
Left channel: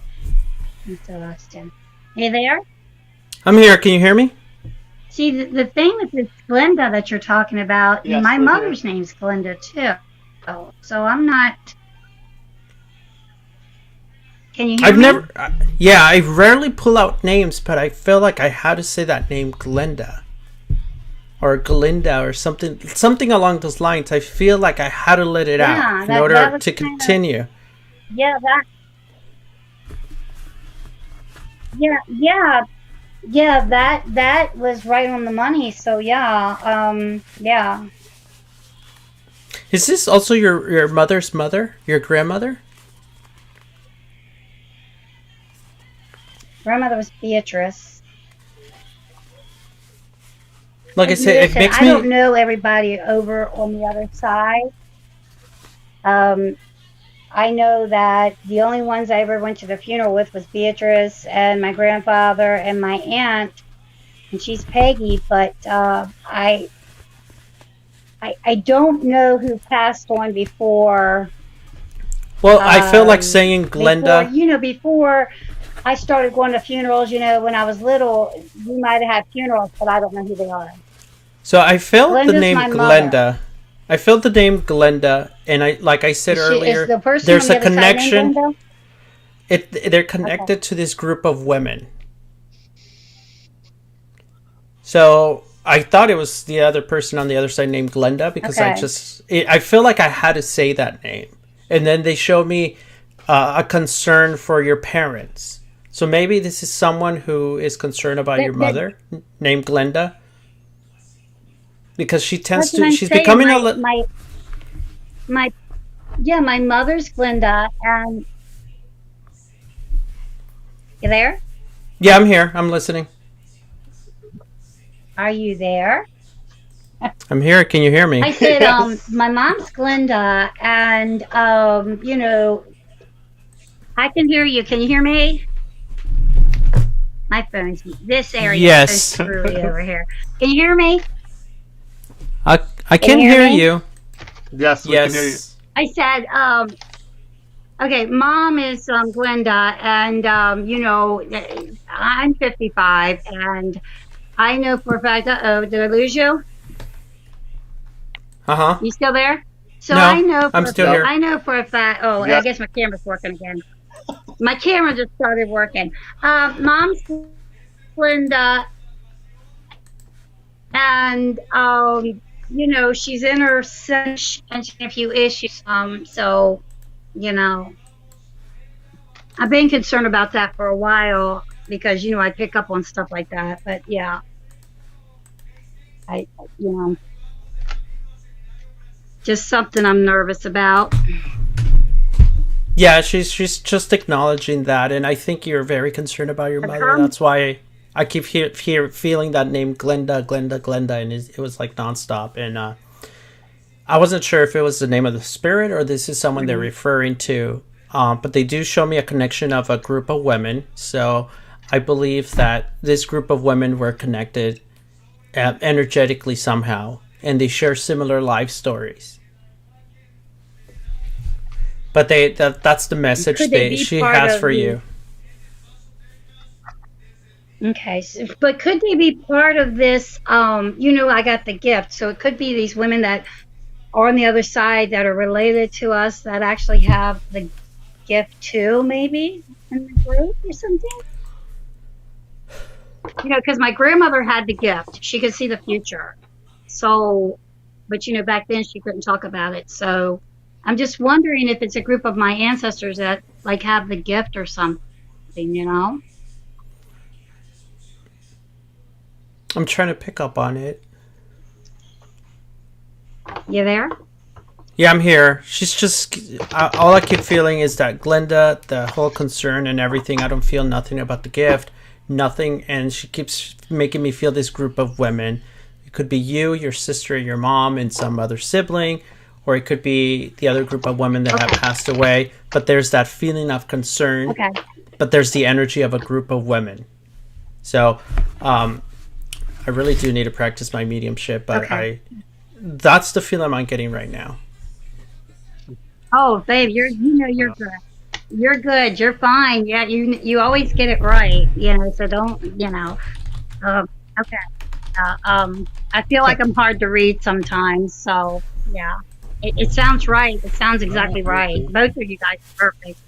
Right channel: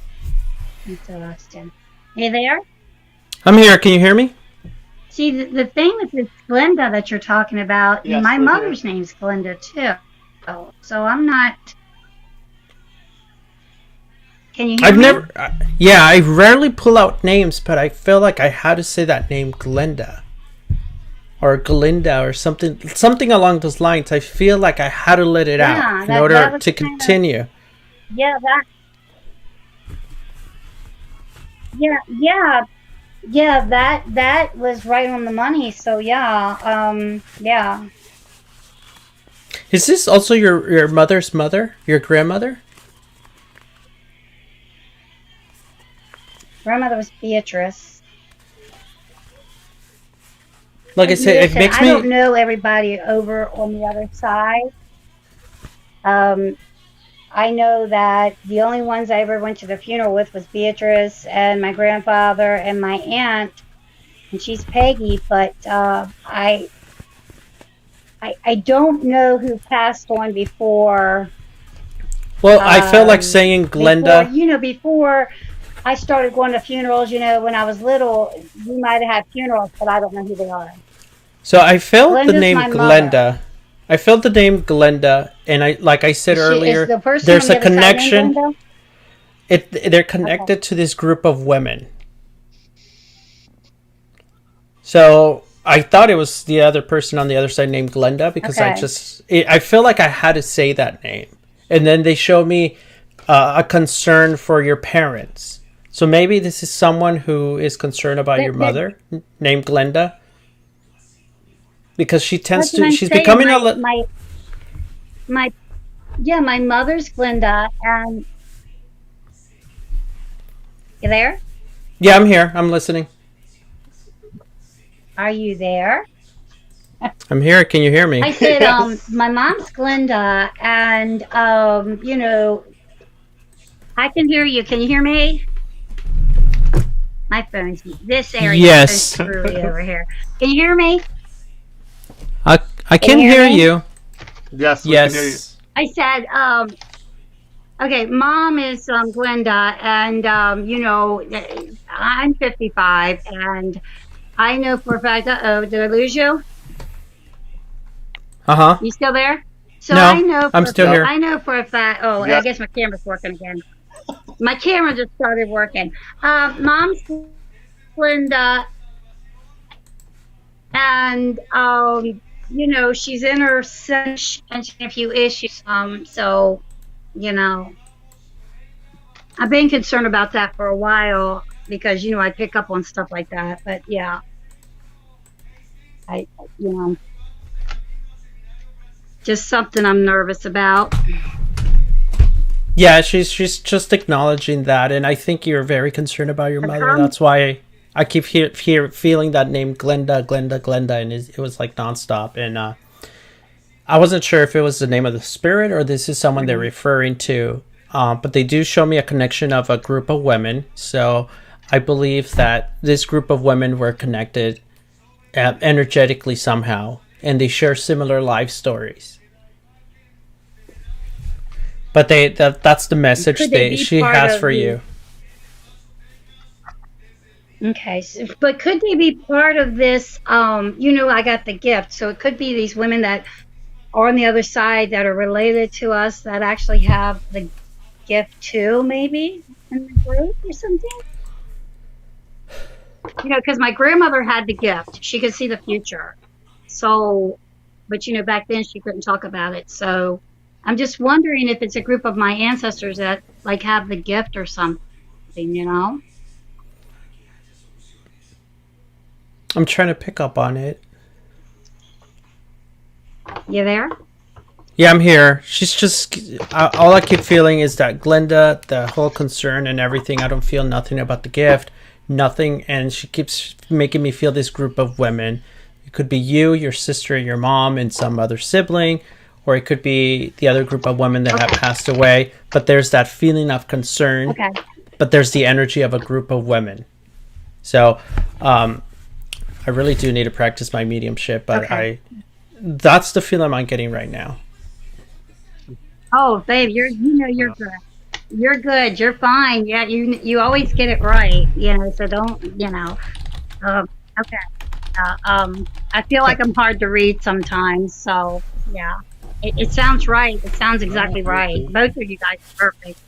Interesting. You there? I'm here. Can you hear me? See, the thing with this Glenda that you're talking about, Yes, my we're mother's name's Glenda too. So I'm not. Can you hear I've me? never. Yeah, I rarely pull out names, but I feel like I had to say that name, Glenda, or Glinda, or something along those lines. I feel like I had to let it out in that order was to kind of, continue. yeah, that was right on the money. So yeah. Is this also your mother's mother, your grandmother? Grandmother was Beatrice. Like I said, it Listen, makes I me. don't know everybody over on the other side. I know that the only ones I ever went to the funeral with was Beatrice and my grandfather and my aunt, and she's Peggy. But I don't know who passed on before. Well, I feel like saying Before Glenda. before I started going to funerals. When I was little, we might have had funerals, but I don't know who they are. So I felt the Glenda's name my mother. Glenda. I felt the name Glenda, and like I said Is earlier, the person on there's the a other side named connection. Glenda? They're Okay. connected to this group of women. So I thought it was the other person on the other side named Glenda because Okay. I feel like I had to say that name, and then they showed me a concern for your parents. So maybe this is someone who is concerned about your That, mother, named Glenda, because she tends that's what to. I'm She's saying. becoming My yeah, my mother's Glenda, and you there? Yeah, I'm here. I'm listening. Are you there? I'm here. Can you hear me? I said, Yes. my mom's Glenda, and I can hear you. Can you hear me? My phone's this area is so Yes, screwy over here. Can you hear me? I Can can you hear hear me? you. Yes, we can hear you. Yes. I said, okay, mom is Glenda, and I'm 55, and I know for a fact. Uh-oh, did I lose you? Uh huh. You still there? So No, I'm still Yep. here. I know for a fact. Oh, I Yes. guess my camera's working again. My camera just started working. Mom's Glenda, and she's in her mentioned a few issues. So you know, I've been concerned about that for a while because I pick up on stuff like that. But yeah, I just something I'm nervous about. Yeah, she's just acknowledging that, and I think you're very concerned about your mother. Her, That's why I keep feeling that name Glenda, Glenda, Glenda, and it was like nonstop. And I wasn't sure if it was the name of the spirit or this is someone they're referring to. But they do show me a connection of a group of women, so I believe that this group of women were connected energetically somehow, and they share similar life stories. But that's the message could they be she part has of for the? you. Okay, but could they be part of this? I got the gift, so it could be these women that are on the other side that are related to us that actually have the gift too, maybe in the group or something. Because my grandmother had the gift; she could see the future. So, but back then she couldn't talk about it. So, I'm just wondering if it's a group of my ancestors that like have the gift or something. I'm trying to pick up on it. You there? Yeah, I'm here. She's just all I keep feeling is that Glenda, the whole concern and everything. I don't feel nothing about the gift, nothing, and she keeps making me feel this group of women. It could be you, your sister, your mom, and some other sibling, or it could be the other group of women that have Okay. passed away. But there's that feeling of concern. Okay. But there's the energy of a group of women. So, I really do need to practice my mediumship, but Okay. that's the feeling I'm getting right now. Oh, babe, you're good. You're good. You're fine. Yeah, you always get it right. So don't. Okay. I feel like I'm hard to read sometimes. So yeah, it sounds right. It sounds exactly right. Both of you guys are perfect.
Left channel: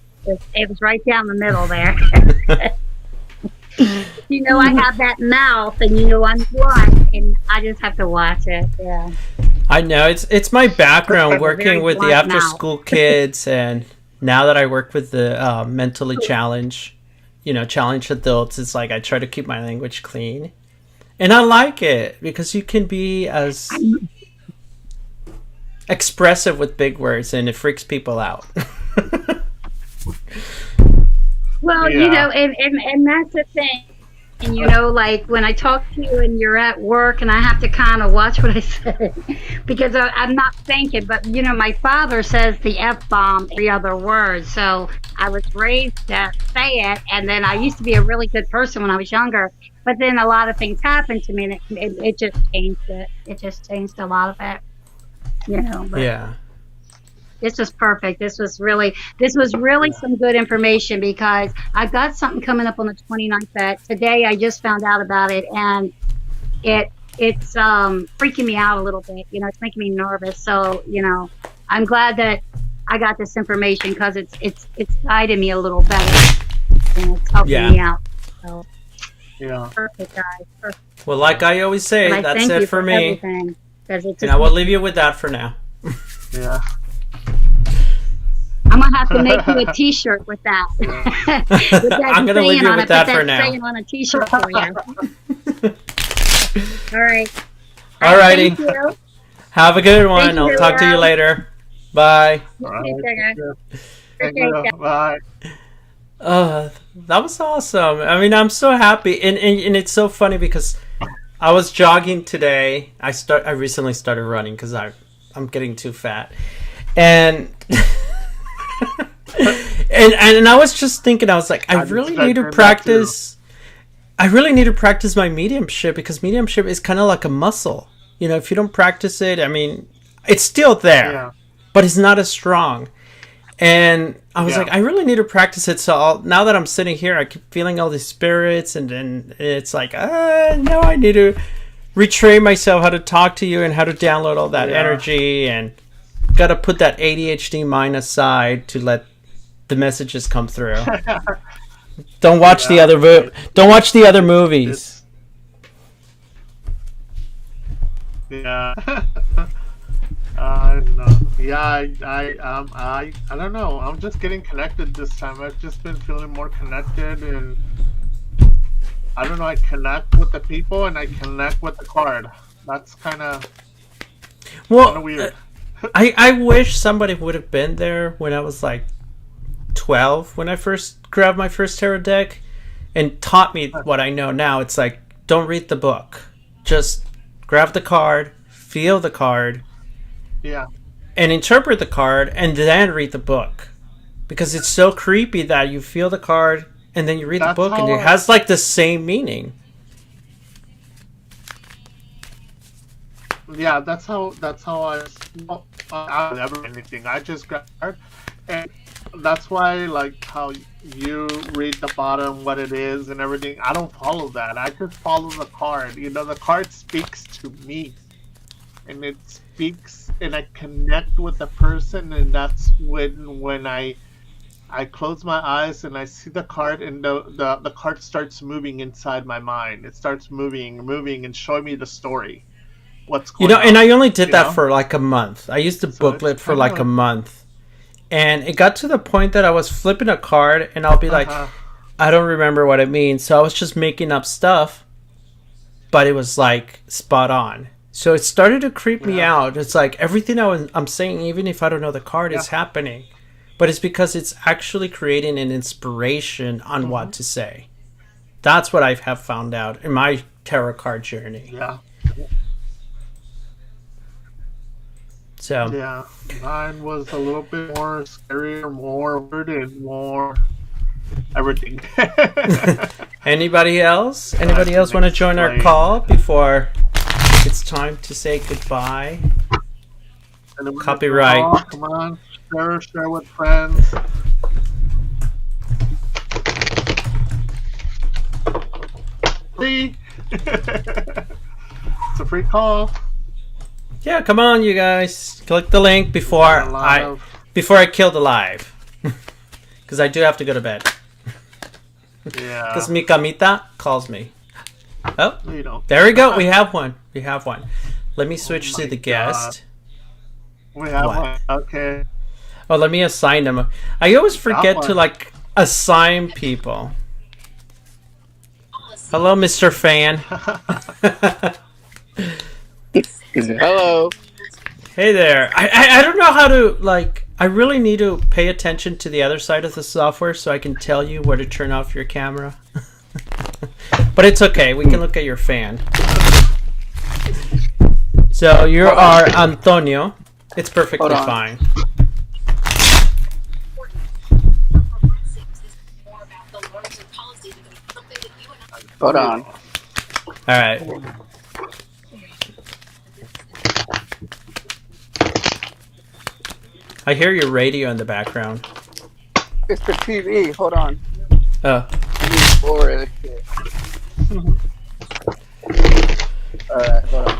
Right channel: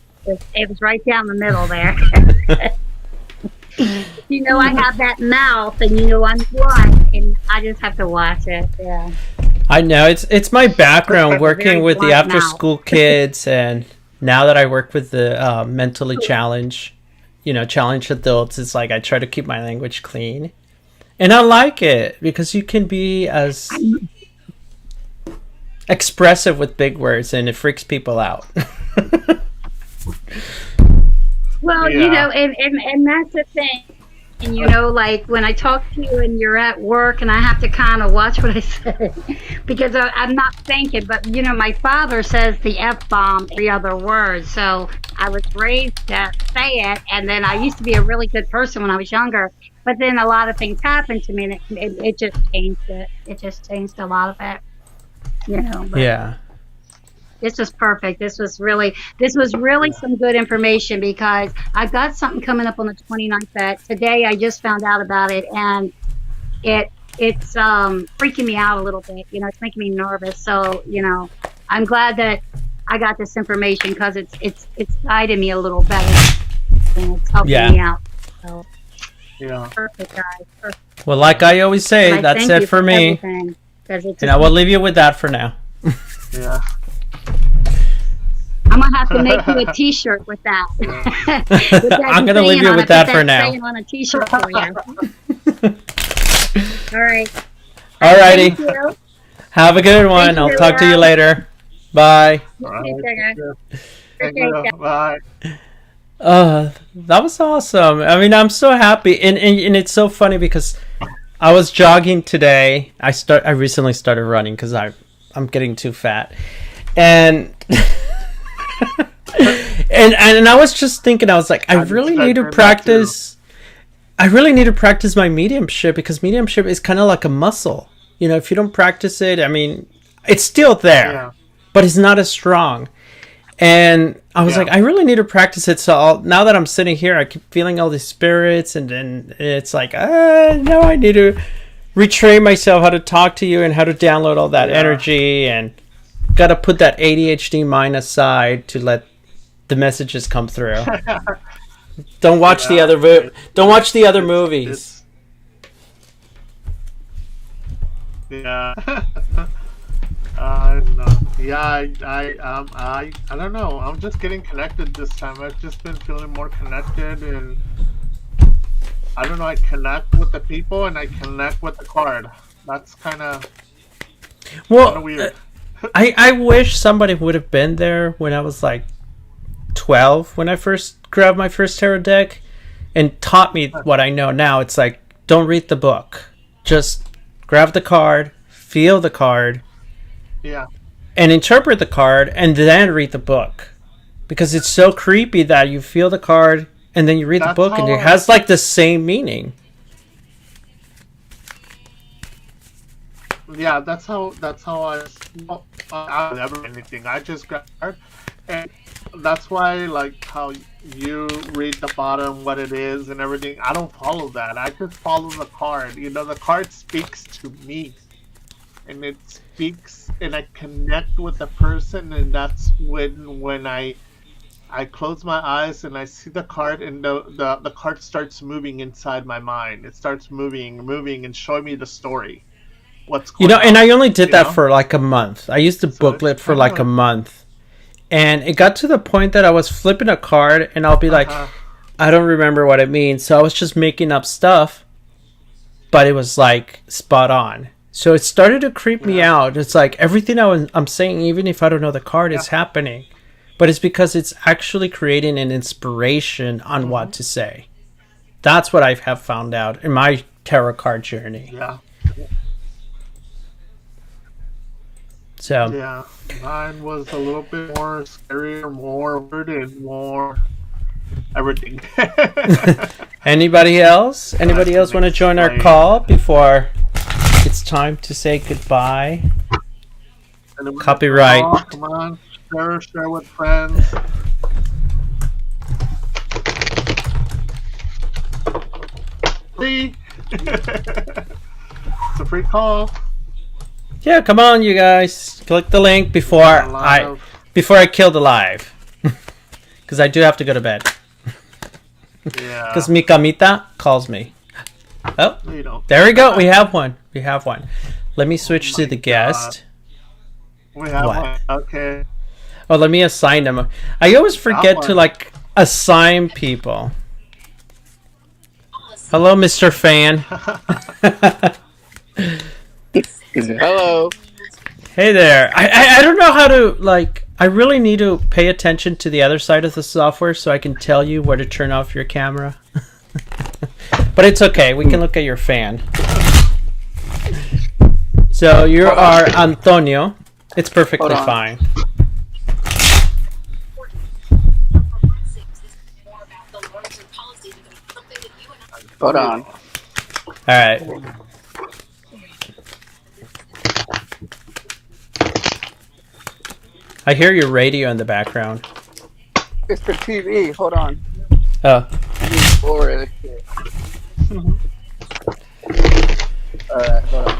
It was right down the middle there. I have that mouth, and I'm blunt, and I just have to watch it. Yeah. I know it's my background working with the blunt after school kids, and now that I work with the mentally challenged adults, it's like I try to keep my language clean, and I like it because you can be as expressive with big words, and it freaks people out. Well, Yeah. and that's the thing. And like when I talk to you and you're at work, and I have to kind of watch what I say because I'm not thinking. But my father says the F-bomb every other word, so I was raised to say it. And then I used to be a really good person when I was younger, but then a lot of things happened to me, and it just changed it. It just changed a lot of it. But Yeah. this was perfect. This was really some good information because I've got something coming up on the 29th that today I just found out about it, and it's freaking me out a little bit. It's making me nervous. So, I'm glad that I got this information because it's guided me a little better, and it's helping me out. So Yeah. perfect, guys. Perfect. Well, like I always say, But I that's thank it you for me. everything, 'cause it's And I will leave you with that for now. Yeah. I'm gonna have to make you a T-shirt with that. With that I'm gonna leave saying you on with it, that put for now. saying on a T-shirt for you. All right. Alrighty. Thank you. Have a good one. Thank you, I'll talk to you Leo. later. Bye. All right. Take care. Thank you. Bye. That was awesome. I mean, I'm so happy, and it's so funny because I was jogging today. I recently started running because I'm getting too fat, and and I was just thinking, I was like, I really need to practice. I really need to practice my mediumship because mediumship is kind of like a muscle. If you don't practice it, I mean, it's still there, but it's not as strong. And I was like, I really need to practice it. So now that I'm sitting here, I keep feeling all these spirits, and then it's like, now I need to retrain myself how to talk to you and how to download all that energy, and got to put that ADHD mind aside to let the messages come through. Don't watch the other movies. Yeah. I don't know. Yeah, I don't know. I'm just getting connected this time. I've just been feeling more connected, and I don't know. I connect with the people, and I connect with the card. That's kind of weird. I wish somebody would have been there when I was like 12, when I first grabbed my first tarot deck, and taught me what I know now. It's like, don't read the book. Just grab the card, feel the card, and interpret the card, and then read the book. Because it's so creepy that you feel the card, and then you read the book, and it has like the same meaning. Yeah, that's how I never anything. I just grab the card, and that's why, like, how you read the bottom, what it is, and everything. I don't follow that. I just follow the card. The card speaks to me, and it speaks, and I connect with the person, and that's when I close my eyes and I see the card, and the card starts moving inside my mind. It starts moving, and showing me the story. What's going on? And I only did that for like a month. I used the booklet for like a month. And it got to the point that I was flipping a card, and I'll be like, I don't remember what it means. So I was just making up stuff, but it was like spot on. So it started to creep me out. It's like everything I'm saying, even if I don't know the card, is happening. But it's because it's actually creating an inspiration on what to say. That's what I have found out in my tarot card journey. Yeah. So yeah, mine was a little bit more scarier, more weird, and more everything. Anybody else? Anybody else want to join our call before it's time to say goodbye? Copyright. Come on, share with friends. See? It's a free call. Yeah, come on, you guys. Click the link before I kill the live. Because I do have to go to bed. Yeah. Because Mikamita calls me. Oh, No, you don't. there we go. We have one. We have one. Let me switch to my the guest. We have What? one. Okay. Oh, let me assign them. I always forget to one. like assign people. Hello, Mr. Fan. Hello. Hey there. I don't know how to like. I really need to pay attention to the other side of the software so I can tell you where to turn off your camera. But it's okay. We can look at your fan. So you are Antonio. It's perfectly Hold on. fine. Hold on. All right. I hear your radio in the background. It's for TV. Hold on. Oh, Alright, hold on.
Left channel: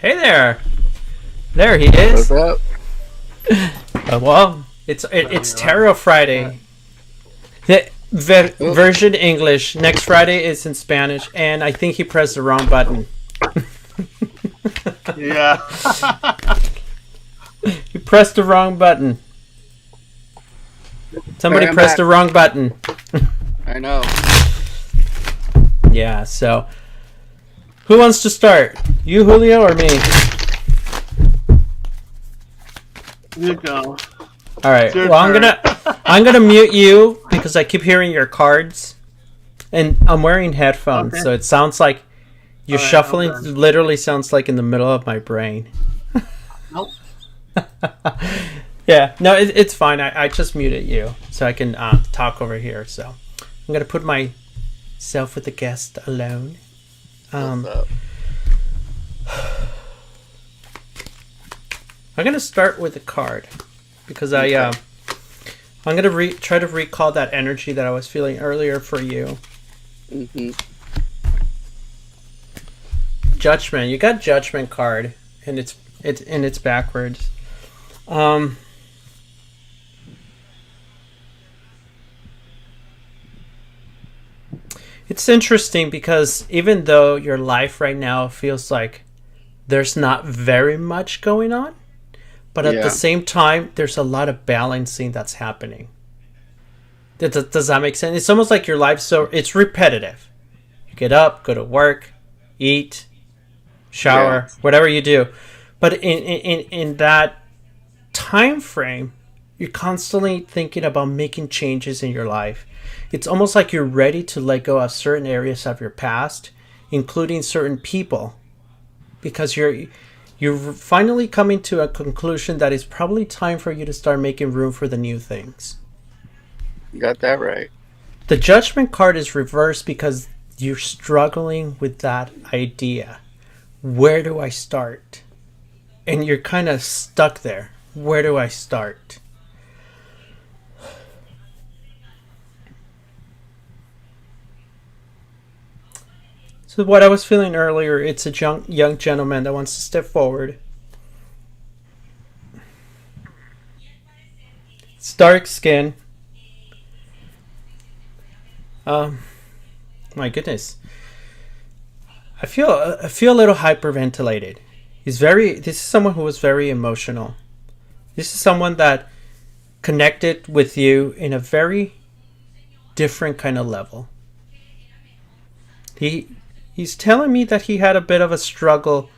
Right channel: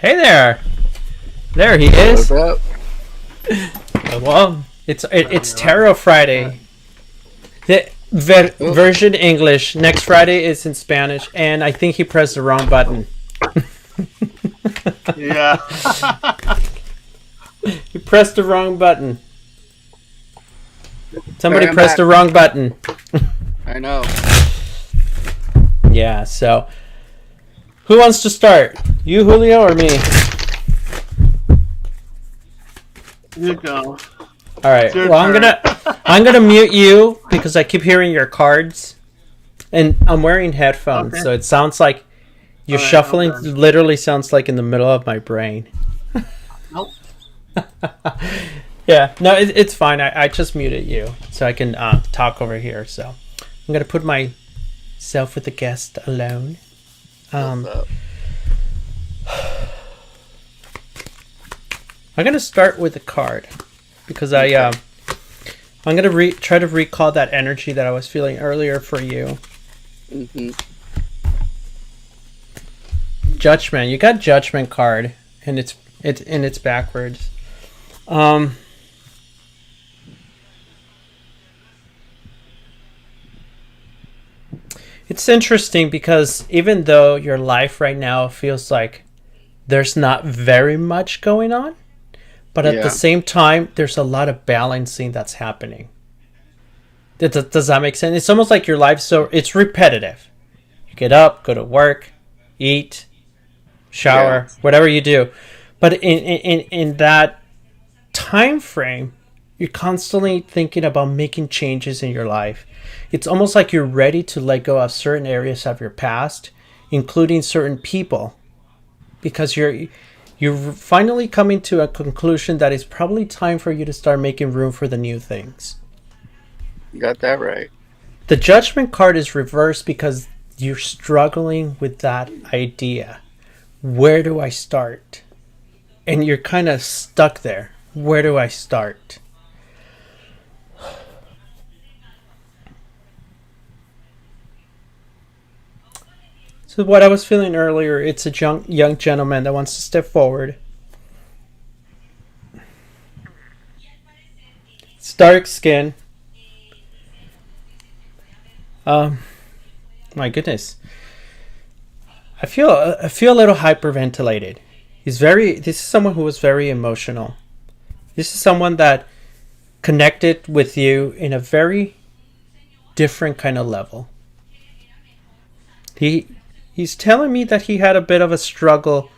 hey there. There he is. What's up? Well, it's Tarot Friday. The version English. Next Friday is in Spanish, and I think he pressed the wrong button. Yeah. He pressed the wrong button. Somebody Alright, I'm pressed back. the wrong button. I know. Yeah, so who wants to start? You, Julio, or me? You go. All right. It's your Well, turn. I'm gonna mute you because I keep hearing your cards, and I'm wearing headphones, Okay. so it sounds like you're All right, shuffling. hold on. Literally sounds like in the middle of my brain. Nope. Yeah. No, it's fine. I just muted you so I can talk over here. So I'm gonna put myself with the guest alone. What's up? I'm gonna start with a card because I'm gonna try to recall that energy that I was feeling earlier for you. Mm-hmm. Judgment. You got Judgment card, and it's backwards. It's interesting because even though your life right now feels like there's not very much going on, but at Yeah. the same time, there's a lot of balancing that's happening. Does that make sense? It's almost like your life, so it's repetitive. You get up, go to work, eat, shower, Yeah. whatever you do. But in that time frame, you're constantly thinking about making changes in your life. It's almost like you're ready to let go of certain areas of your past, including certain people, because you're finally coming to a conclusion that it's probably time for you to start making room for the new things. You got that right. The Judgment card is reversed because you're struggling with that idea. Where do I start? And you're kind of stuck there. Where do I start? So what I was feeling earlier, it's a young gentleman that wants to step forward. It's dark skin. My goodness. I feel a little hyperventilated. This is someone who was very emotional. This is someone that connected with you in a very different kind of level. He's telling me that he had a bit of a struggle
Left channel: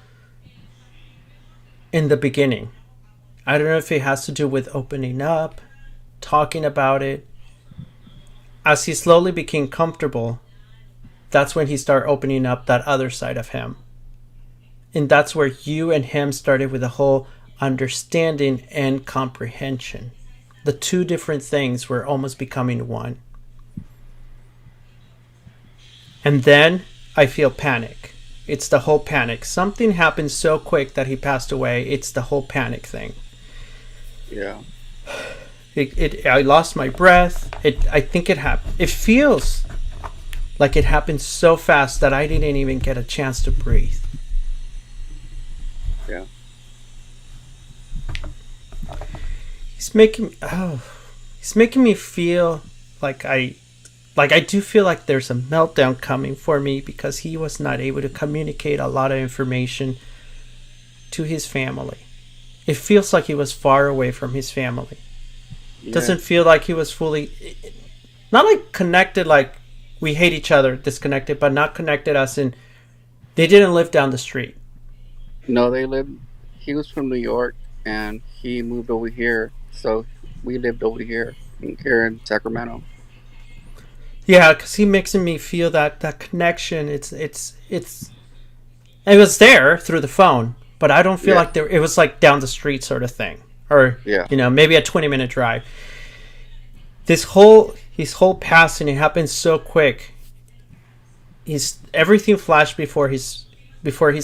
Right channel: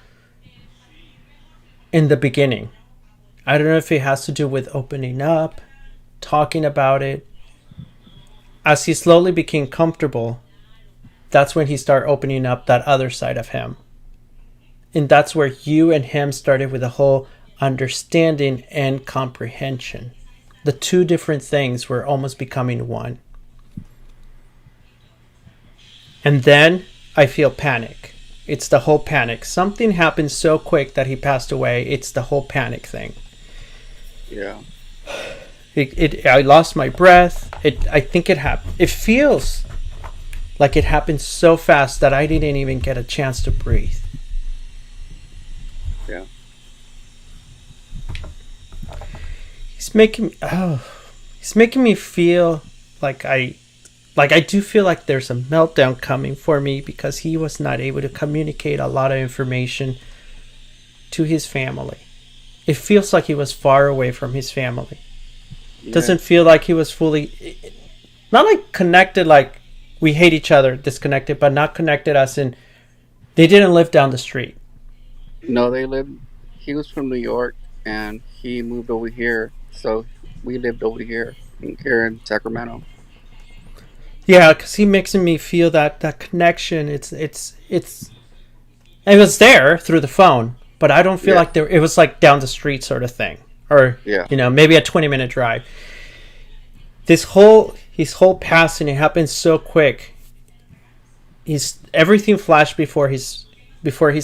in the beginning. I don't know if it has to do with opening up, talking about it. As he slowly became comfortable, that's when he started opening up that other side of him. And that's where you and him started with the whole understanding and comprehension. The two different things were almost becoming one. And then I feel panic. It's the whole panic. Something happened so quick that he passed away. It's the whole panic thing. Yeah. I lost my breath. I think it happened. It feels like it happened so fast that I didn't even get a chance to breathe. Yeah. He's making me feel like I do feel like there's a meltdown coming for me because he was not able to communicate a lot of information to his family. It feels like he was far away from his family. Yeah. Doesn't feel like he was fully, not like connected, like we hate each other, disconnected, but not connected as in they didn't live down the street. No, he was from New York and he moved over here. So we lived over here in Sacramento. Yeah, because he makes me feel that connection. It was there through the phone, but I don't feel like it was like down the street sort of thing, or maybe a 20-minute drive. His whole passing, it happened so quick. Everything flashed before his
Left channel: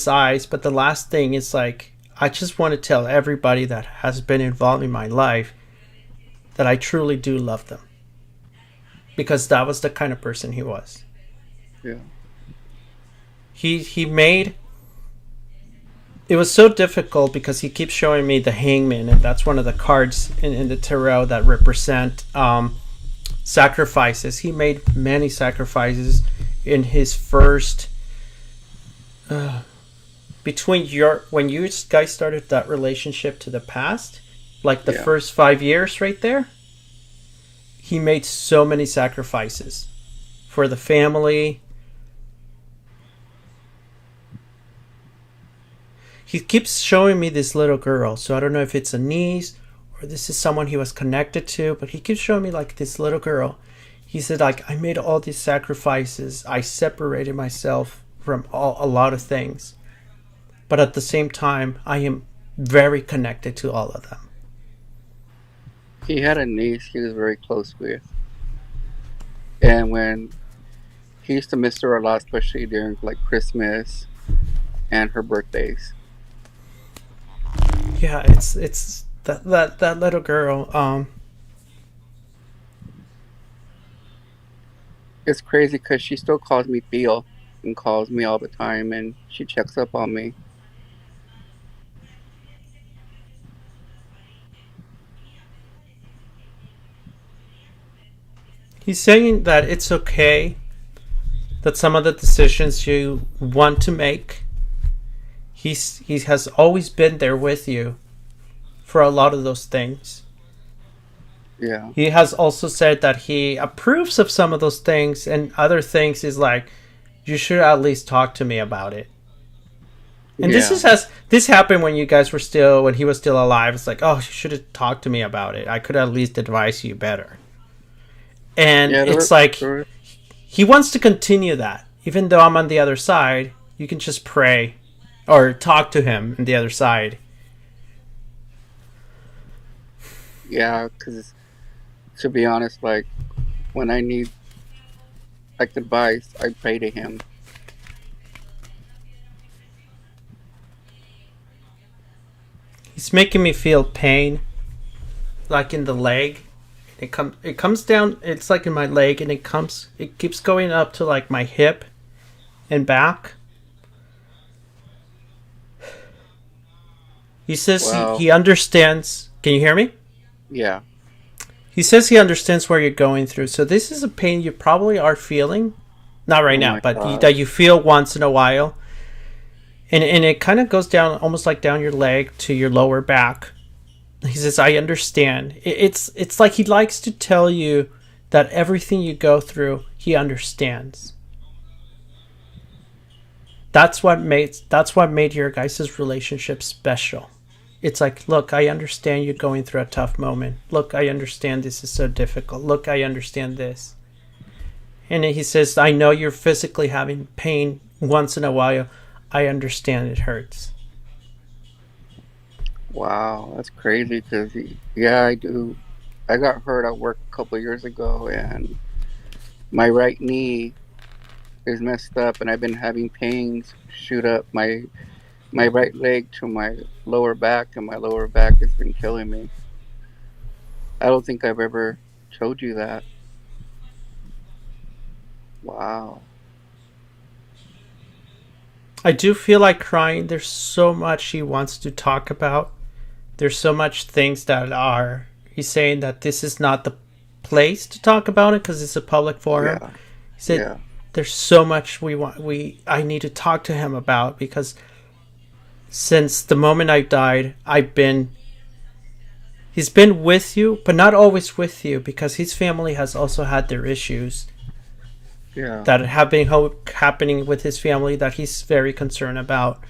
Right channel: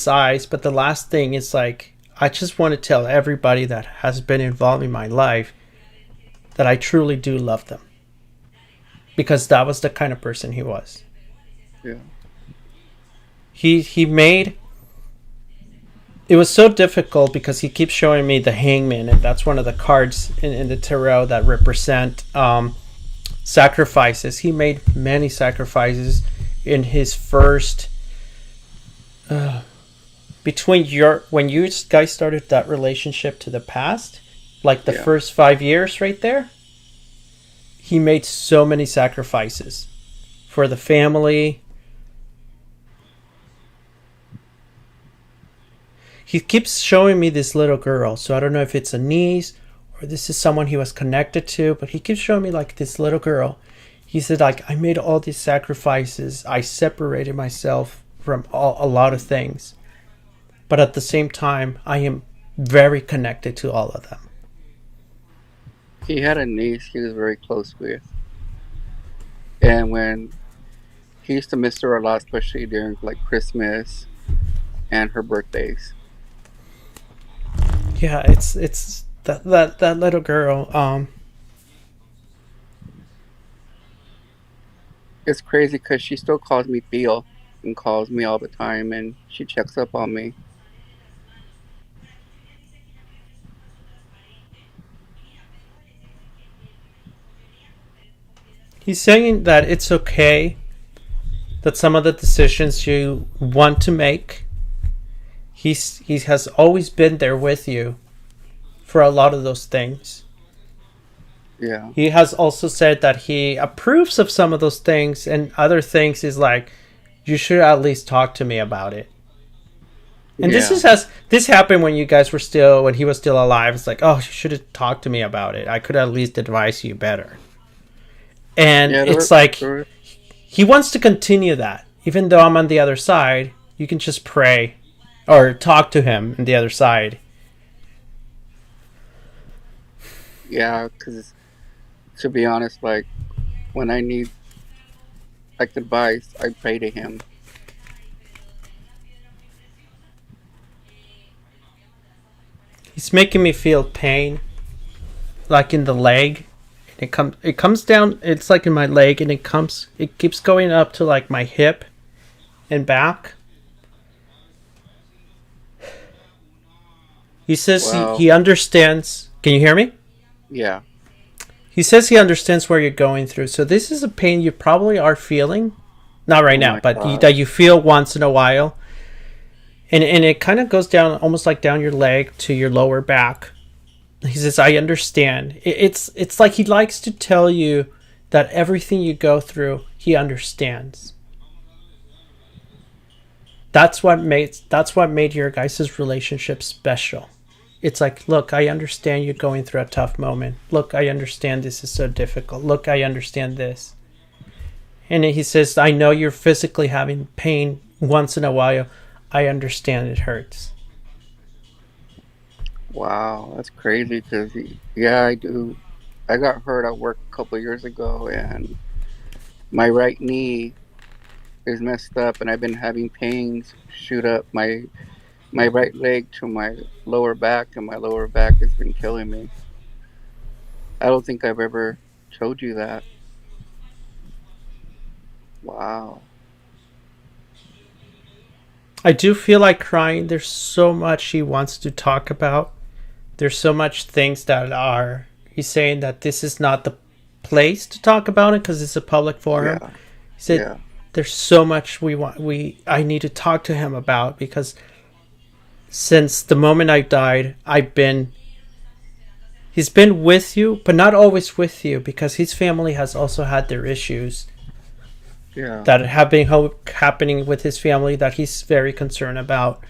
eyes, but the last thing is like, I just want to tell everybody that has been involved in my life that I truly do love them. Because that was the kind of person he was. Yeah. He made... It was so difficult because he keeps showing me the hangman, and that's one of the cards in the tarot that represent sacrifices. He made many sacrifices in his first... when you guys started that relationship to the past, like the first 5 years right there, he made so many sacrifices for the family. He keeps showing me this little girl, so I don't know if it's a niece or this is someone he was connected to, but he keeps showing me like this little girl. He said, like, I made all these sacrifices. I separated myself from a lot of things. But at the same time, I am very connected to all of them. He had a niece he was very close with. And when he used to miss her a lot, especially during like Christmas and her birthdays. Yeah, it's that little girl. It's crazy because she still calls me Theo and calls me all the time, and she checks up on me. He's saying that it's okay that some of the decisions you want to make, he has always been there with you for a lot of those things. Yeah. He has also said that he approves of some of those things, and other things is like, you should at least talk to me about it. And this happened when when he was still alive. It's like, oh, you should have talked to me about it. I could at least advise you better. And he wants to continue that. Even though I'm on the other side, you can just pray or talk to him on the other side. Yeah, because to be honest, like when I need like advice, I pray to him. He's making me feel pain, like in the leg. It comes down. It's like in my leg, and it keeps going up to like my hip and back. He says he understands. Can you hear me? Yeah. He says he understands where you're going through. So this is a pain you probably are feeling, not right now, but that you feel once in a while. And it kind of goes down, almost like down your leg to your lower back. He says, I understand. It's like he likes to tell you that everything you go through, he understands. That's what made your guys' relationship special. It's like, look, I understand you're going through a tough moment. Look, I understand this is so difficult. Look, I understand this. And he says, I know you're physically having pain once in a while. I understand it hurts. Wow, that's crazy because, I do. I got hurt at work a couple of years ago, and my right knee is messed up, and I've been having pains shoot up my right leg to my lower back, and my lower back has been killing me. I don't think I've ever told you that. Wow. I do feel like crying. There's so much he wants to talk about. There's so much things that are. He's saying that this is not the place to talk about it because it's a public forum. Yeah. He said Yeah. there's so much I need to talk to him about because since the moment I died, he's been with you, but not always with you because his family has also had their issues Yeah. that have been happening with his family that he's very concerned about.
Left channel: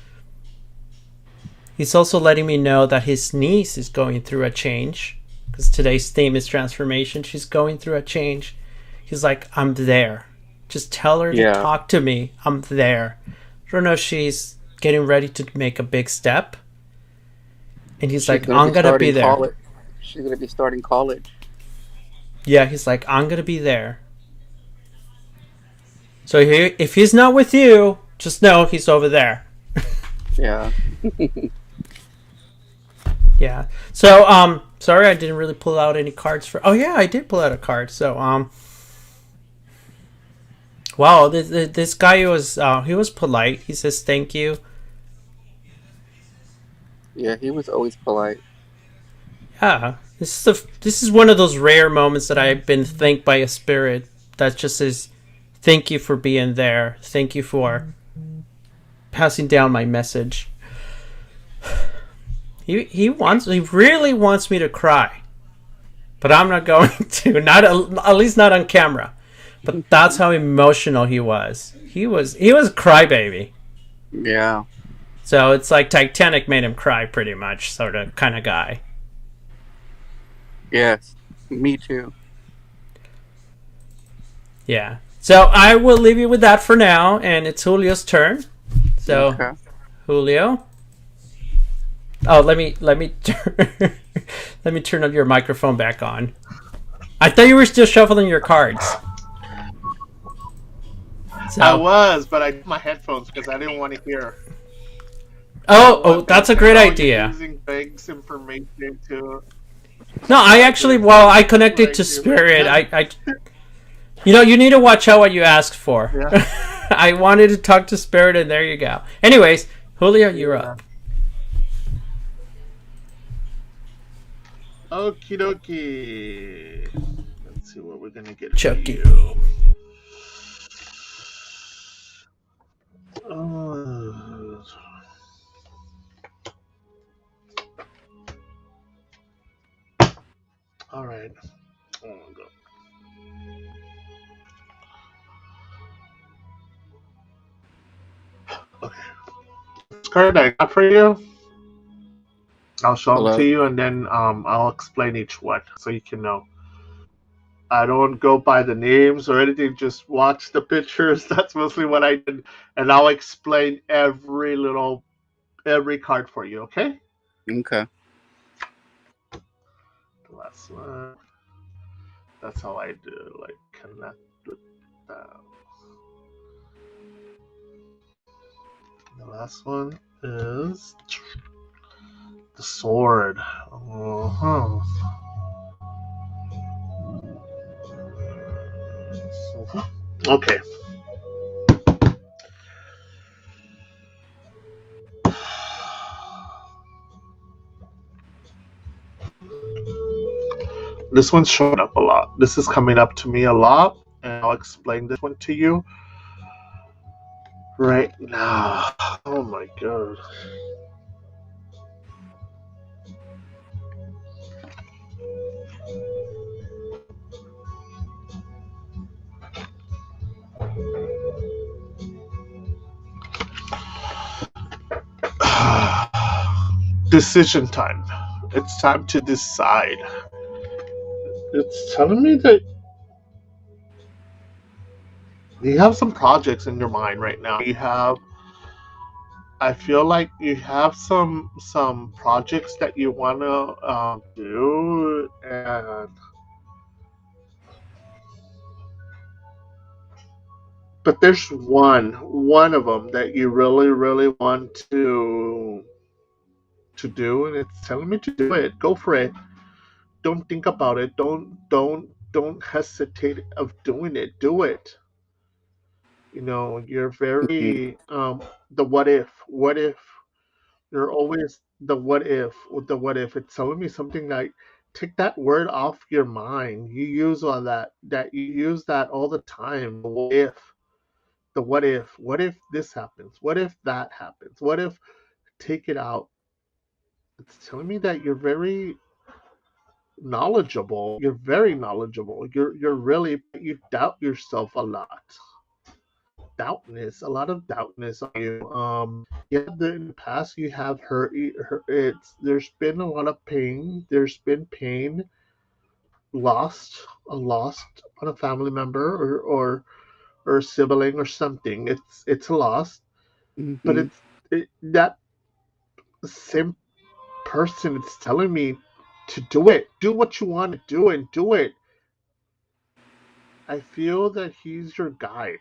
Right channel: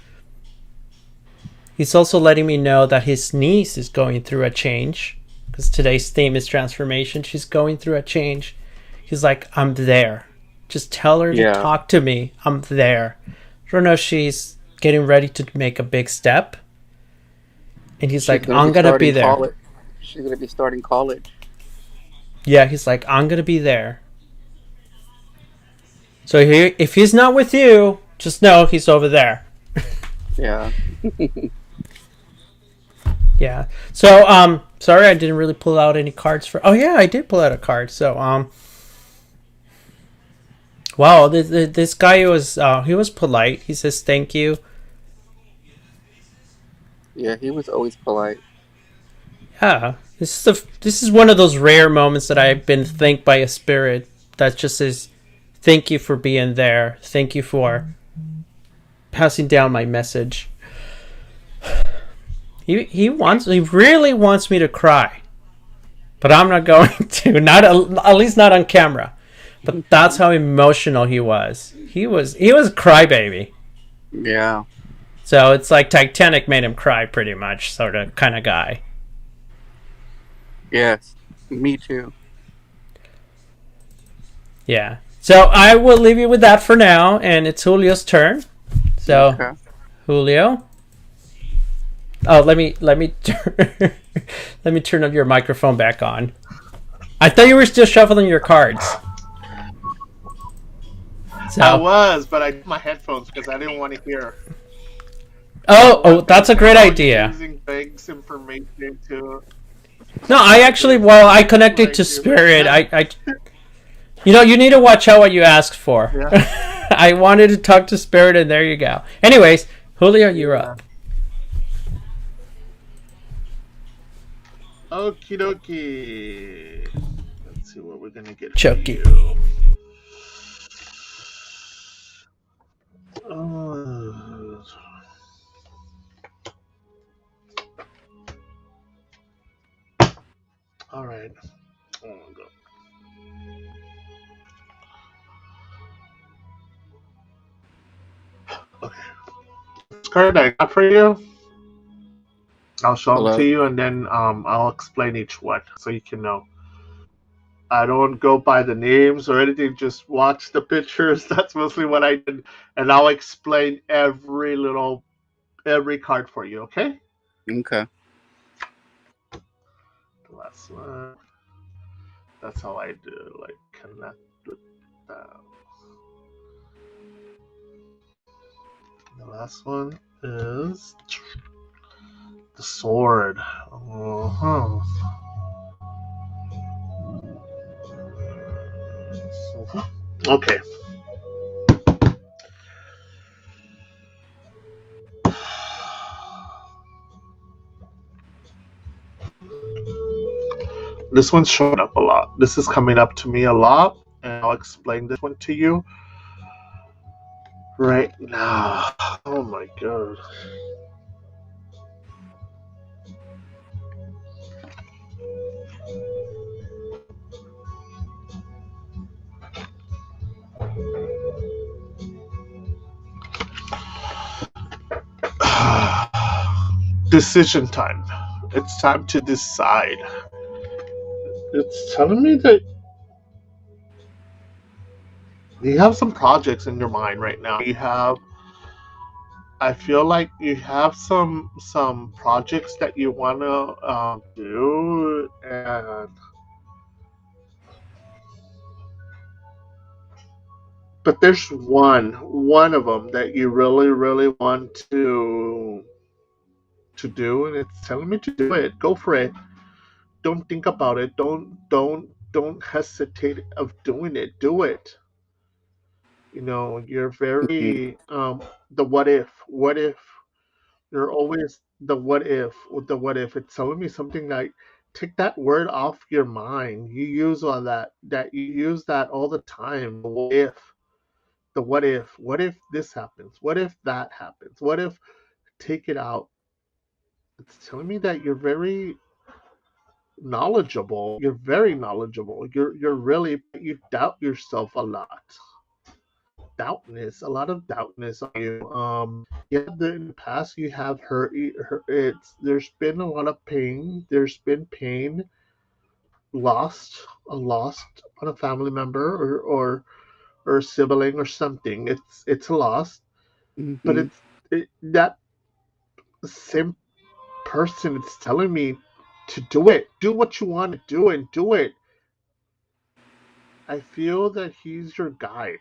He's also letting me know that his niece is going through a change because today's theme is transformation. She's going through a change. He's like, I'm there. Just tell her to talk to me. I'm there. I don't know if she's getting ready to make a big step. And he's like, I'm going to be there. College. She's going to be starting college. Yeah, he's like, I'm going to be there. So if he's not with you, just know he's over there. Yeah. Yeah. So, sorry I didn't really pull out any cards for... Oh, yeah, I did pull out a card. So, wow, this guy he was polite. He says thank you. Yeah, he was always polite. Yeah. This is one of those rare moments that I've been thanked by a spirit that just says, thank you for being there. Thank you for passing down my message. He really wants me to cry, but I'm not going to. At least not on camera. But that's how emotional he was. He was a crybaby. Yeah. So it's like Titanic made him cry, pretty much, sort of kind of guy. Yes, me too. Yeah. So I will leave you with that for now, and it's Julio's turn. So, okay. Julio. Oh, let me let me turn up your microphone back on. I thought you were still shuffling your cards. So. I was, but I took my headphones because I didn't want to hear. Oh, that's a great idea. Using Greg's information to. No, I actually, I connected to Spirit. I you need to watch out what you ask for. Yeah. I wanted to talk to Spirit, and there you go. Anyways, Julio, you're up. Okie dokie. Let's see what we're gonna get. Chucky. All right. Oh my god. Okay. This card I got for you. I'll show them to you, and then I'll explain each one so you can know. I don't go by the names or anything. Just watch the pictures. That's mostly what I did, and I'll explain every card for you. Okay? Okay. The last one. That's how I do. Like connect with that. The last one is the sword. Uh-huh. Okay. This one's showing up a lot. This is coming up to me a lot, and I'll explain this one to you right now. Oh my god. Decision time. It's time to decide. It's telling me that you have some projects in your mind right now. I feel like you have some projects that you want to do, and But there's one of them that you really, really want to do, and it's telling me to do it. Go for it. Don't think about it. Don't hesitate of doing it. Do it. You're Mhm. very the what if. What if you're always the what if with the what if. It's telling me something like take that word off your mind. You use all that you use that all the time. The what if. The what if. What if this happens? What if that happens? What if take it out? It's telling me that you're very knowledgeable. You're very knowledgeable. You're really you doubt yourself a lot. Doubtness, a lot of doubtness on you. Yeah, in the past you have hurt. There's been a lot of pain. There's been pain, lost, a lost on a family member or a sibling or something. It's a loss, but Mhm. that same person. It's telling me to do it. Do what you want to do and do it. I feel that he's your guide.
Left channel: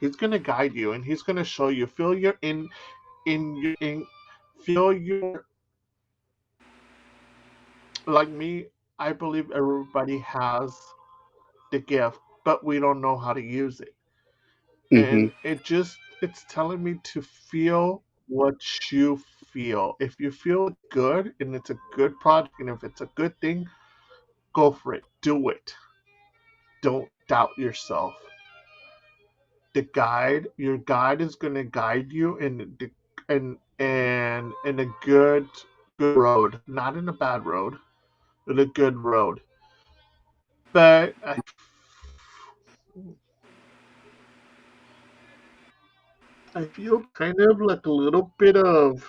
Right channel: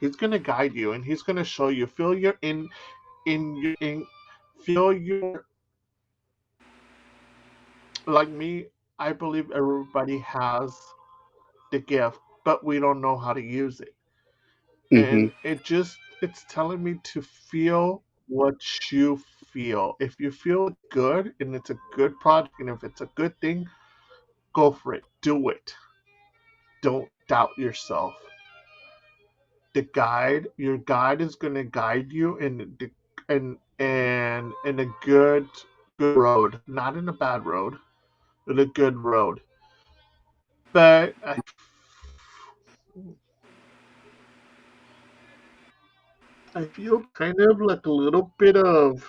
He's gonna guide you and he's gonna show you. Feel your in your in feel your like me. I believe everybody has the gift, but we don't know how to use it. Mhm. And it's telling me to feel what you feel. If you feel good and it's a good project and if it's a good thing, go for it. Do it. Don't doubt yourself. Your guide is going to guide you and in a good road, not in a bad road, in a good road. But I feel kind of like a little bit of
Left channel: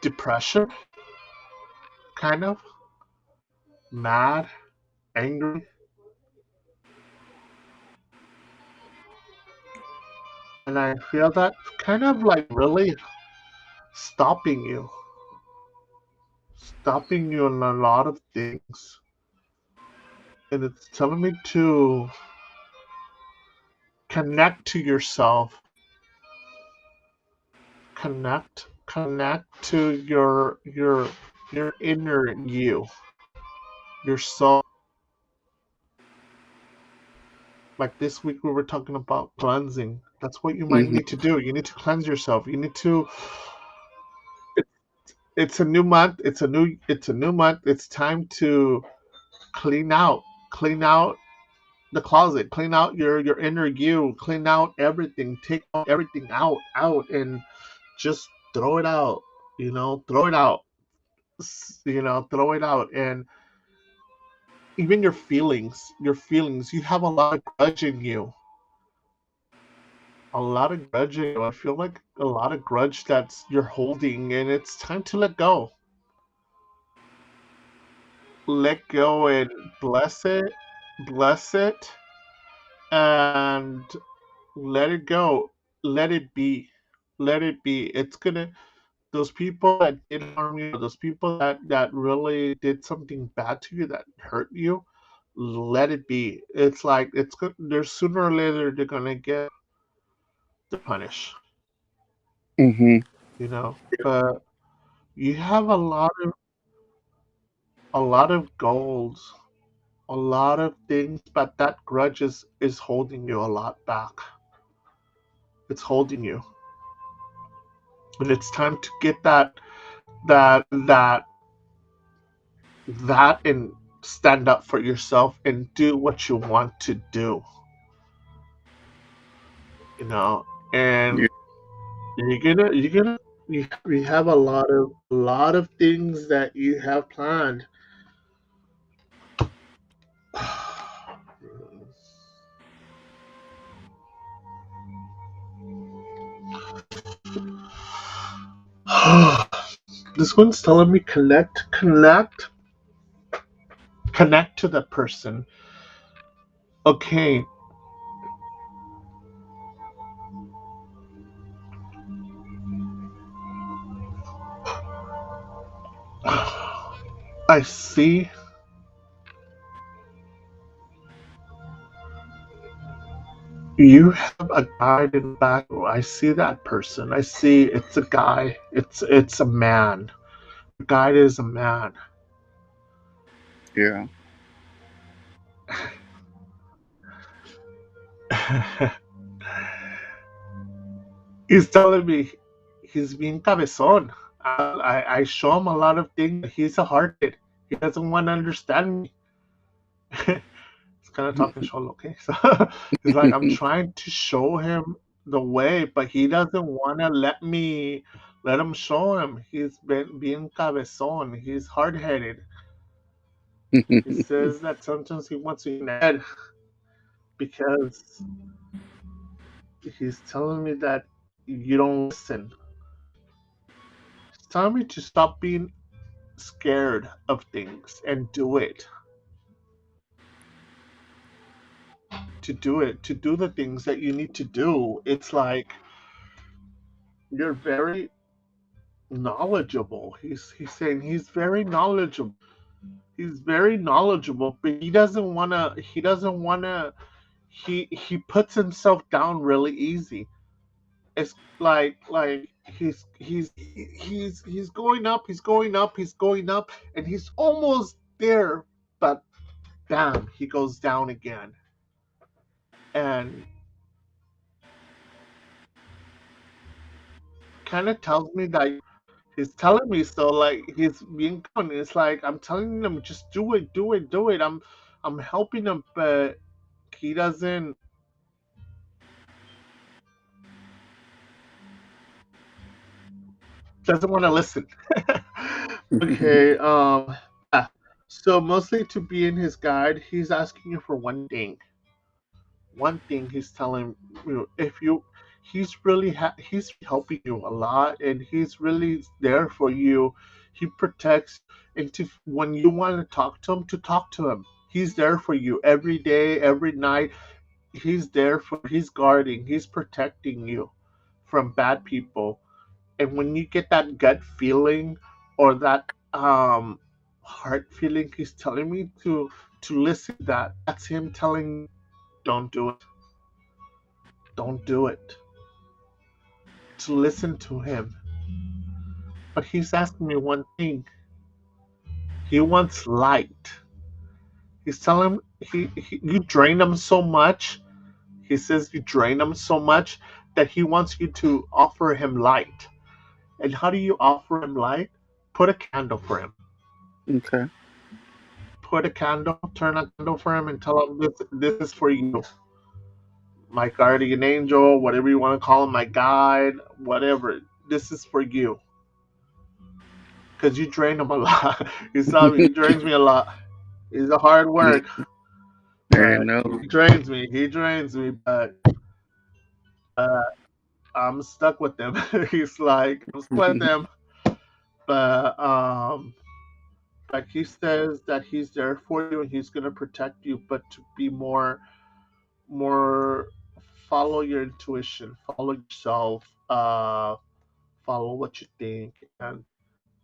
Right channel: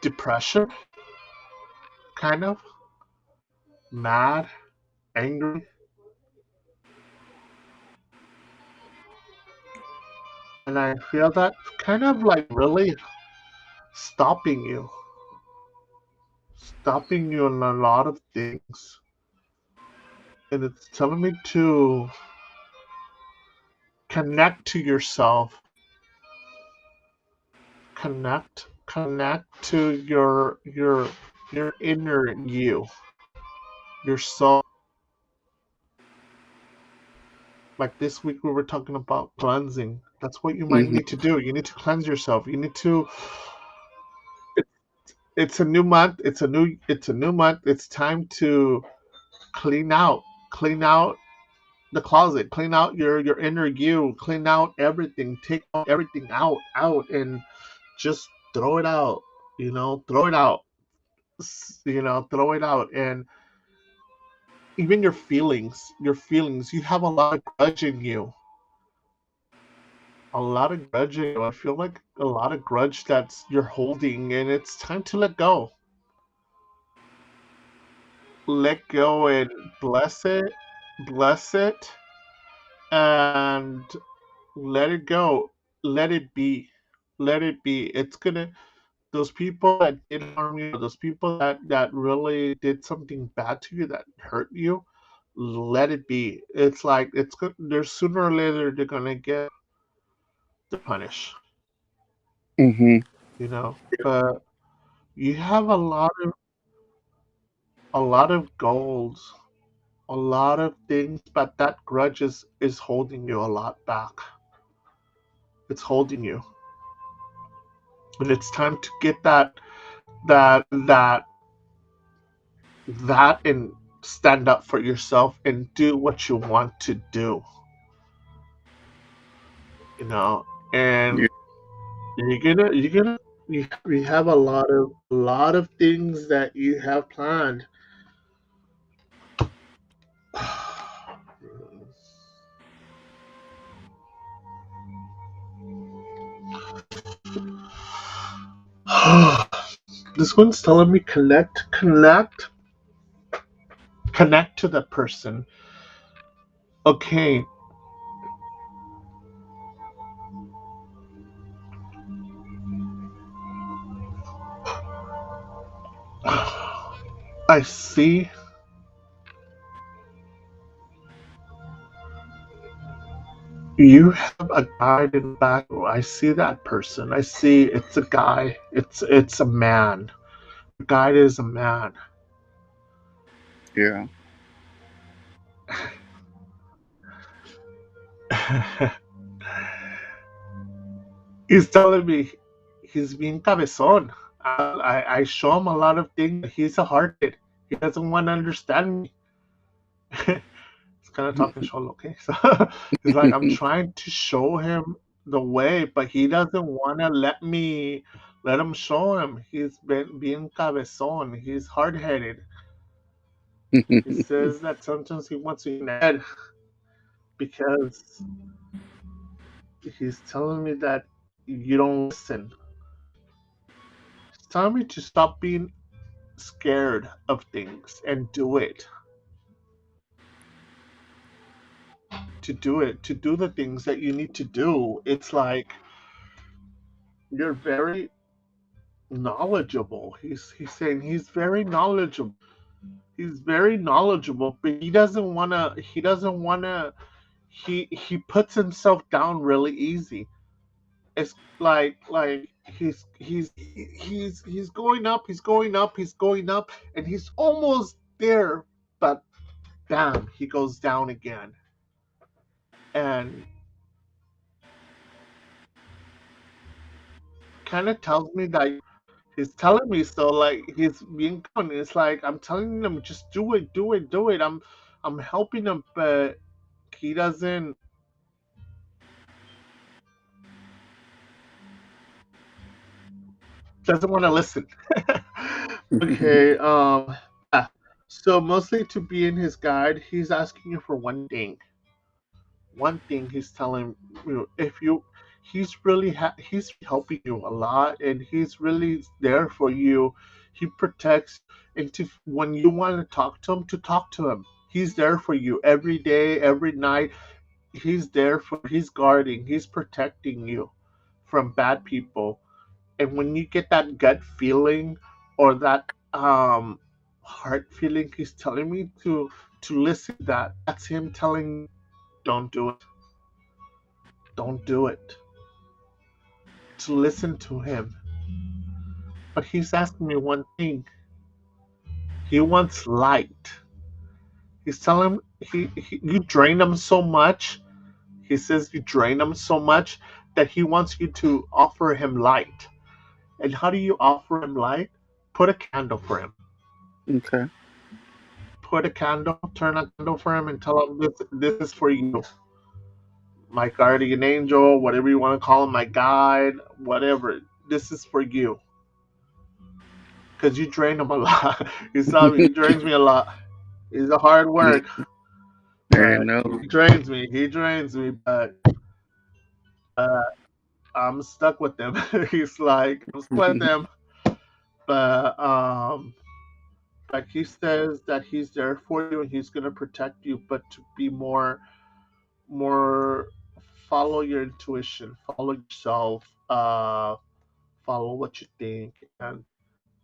depression, kind of mad, angry, and I feel that kind of like really stopping you, stopping you in a lot of things. And it's telling me to connect to yourself, connect to your inner you, your soul. Like this week we were talking about cleansing. That's what you might Mhm. need to do. You need to cleanse yourself. You need to it's a new month. It's a new month. It's time to clean out. Clean out the closet. Clean out your inner you. Clean out everything. Take everything out and just throw it out. Throw it out. Throw it out and even your feelings, you have a lot of grudge in you. A lot of grudge in you. I feel like a lot of grudge that's you're holding and it's time to let go. Let go and bless it and let it go. Let it be. Let it be. It's gonna those people that did harm you, those people that really did something bad to you, that hurt you, let it be. It's like it's good. There's sooner or later they're gonna get the punish, Mhm. But you have a lot of goals, a lot of things, but that grudge is holding you a lot back. It's holding you, and it's time to get that and stand up for yourself and do what you want to do. you know and Yeah. you have a lot of things that you have planned. This one's telling me connect to that person. Okay, I see you have a guide in the back. I see that person. I see it's a guy. It's a man. The guide is a man. Yeah. He's telling me he's being cabezon. I show him a lot of things. He's a hardhead. He doesn't want to understand me. He's kind of talking solo, okay? So he's like, I'm trying to show him the way, but he doesn't want to let him show him. He's been being cabezon. He's hard headed. He says that sometimes he wants to eat head because he's telling me that you don't listen. He's telling me to stop being scared of things and do it. To do it, to do the things that you need to do. It's like you're very knowledgeable. He's saying he's very knowledgeable. He's very knowledgeable, but he puts himself down really easy. It's like he's going up, he's going up, he's going up, and he's almost there, but bam, he goes down again. And kind of tells me that he's telling me so, like he's being common. It's like I'm telling him just do it, do it, do it. I'm helping him, but he doesn't want to listen. Okay, yeah. So mostly to be in his guide, he's asking you for one thing. One thing he's telling you, if you, he's helping you a lot, and he's really there for you. He protects, and to when you want to talk to him. He's there for you every day, every night. He's guarding, he's protecting you from bad people. And when you get that gut feeling or that heart feeling, he's telling me to listen to that. That's him telling me, don't do it. Don't do it. To listen to him. But he's asking me one thing. He wants light. He's telling him you drain him so much. He says you drain him so much that he wants you to offer him light. And how do you offer him light? Put a candle for him. Okay. Put a candle, turn a candle for him, and tell him this is for you. My guardian angel, whatever you want to call him, my guide, whatever. This is for you. Because you drain him a lot. He's telling me he drains me a lot. He's a hard work, I but know. he drains me. He drains me, but uh, I'm stuck with him. He's like, I'm stuck with him, but he says that he's there for you and he's gonna protect you, but to be more follow your intuition, follow yourself, follow what you think, and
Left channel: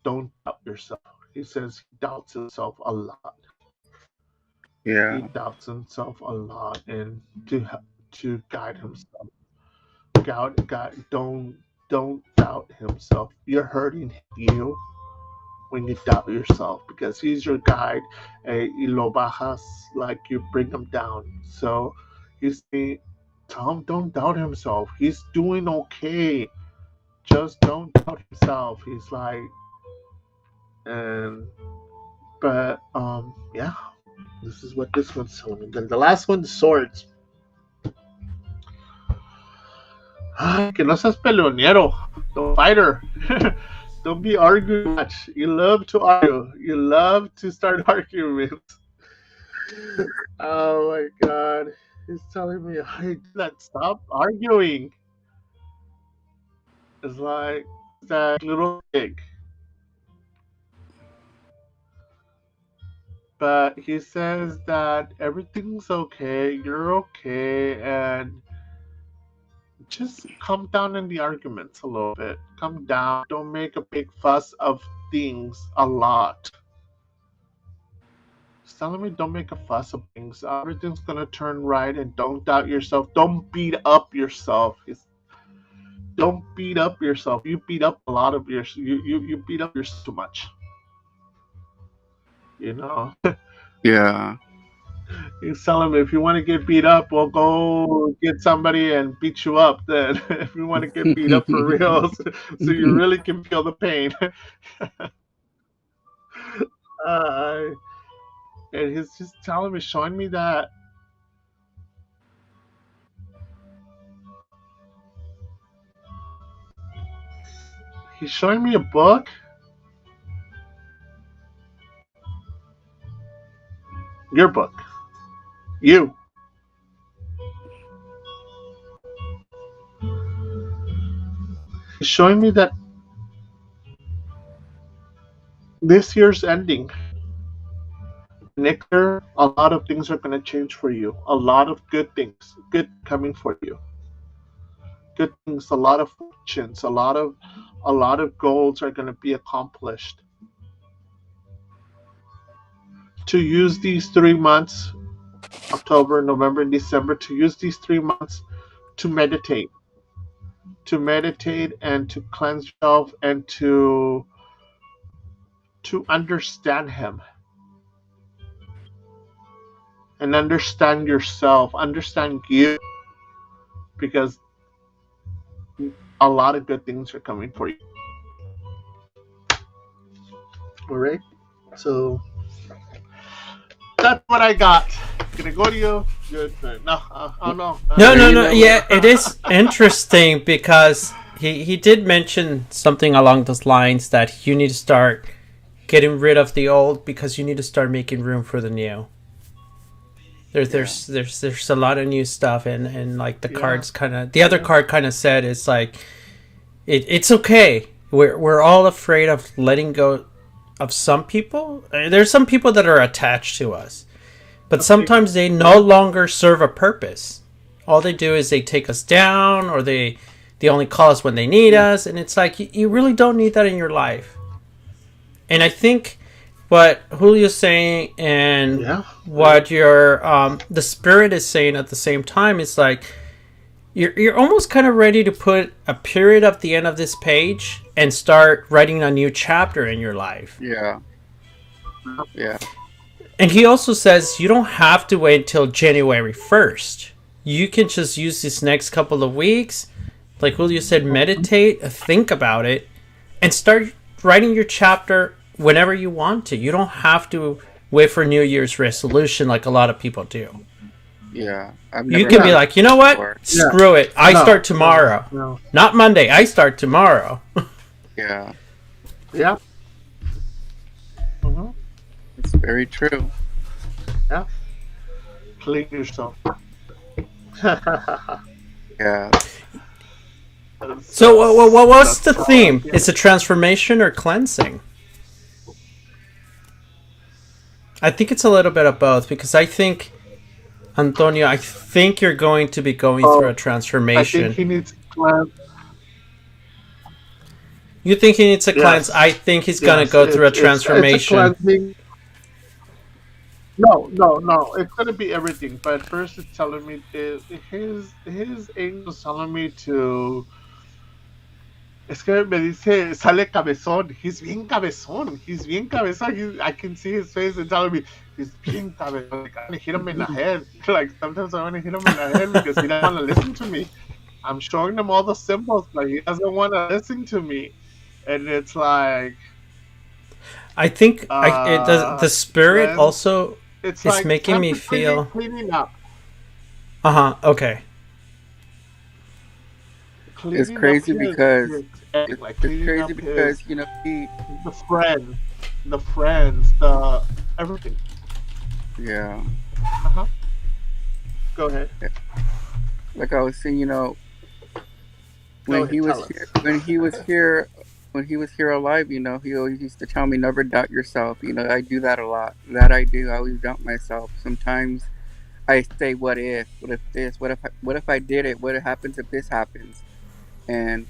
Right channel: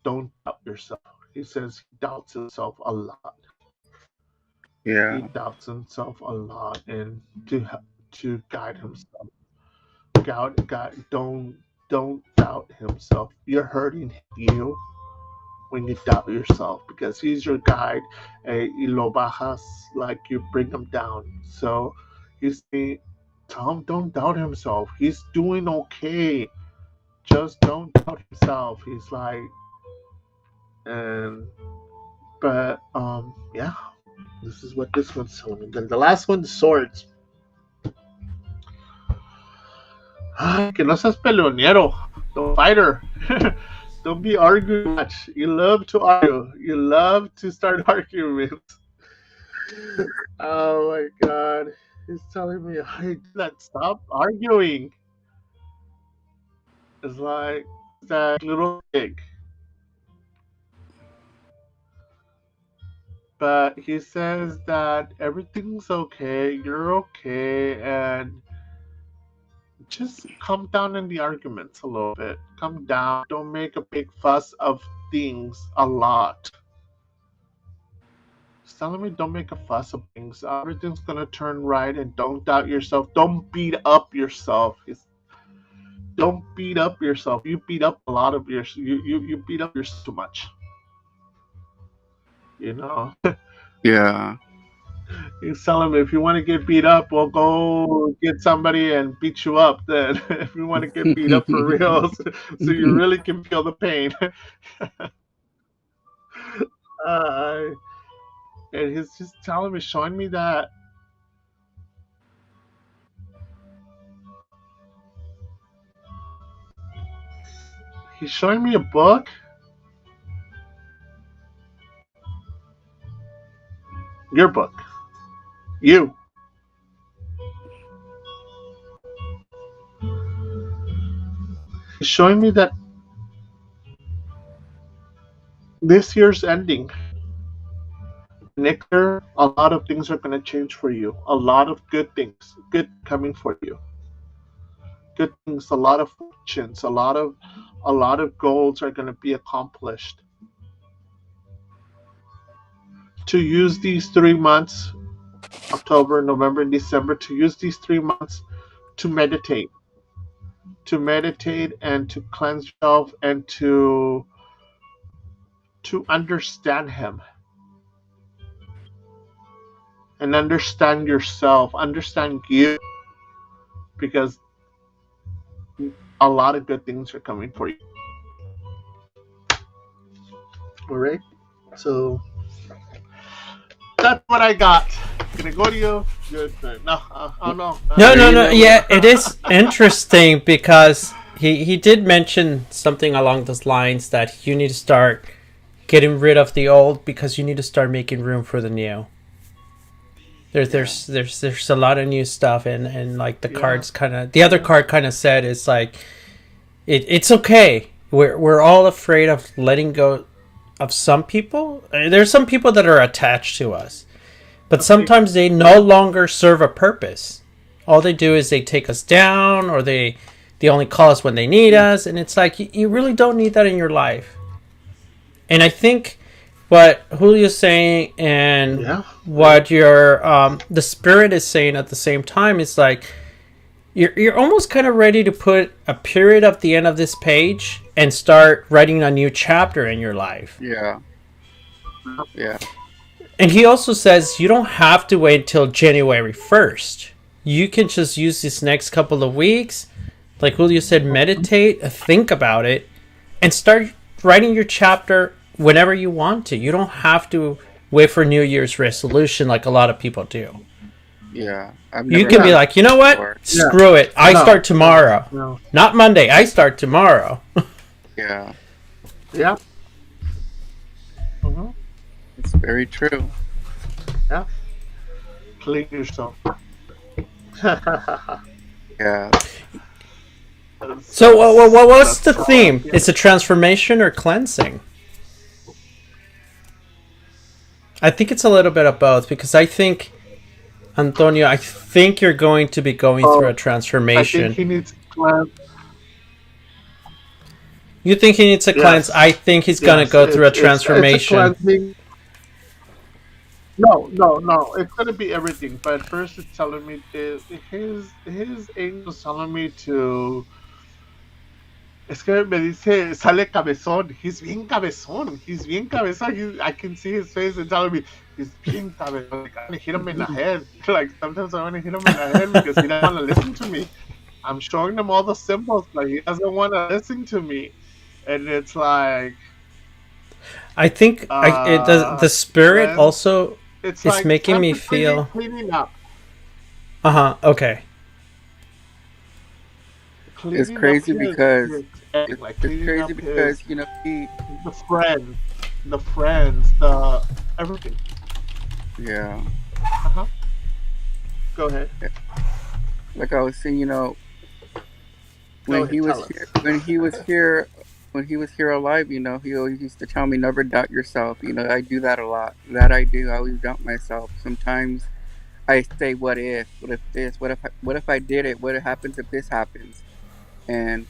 don't doubt yourself. He says he doubts himself a lot. He Yeah. doubts himself a lot, and to guide himself, don't doubt himself. You're hurting you when you doubt yourself because he's your guide. Y lo bajas, like you bring him down. So you see, Tom, don't doubt himself. He's doing okay. Just don't doubt himself. He's like, and but yeah, this is what this one's telling me. Then the last one, swords. Ay, que no seas peleonero, don't fighter. Don't be arguing much. You love to argue. You love to start arguments. Oh my god. He's telling me, hey, that stop arguing. It's like that little pig. But he says that everything's okay, you're okay, and just calm down in the arguments a little bit. Calm down. Don't make a big fuss of things a lot. He's telling me don't make a fuss of things. Everything's gonna turn right, and don't doubt yourself. Don't beat up yourself. Don't beat up yourself. You beat up a lot of your you beat up yourself too much. You know. Yeah. He's telling me if you want to get beat up, well, go get somebody and beat you up. Then, if you want to get beat up for real, so you really can feel the pain. uh, and he's just telling me, showing me that he's showing me a book. Your book. You. He's showing me that this year's ending. Next year, a lot of things are going to change for you. A lot of good things, good coming for you. Good things, a lot of fortunes, a lot of goals are going to be accomplished. To use these 3 months, October, November, and December, to use these 3 months to meditate, and to cleanse yourself and to understand Him and understand yourself, understand you, because a lot of good things are coming for you. All right, so that's what I got. Gregorio, good. No, oh no. No. Yeah, it is interesting because he did mention something along those lines that you need to start getting rid of the old because you need to start making room for the new. There's a lot of new stuff and like the cards kind of, the other card kind of said it's like it's okay. We're all afraid of letting go of some people. There's some people that are attached to us, but sometimes they no longer serve a purpose. All they do is they take us down, or they only call us when they need us, and it's like you really don't need that in your life. And I think what Julio's saying and what your the spirit is saying at the same time is like you're almost kind of ready to put a period at the end of this page and start writing a new chapter in your life. Yeah. And he also says you don't have to wait until January 1st. You can just use this next couple of weeks, like Julio said, meditate, think about it, and start writing your chapter whenever you want to. You don't have to wait for New Year's resolution like a lot of people do. Yeah. You can be like, you know what? Screw it. I start tomorrow. No. Not Monday. I start tomorrow. Yeah. Yeah. Mm-hmm. It's very true. Yeah. Clean yourself. Yeah. So what's the theme? Is it transformation or cleansing? I think it's a little bit of both, because I think, Antonio, I think you're going to be going through a transformation. I think he needs to cleanse. You think he needs a cleanse? I think he's going to go through a transformation. It's a cleansing. No. It's going to be everything. But first, it's telling me his angel's telling me to. Es que me dice, sale cabezón. He's bien cabezón. I can see his face and telling me, he's bien cabezón. Like, I want to hit him in the head. Like, sometimes I want to hit him in the head because he doesn't want to listen to me. I'm showing him all the symbols. Like, he doesn't want to listen to me. And it's like... I think the spirit also is like making me feel... Cleaning up. Okay. It's crazy because you know, the friends, everything. Yeah. Go ahead. Like I was saying, you know, when he was here alive, you know, he always used to tell me, never doubt yourself. You know, I do that a lot. That I do. I always doubt myself. Sometimes I say, what if this, what if I did it? What happens if this happens? And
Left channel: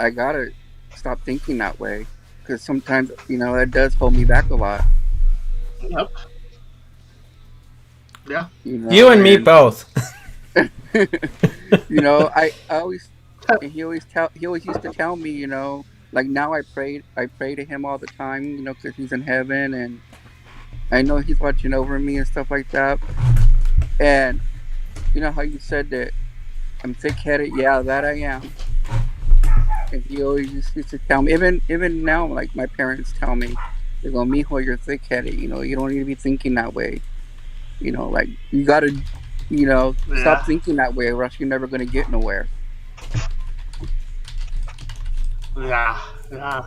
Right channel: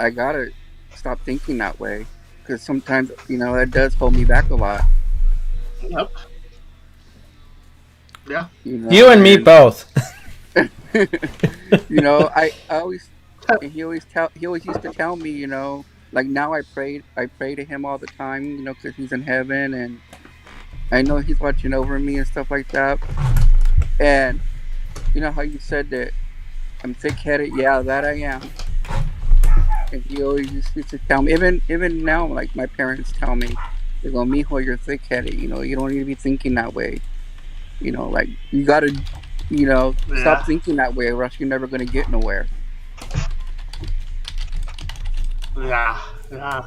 I gotta stop thinking that way, because sometimes, you know, that does hold me back a lot. Yep. Yeah. You and me both. I always, and he always used to tell me, like now I pray to him all the time, because he's in heaven and I know he's watching over me and stuff like that. And you know how you said that I'm thick headed? Yeah, that I am. And he always used to tell me, even now, like my parents tell me, they go, "Mijo, you're thick headed. You don't need to be thinking that way. Like you gotta, stop Yeah. thinking that way, or else you're never gonna get nowhere." Yeah. Yeah.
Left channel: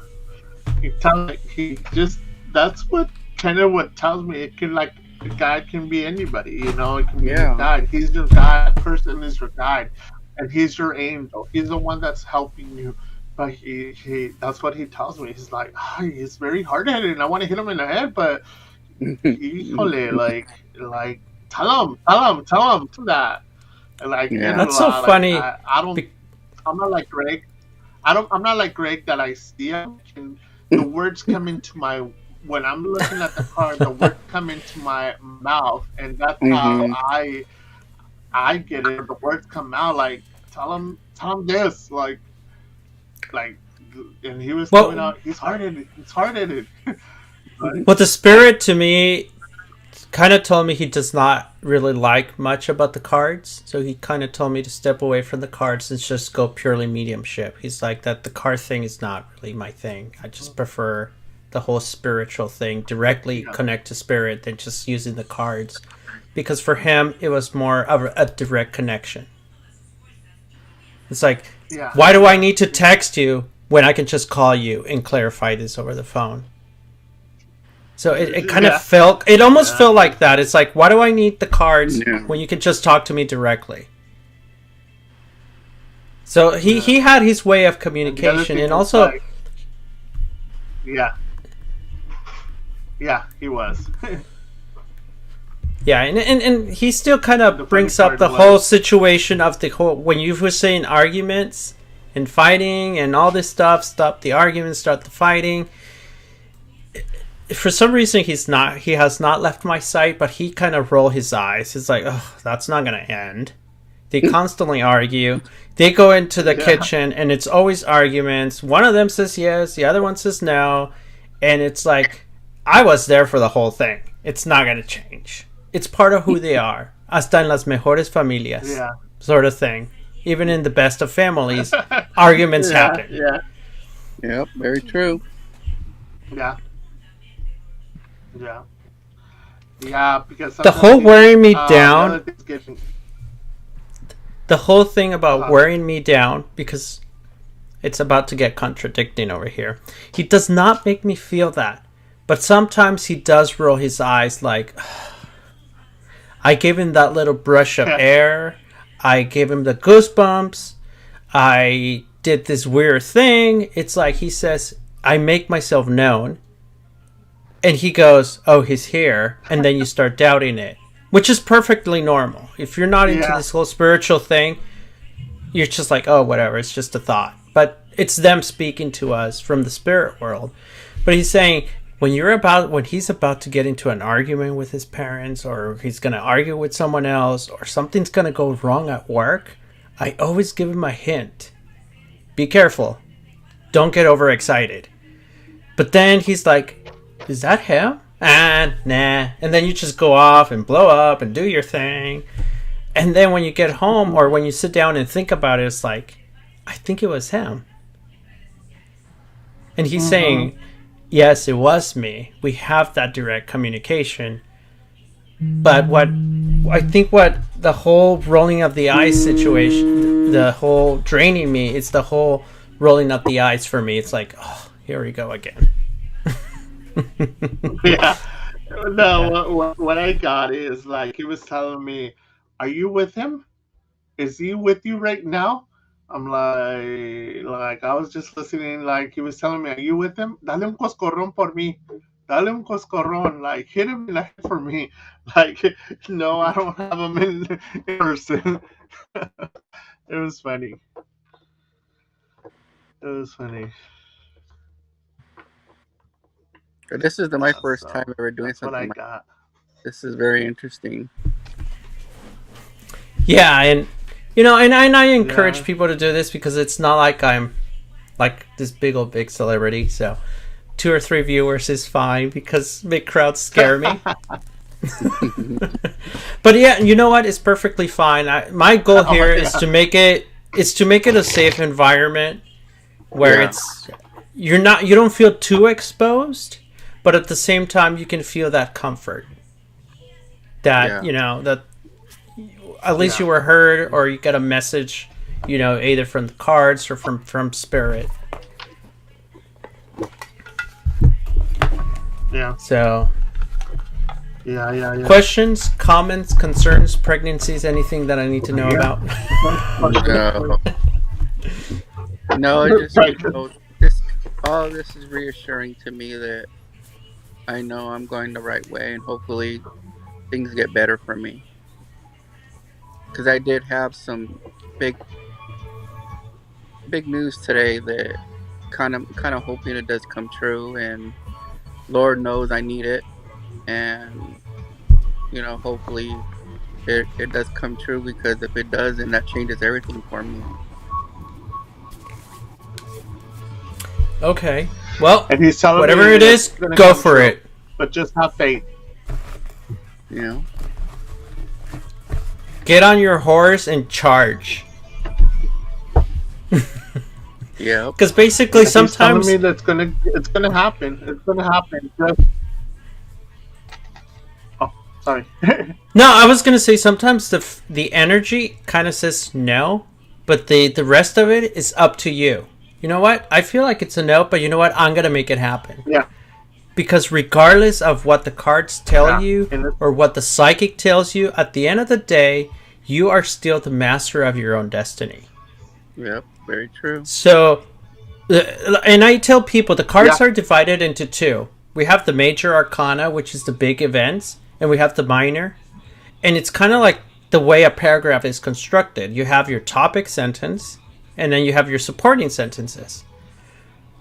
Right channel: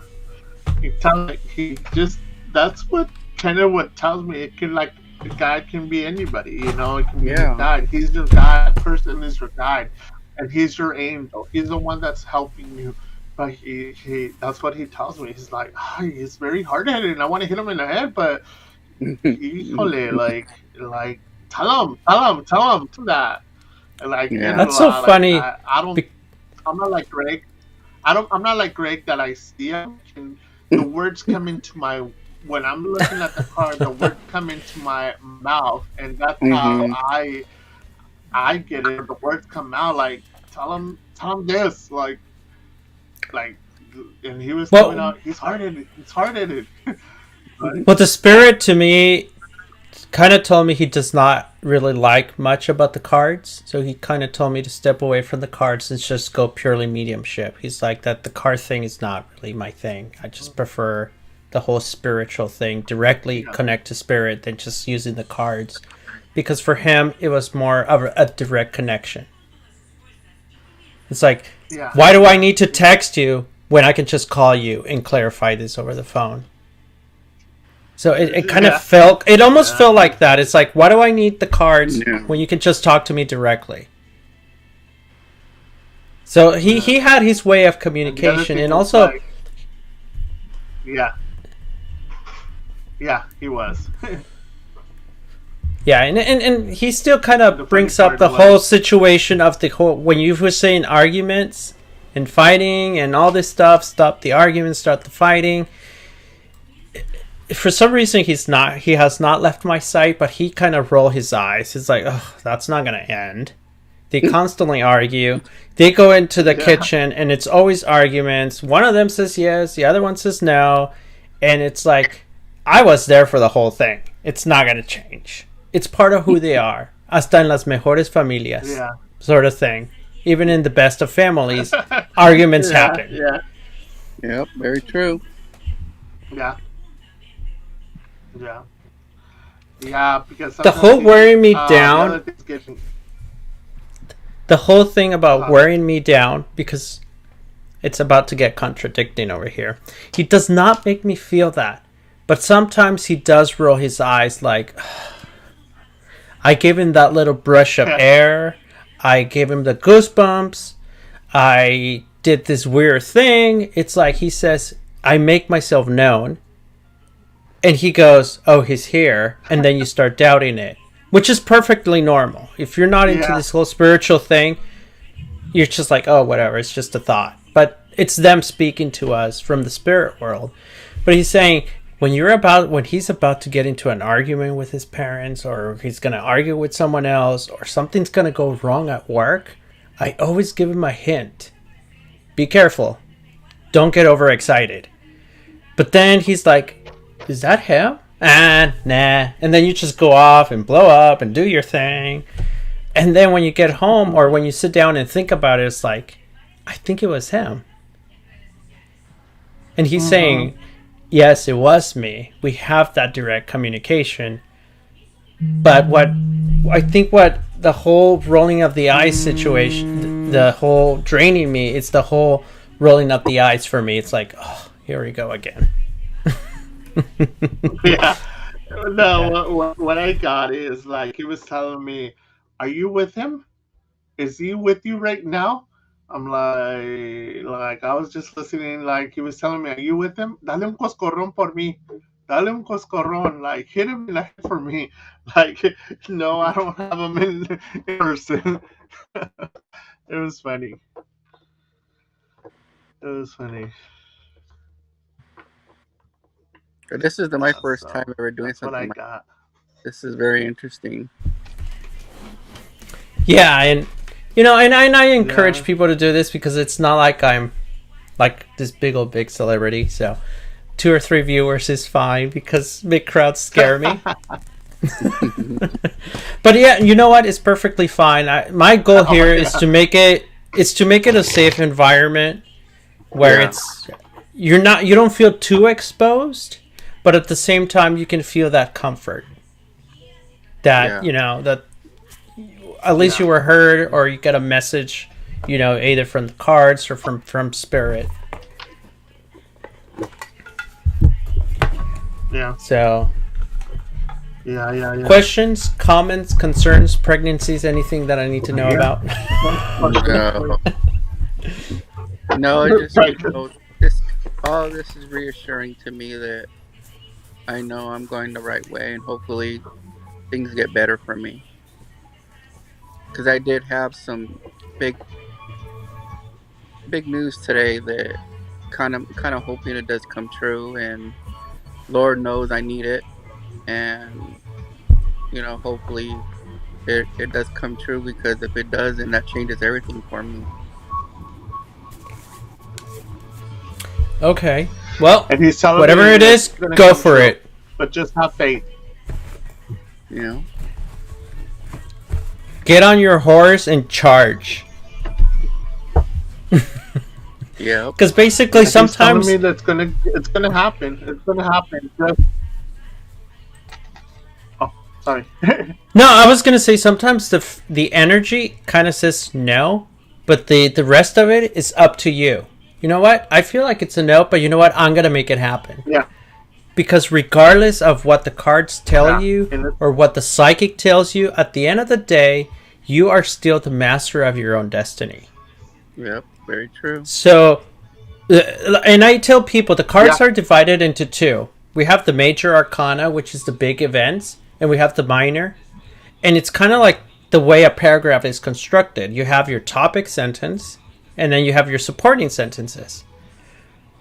He tells me he just that's what kind of what tells me it can like a guide can be anybody, it can be your Yeah. guide. He's your guide, that person is your guide. And he's your angel. He's the one that's helping you. But he that's what he tells me. He's like, he's very hard headed and I want to hit him in the head, but híjole, like tell him to that. Like, Yeah. That's so like funny. I don't I'm not like Greg. I'm not like Greg that I see him and the words come into my when I'm looking at the card, the words come into my mouth, and that's how Hmm. I get it. The words come out like tell him this, like, and he was coming Well, out. He's hard headed. But the spirit to me kind of told me he does not really like much about the cards. So he kind of told me to step away from the cards and just go purely mediumship. He's like that the card thing is not really my thing. I just prefer the whole spiritual thing, directly yeah, connect to spirit than just using the cards. Because for him, it was more of a direct connection. It's like, yeah, why do I yeah, need to text you when I can just call you and clarify this over the phone? So it kind of yeah, felt, it almost yeah. felt like that. It's like, why do I need the cards Yeah. when you can just talk to me directly? So Yeah. he had his way of And the other communication, thing and is also, yeah, yeah, he was. yeah, and he still kind And the of funny brings up part the whole was, situation of the whole, when you were saying arguments and fighting and all this stuff, stop the arguments, start the fighting. For some reason he has not left my sight, but he kind of roll his eyes. He's like, oh, that's not gonna end. They constantly argue. They go into the yeah, kitchen and it's always arguments. One of them says yes, the other one says no, and it's like, I was there for the whole thing. It's not gonna change. It's part of who they are. Hasta en las mejores familias, yeah, sort of thing. Even in the best of families, arguments yeah, happen. yeah, Yep. Very true. yeah, yeah, yeah. Because The sometimes whole wearing me the other down, thing's getting, the whole thing about uh, wearing me down, because it's about to get contradicting over here. He does not make me feel that. But sometimes he does roll his eyes like, I gave him that little brush of air. I gave him the goosebumps. I did this weird thing. It's like he says, I make myself known. And he goes, oh, he's here. And then you start doubting it, which is perfectly normal. If you're not into yeah, this whole spiritual thing, you're just like, oh, whatever, it's just a thought. But it's them speaking to us from the spirit world. But he's saying when he's about to get into an argument with his parents, or he's going to argue with someone else, or something's going to go wrong at work, I always give him a hint. Be careful. Don't get overexcited. But then he's like, is that him? Nah. And then you just go off and blow up and do your thing. And then when you get home or when you sit down and think about it, it's like, I think it was him. And he's saying, yes, it was me. We have that direct communication. But what the whole rolling of the eyes situation, the whole draining me, it's the whole rolling up the eyes for me. It's like, oh, here we go again. yeah. No, Yeah. what I got is like he was telling me, "Are you with him? Is he with you right now?" I'm like I was just listening. Like he was telling me, "Are you with him? Dale un coscorrón por mí. Dale un coscorrón. Like hit him in the head for me." Like no, I don't have him in person. It was funny. It was funny. This is my first time So ever doing that's what I something like got. this. Is very interesting. Yeah, and and I encourage Yeah. people to do this because it's not like I'm like this big celebrity. So 2 or 3 viewers is fine because big crowds scare me. But yeah, you know what? It's perfectly fine. My goal Oh, here yeah. is to make it a safe environment where Yeah. you don't feel too exposed, but at the same time you can feel that comfort that Yeah. that at least Yeah. you were heard, or you get a message, either from the cards or from spirit. Yeah. So, Yeah. questions, comments, concerns, pregnancies, anything that I need to know Yeah. about? No. No, it just Right. all this is reassuring to me that I know I'm going the right way, and hopefully things get better for me. Because I did have some big news today that kind of hoping it does come true, and Lord knows I need it, and hopefully it does come true, because if it does, then that changes everything for me. Okay. Well, And he's telling whatever me it that is, it's gonna go come for true. it. But just have faith. You know. Get on your horse and charge. Yeah. Because basically, He's telling sometimes me that it's gonna happen. It's gonna happen. Just... Oh, sorry. no, I was gonna say sometimes the energy kind of says no, but the rest of it is up to you. You know what? I feel like it's a no, but you know what? I'm gonna make it happen. Yeah. Because regardless of what the cards tell Yeah, you and or what the psychic tells you, at the end of the day, you are still the master of your own destiny. Yep. Very true. So, and I tell people the cards Yeah. are divided into two. We have the major arcana, which is the big events, and we have the minor. And it's kind of like the way a paragraph is constructed. You have your topic sentence, and then you have your supporting sentences.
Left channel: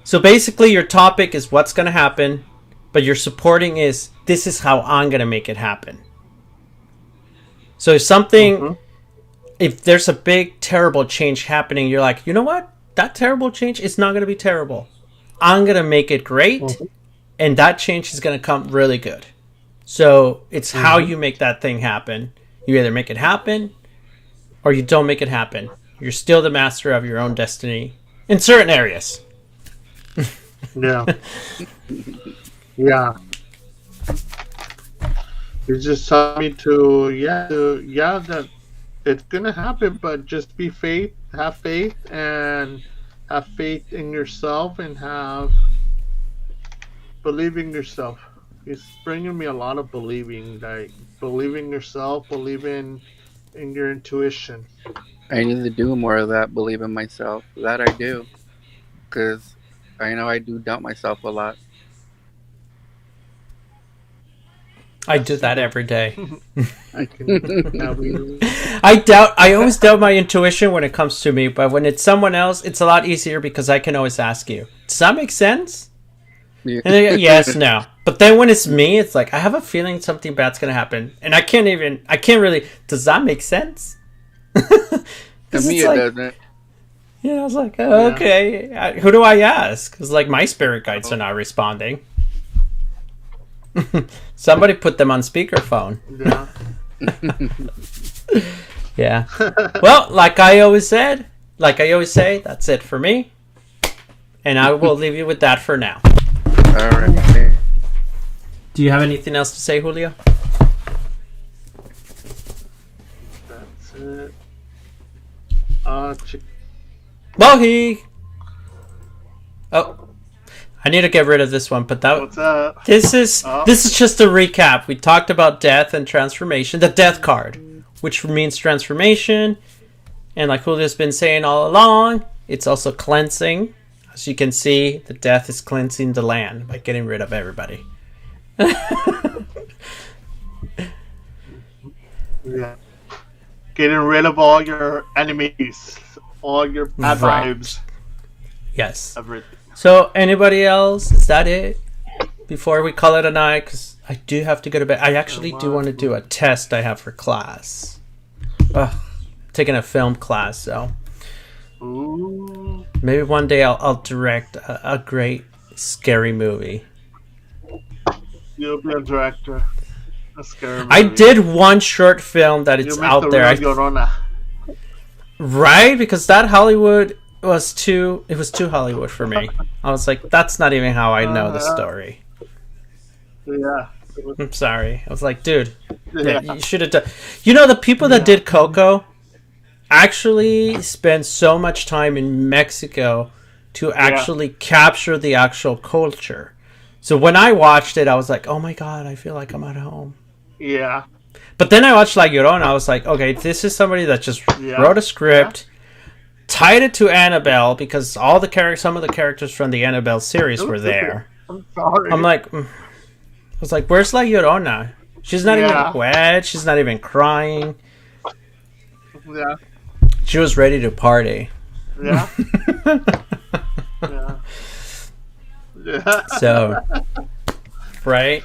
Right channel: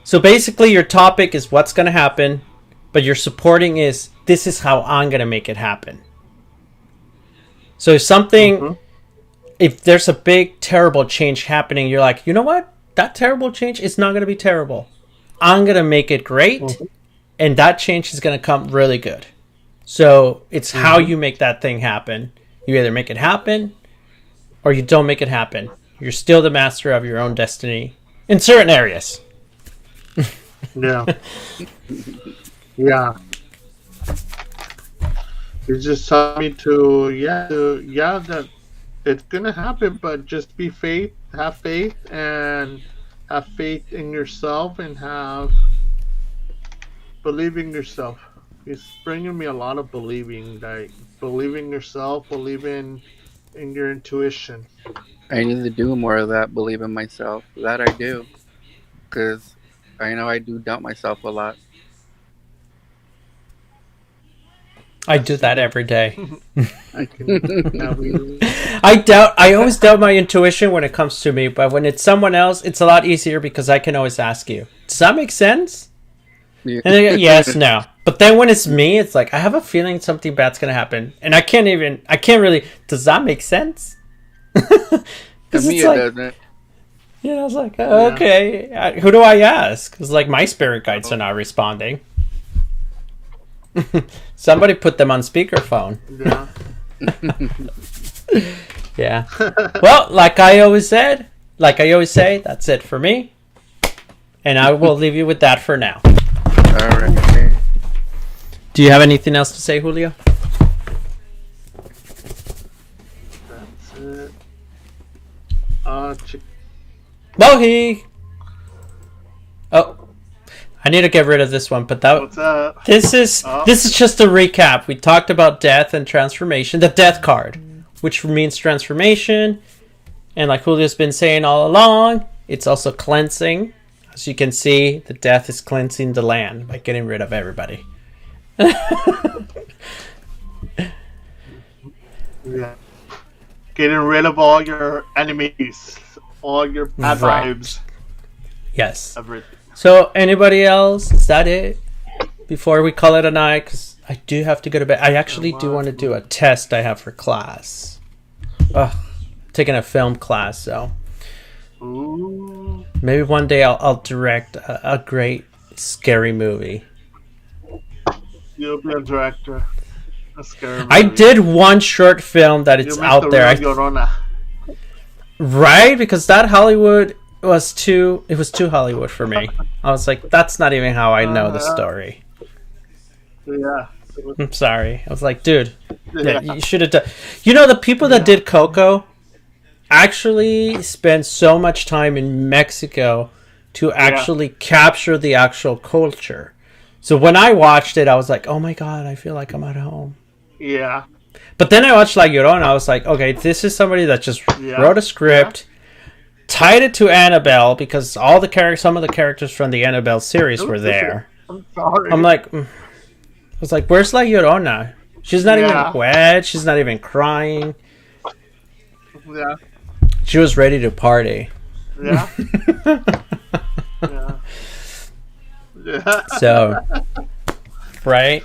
So basically, your topic is what's going to happen, but your supporting is this is how I'm going to make it happen. So if something, if there's a big, terrible change happening, you're like, you know what? That terrible change is not going to be terrible. I'm going to make it great, and that change is going to come really good. So it's how you make that thing happen. You either make it happen or you don't make it happen. You're still the master of your own destiny in certain areas. Yeah. Yeah. You just tell me that it's gonna happen, but just have faith, and have faith in yourself, and believe in yourself. It's bringing me a lot of believing, like believing yourself, believing in your intuition. I need to do more of that. Believe in myself. That I do, because I know I do doubt myself a lot. I do that every day. I can. I always doubt my intuition when it comes to me, but when it's someone else, it's a lot easier because I can always ask you, does that make sense? Yeah. And they go, yes, no. But then when it's me, it's like, I have a feeling something bad's going to happen. And I can't really, does that make sense? To me, it doesn't. Yeah, I was like, oh, okay. Who do I ask? Because, like, my spirit guides are not responding. Somebody put them on speakerphone. Yeah. Yeah. Well, like I always say, that's it for me. And I will leave you with that for now. All right. Do you have anything else to say, Julio? That's it. Mohi! Oh, I need to get rid of this one, but What's up? this is just a recap. We talked about death and transformation. The death card, which means transformation, and like Julio's been saying all along, it's also cleansing. As you can see, the death is cleansing the land by getting rid of everybody. Yeah. Getting rid of all your enemies, all your bad Right. vibes, Yes. everything. So, anybody else? Is that it? Before we call it a night, because I do have to go to bed. I actually do want to do a test I have for class. Ugh. taking a film class, so Ooh. maybe one day I'll direct a great scary movie. You'll be a director. A scary movie. I did one short film that it's You make out the there. real Llorona. Right? Because that Hollywood was too Hollywood for me. I was like, that's not even how I know the story. Yeah. I'm sorry. I was like, dude, Yeah. you should have done. You know, the people that did Coco actually spent so much time in Mexico to actually capture the actual culture. So when I watched it, I was like, oh my God, I feel like I'm at home. Yeah. But then I watched La Llorona. I was like, okay, this is somebody that just wrote a script, tied it to Annabelle because some of the characters from the Annabelle series were there. I'm sorry. I'm like, I was like, where's La Llorona? She's not even wet. She's not even crying. Yeah. She was ready to party. Yeah. Yeah. Yeah. So, right?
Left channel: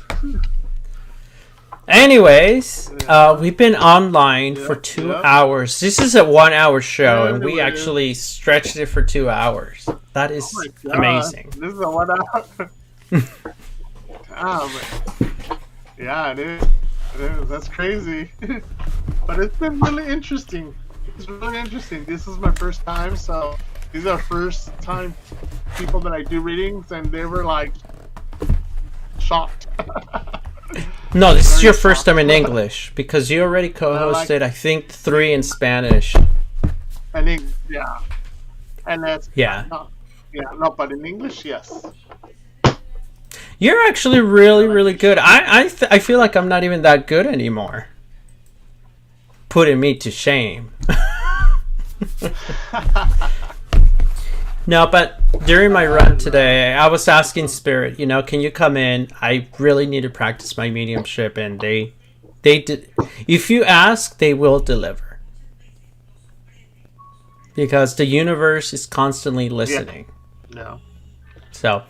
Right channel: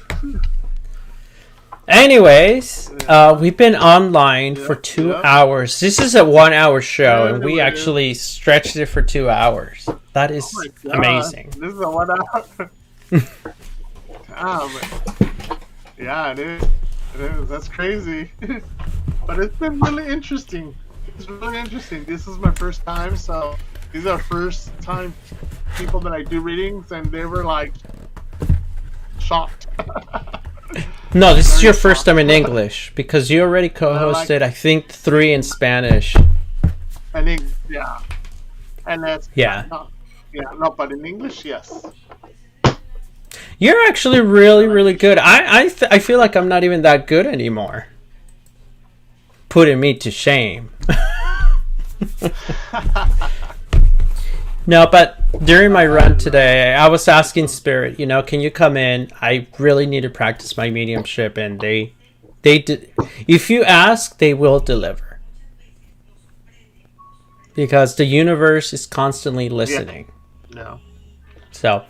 Anyways, we've been online for 2 hours. This is a 1 hour show, and we actually stretched it for 2 hours. That is amazing. This is a 1 hour. Yeah, it is. It is. That's crazy. But it's been really interesting. It's really interesting. This is my first time, so these are first time people that I do readings, and they were like shocked. No, this is your first time in English because you already co-hosted, I think, 3 in Spanish. I think, yeah. And that's no, but in English, yes. You're actually really, really good. I feel like I'm not even that good anymore. Putting me to shame. No, but during my run today, I was asking Spirit, can you come in? I really need to practice my mediumship, and they did. If you ask, they will deliver. Because the universe is constantly listening. Yeah. No. So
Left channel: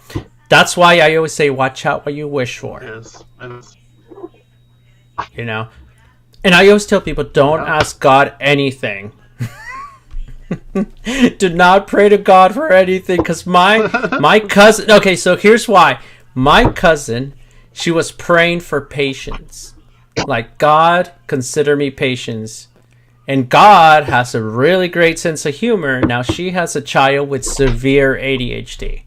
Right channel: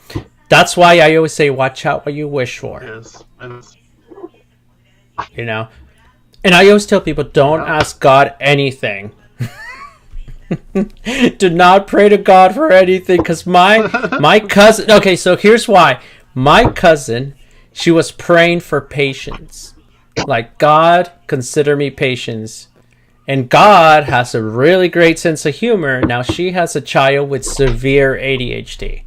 that's why I always say, watch out what you wish for. Yes. And I always tell people, don't ask God anything. Do not pray to God for anything, because my cousin. Okay, so here's why. My cousin, she was praying for patience, like, God, consider me patience. And God has a really great sense of humor. Now she has a child with severe ADHD.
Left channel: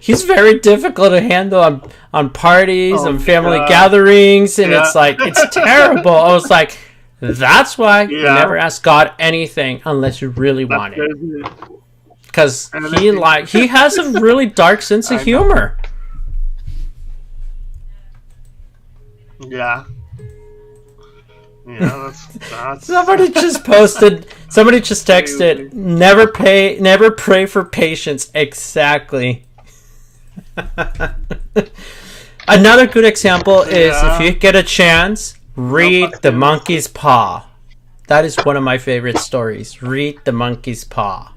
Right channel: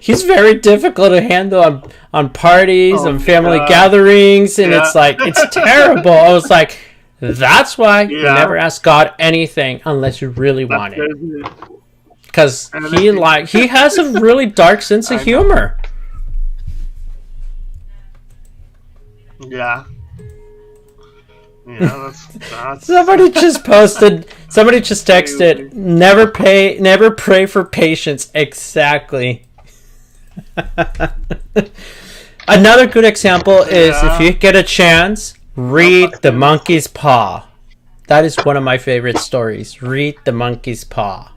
He's very difficult to handle on parties, on family gatherings, and it's like, it's terrible. I was like, that's why you never ask God anything unless you really want it. Because he has a really dark sense of humor. Yeah. Yeah, that's Somebody just texted, never pray for patience. Exactly. Another good example is, if you get a chance, read The Monkey's Paw. That is one of my favorite stories. Read The Monkey's Paw.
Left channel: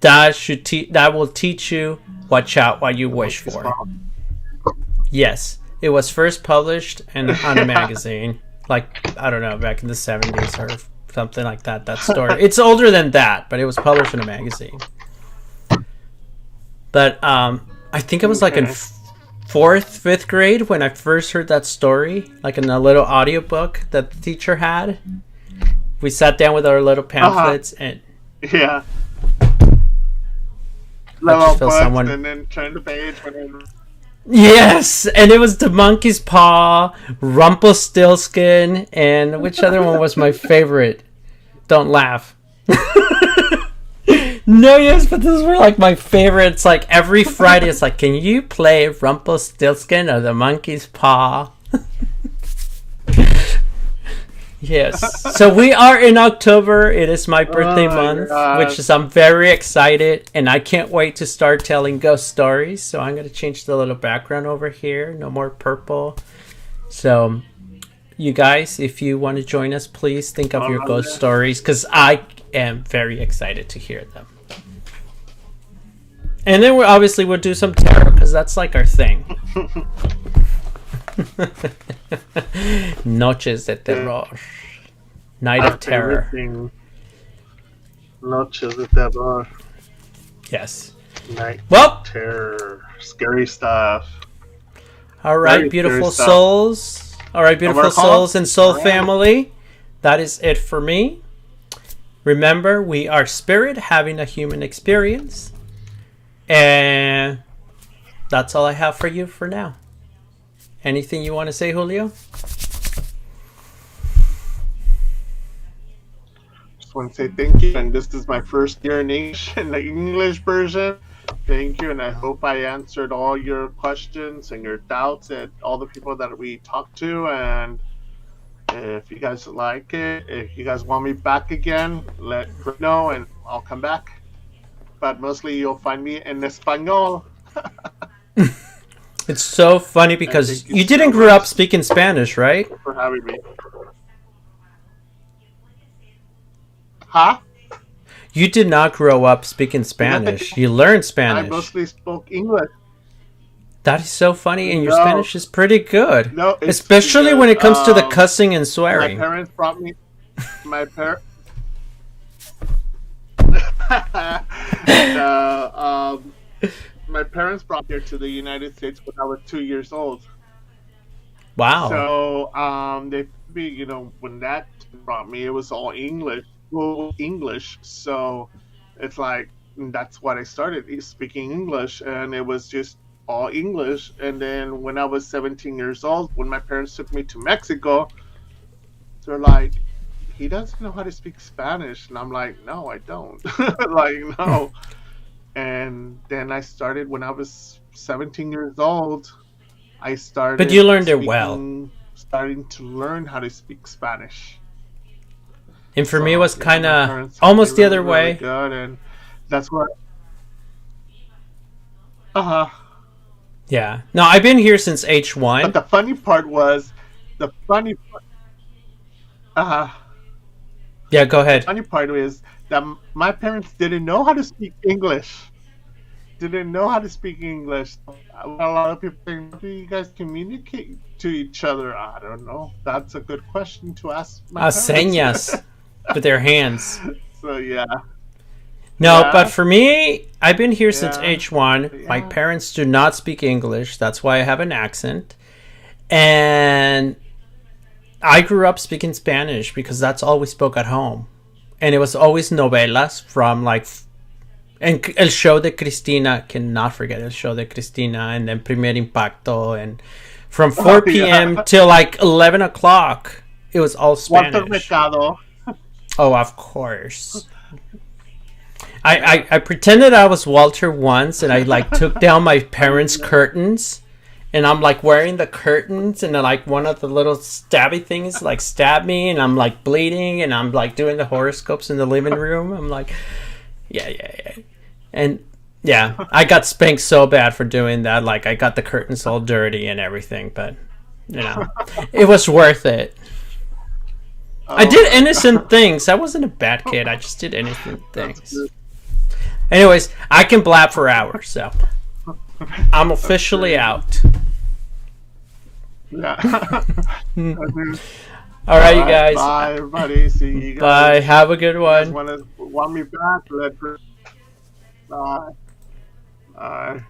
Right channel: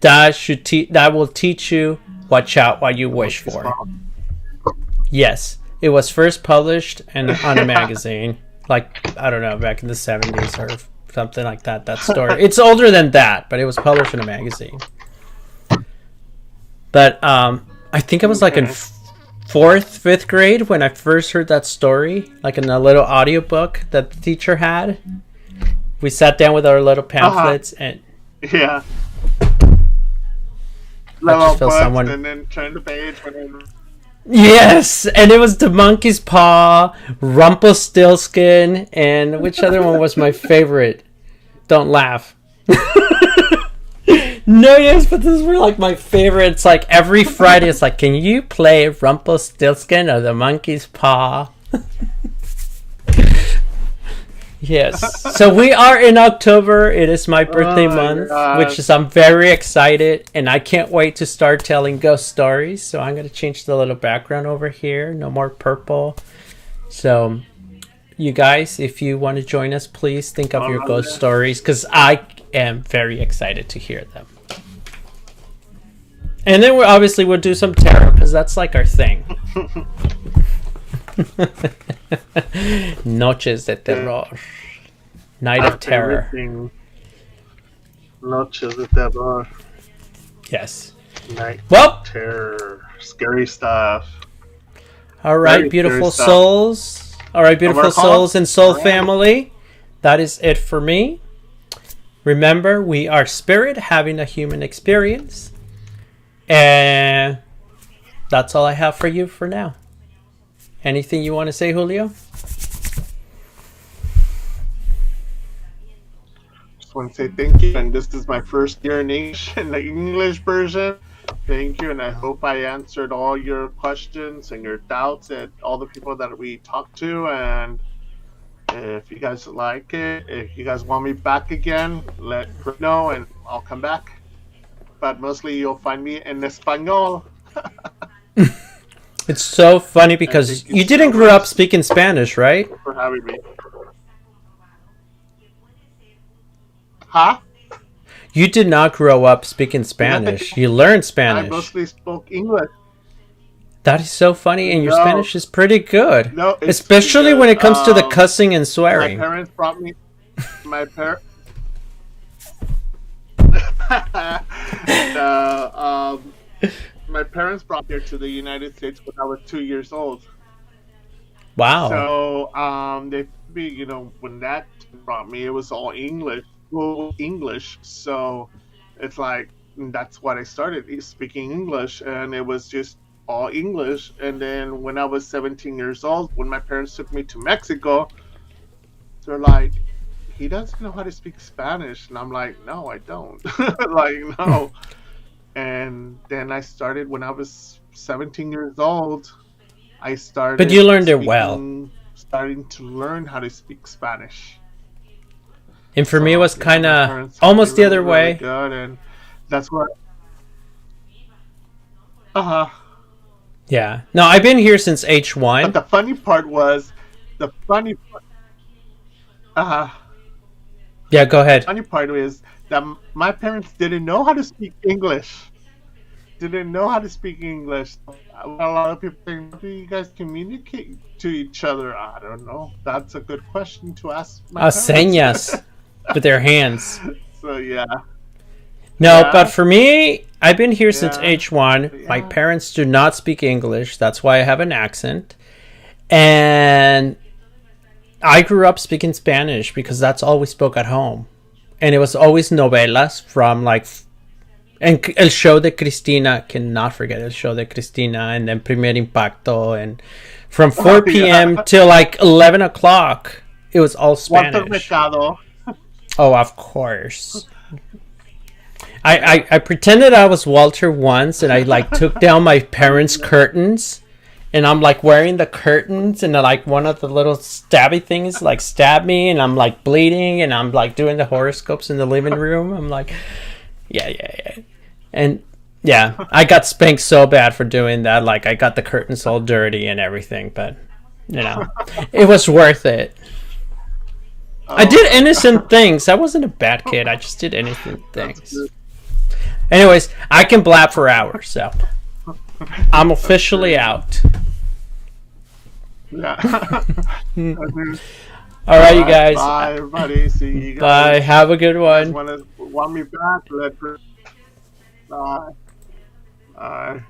That will teach you watch out what you wish for. Yes. It was first published on a magazine, like, I don't know, back in the 70s or something like that, that story. It's older than that, but it was published in a magazine. But I think I was like in 4th, 5th grade when I first heard that story, like in a little audiobook that the teacher had. We sat down with our little pamphlets and... Yeah. I just felt someone... And then turn the page when Yes, and it was The Monkey's Paw, Rumpelstiltskin, and which other one was my favorite? Don't laugh. No, yes, but those were like my favorites. Like every Friday, it's like, can you play Rumpelstiltskin or The Monkey's Paw? Yes. So we are in October. It is my birthday month, which is I'm very excited, and I can't wait to start telling ghost stories. So I'm going to change the little background over here. No more purple. So you guys, if you want to join us, please think of your ghost stories, because I am very excited to hear them. And then we'll do some tarot, because that's like our thing. Noches de terror. Night of terror. Everything. Noches de terror. Yes. Night Well, terror. Scary stuff. all right, Very beautiful scary stuff. souls. All right, beautiful Overcome? souls and soul All right. family. That is it for me. Remember, we are spirit having a human experience. And that's all I have for you for now. Anything you want to say, Julio? Just want to say thank you. And this is my first year in English, in the English version. Thank you. And I hope I answered all your questions and your doubts and all the people that we talked to. And if you guys like it, if you guys want me back again, let Chris know and I'll come back. But mostly you'll find me in Espanol. It's so funny because thank you you so didn't grow up much. speaking Spanish, right? For having me. Huh? You did not grow up speaking Spanish. You learned I Spanish. mostly spoke English. That is so funny, and your No. Spanish is pretty good. No, it's Especially when it comes to the because, cussing and My swearing. parents brought me. My parents. My parents brought me here to the United States when I was 2 years old. Wow. So when that brought me, it was all English, full English. So it's like that's what I started speaking English, and it was just all English. And then when I was 17 years old, when my parents took me to Mexico, they're like, he doesn't know how to speak Spanish. And I'm like, no, I don't. Like, no. And then I started when I was 17 years old. I started. But you learned it well. Starting to learn how to speak Spanish. And for me, it So, was yeah, kind my of parents almost the really, other really way. good, and that's what. Uh huh. Yeah. No, I've been here since But H1. the funny part was, the funny. Yeah, go ahead. Funny part is that my parents didn't know how to speak English. Didn't know how to speak English. A lot of people think, how do you guys communicate to each other? I don't know. That's a good question to ask my parents. Señas with their hands. So yeah. No, Yeah. but for me, I've been here since Yeah. H1. My Yeah. parents do not speak English. That's why I have an accent. And I grew up speaking Spanish because that's all we spoke at home. And it was always novelas from and El Show de Cristina, cannot forget El Show de Cristina, and then Primer Impacto. And from 4 Oh, p.m. yeah. till 11 o'clock, it was all Walter Spanish. Mercado. Oh, of course. I pretended I was Walter once, and I took down my parents' curtains, and I'm wearing the curtains, and one of the little stabby things stabbed me, and I'm bleeding, and I'm doing the horoscopes in the living room. I'm yeah, and yeah, I got spanked so bad for doing that. I got the curtains all dirty and everything, but it was worth it. I did innocent things. I wasn't a bad kid. I just did innocent things. Anyways, I can blab for hours, so I'm officially out. Yeah. All right, you guys. Bye, everybody. See you guys. Bye. Have a good You guys one. want me back? Bye. Bye.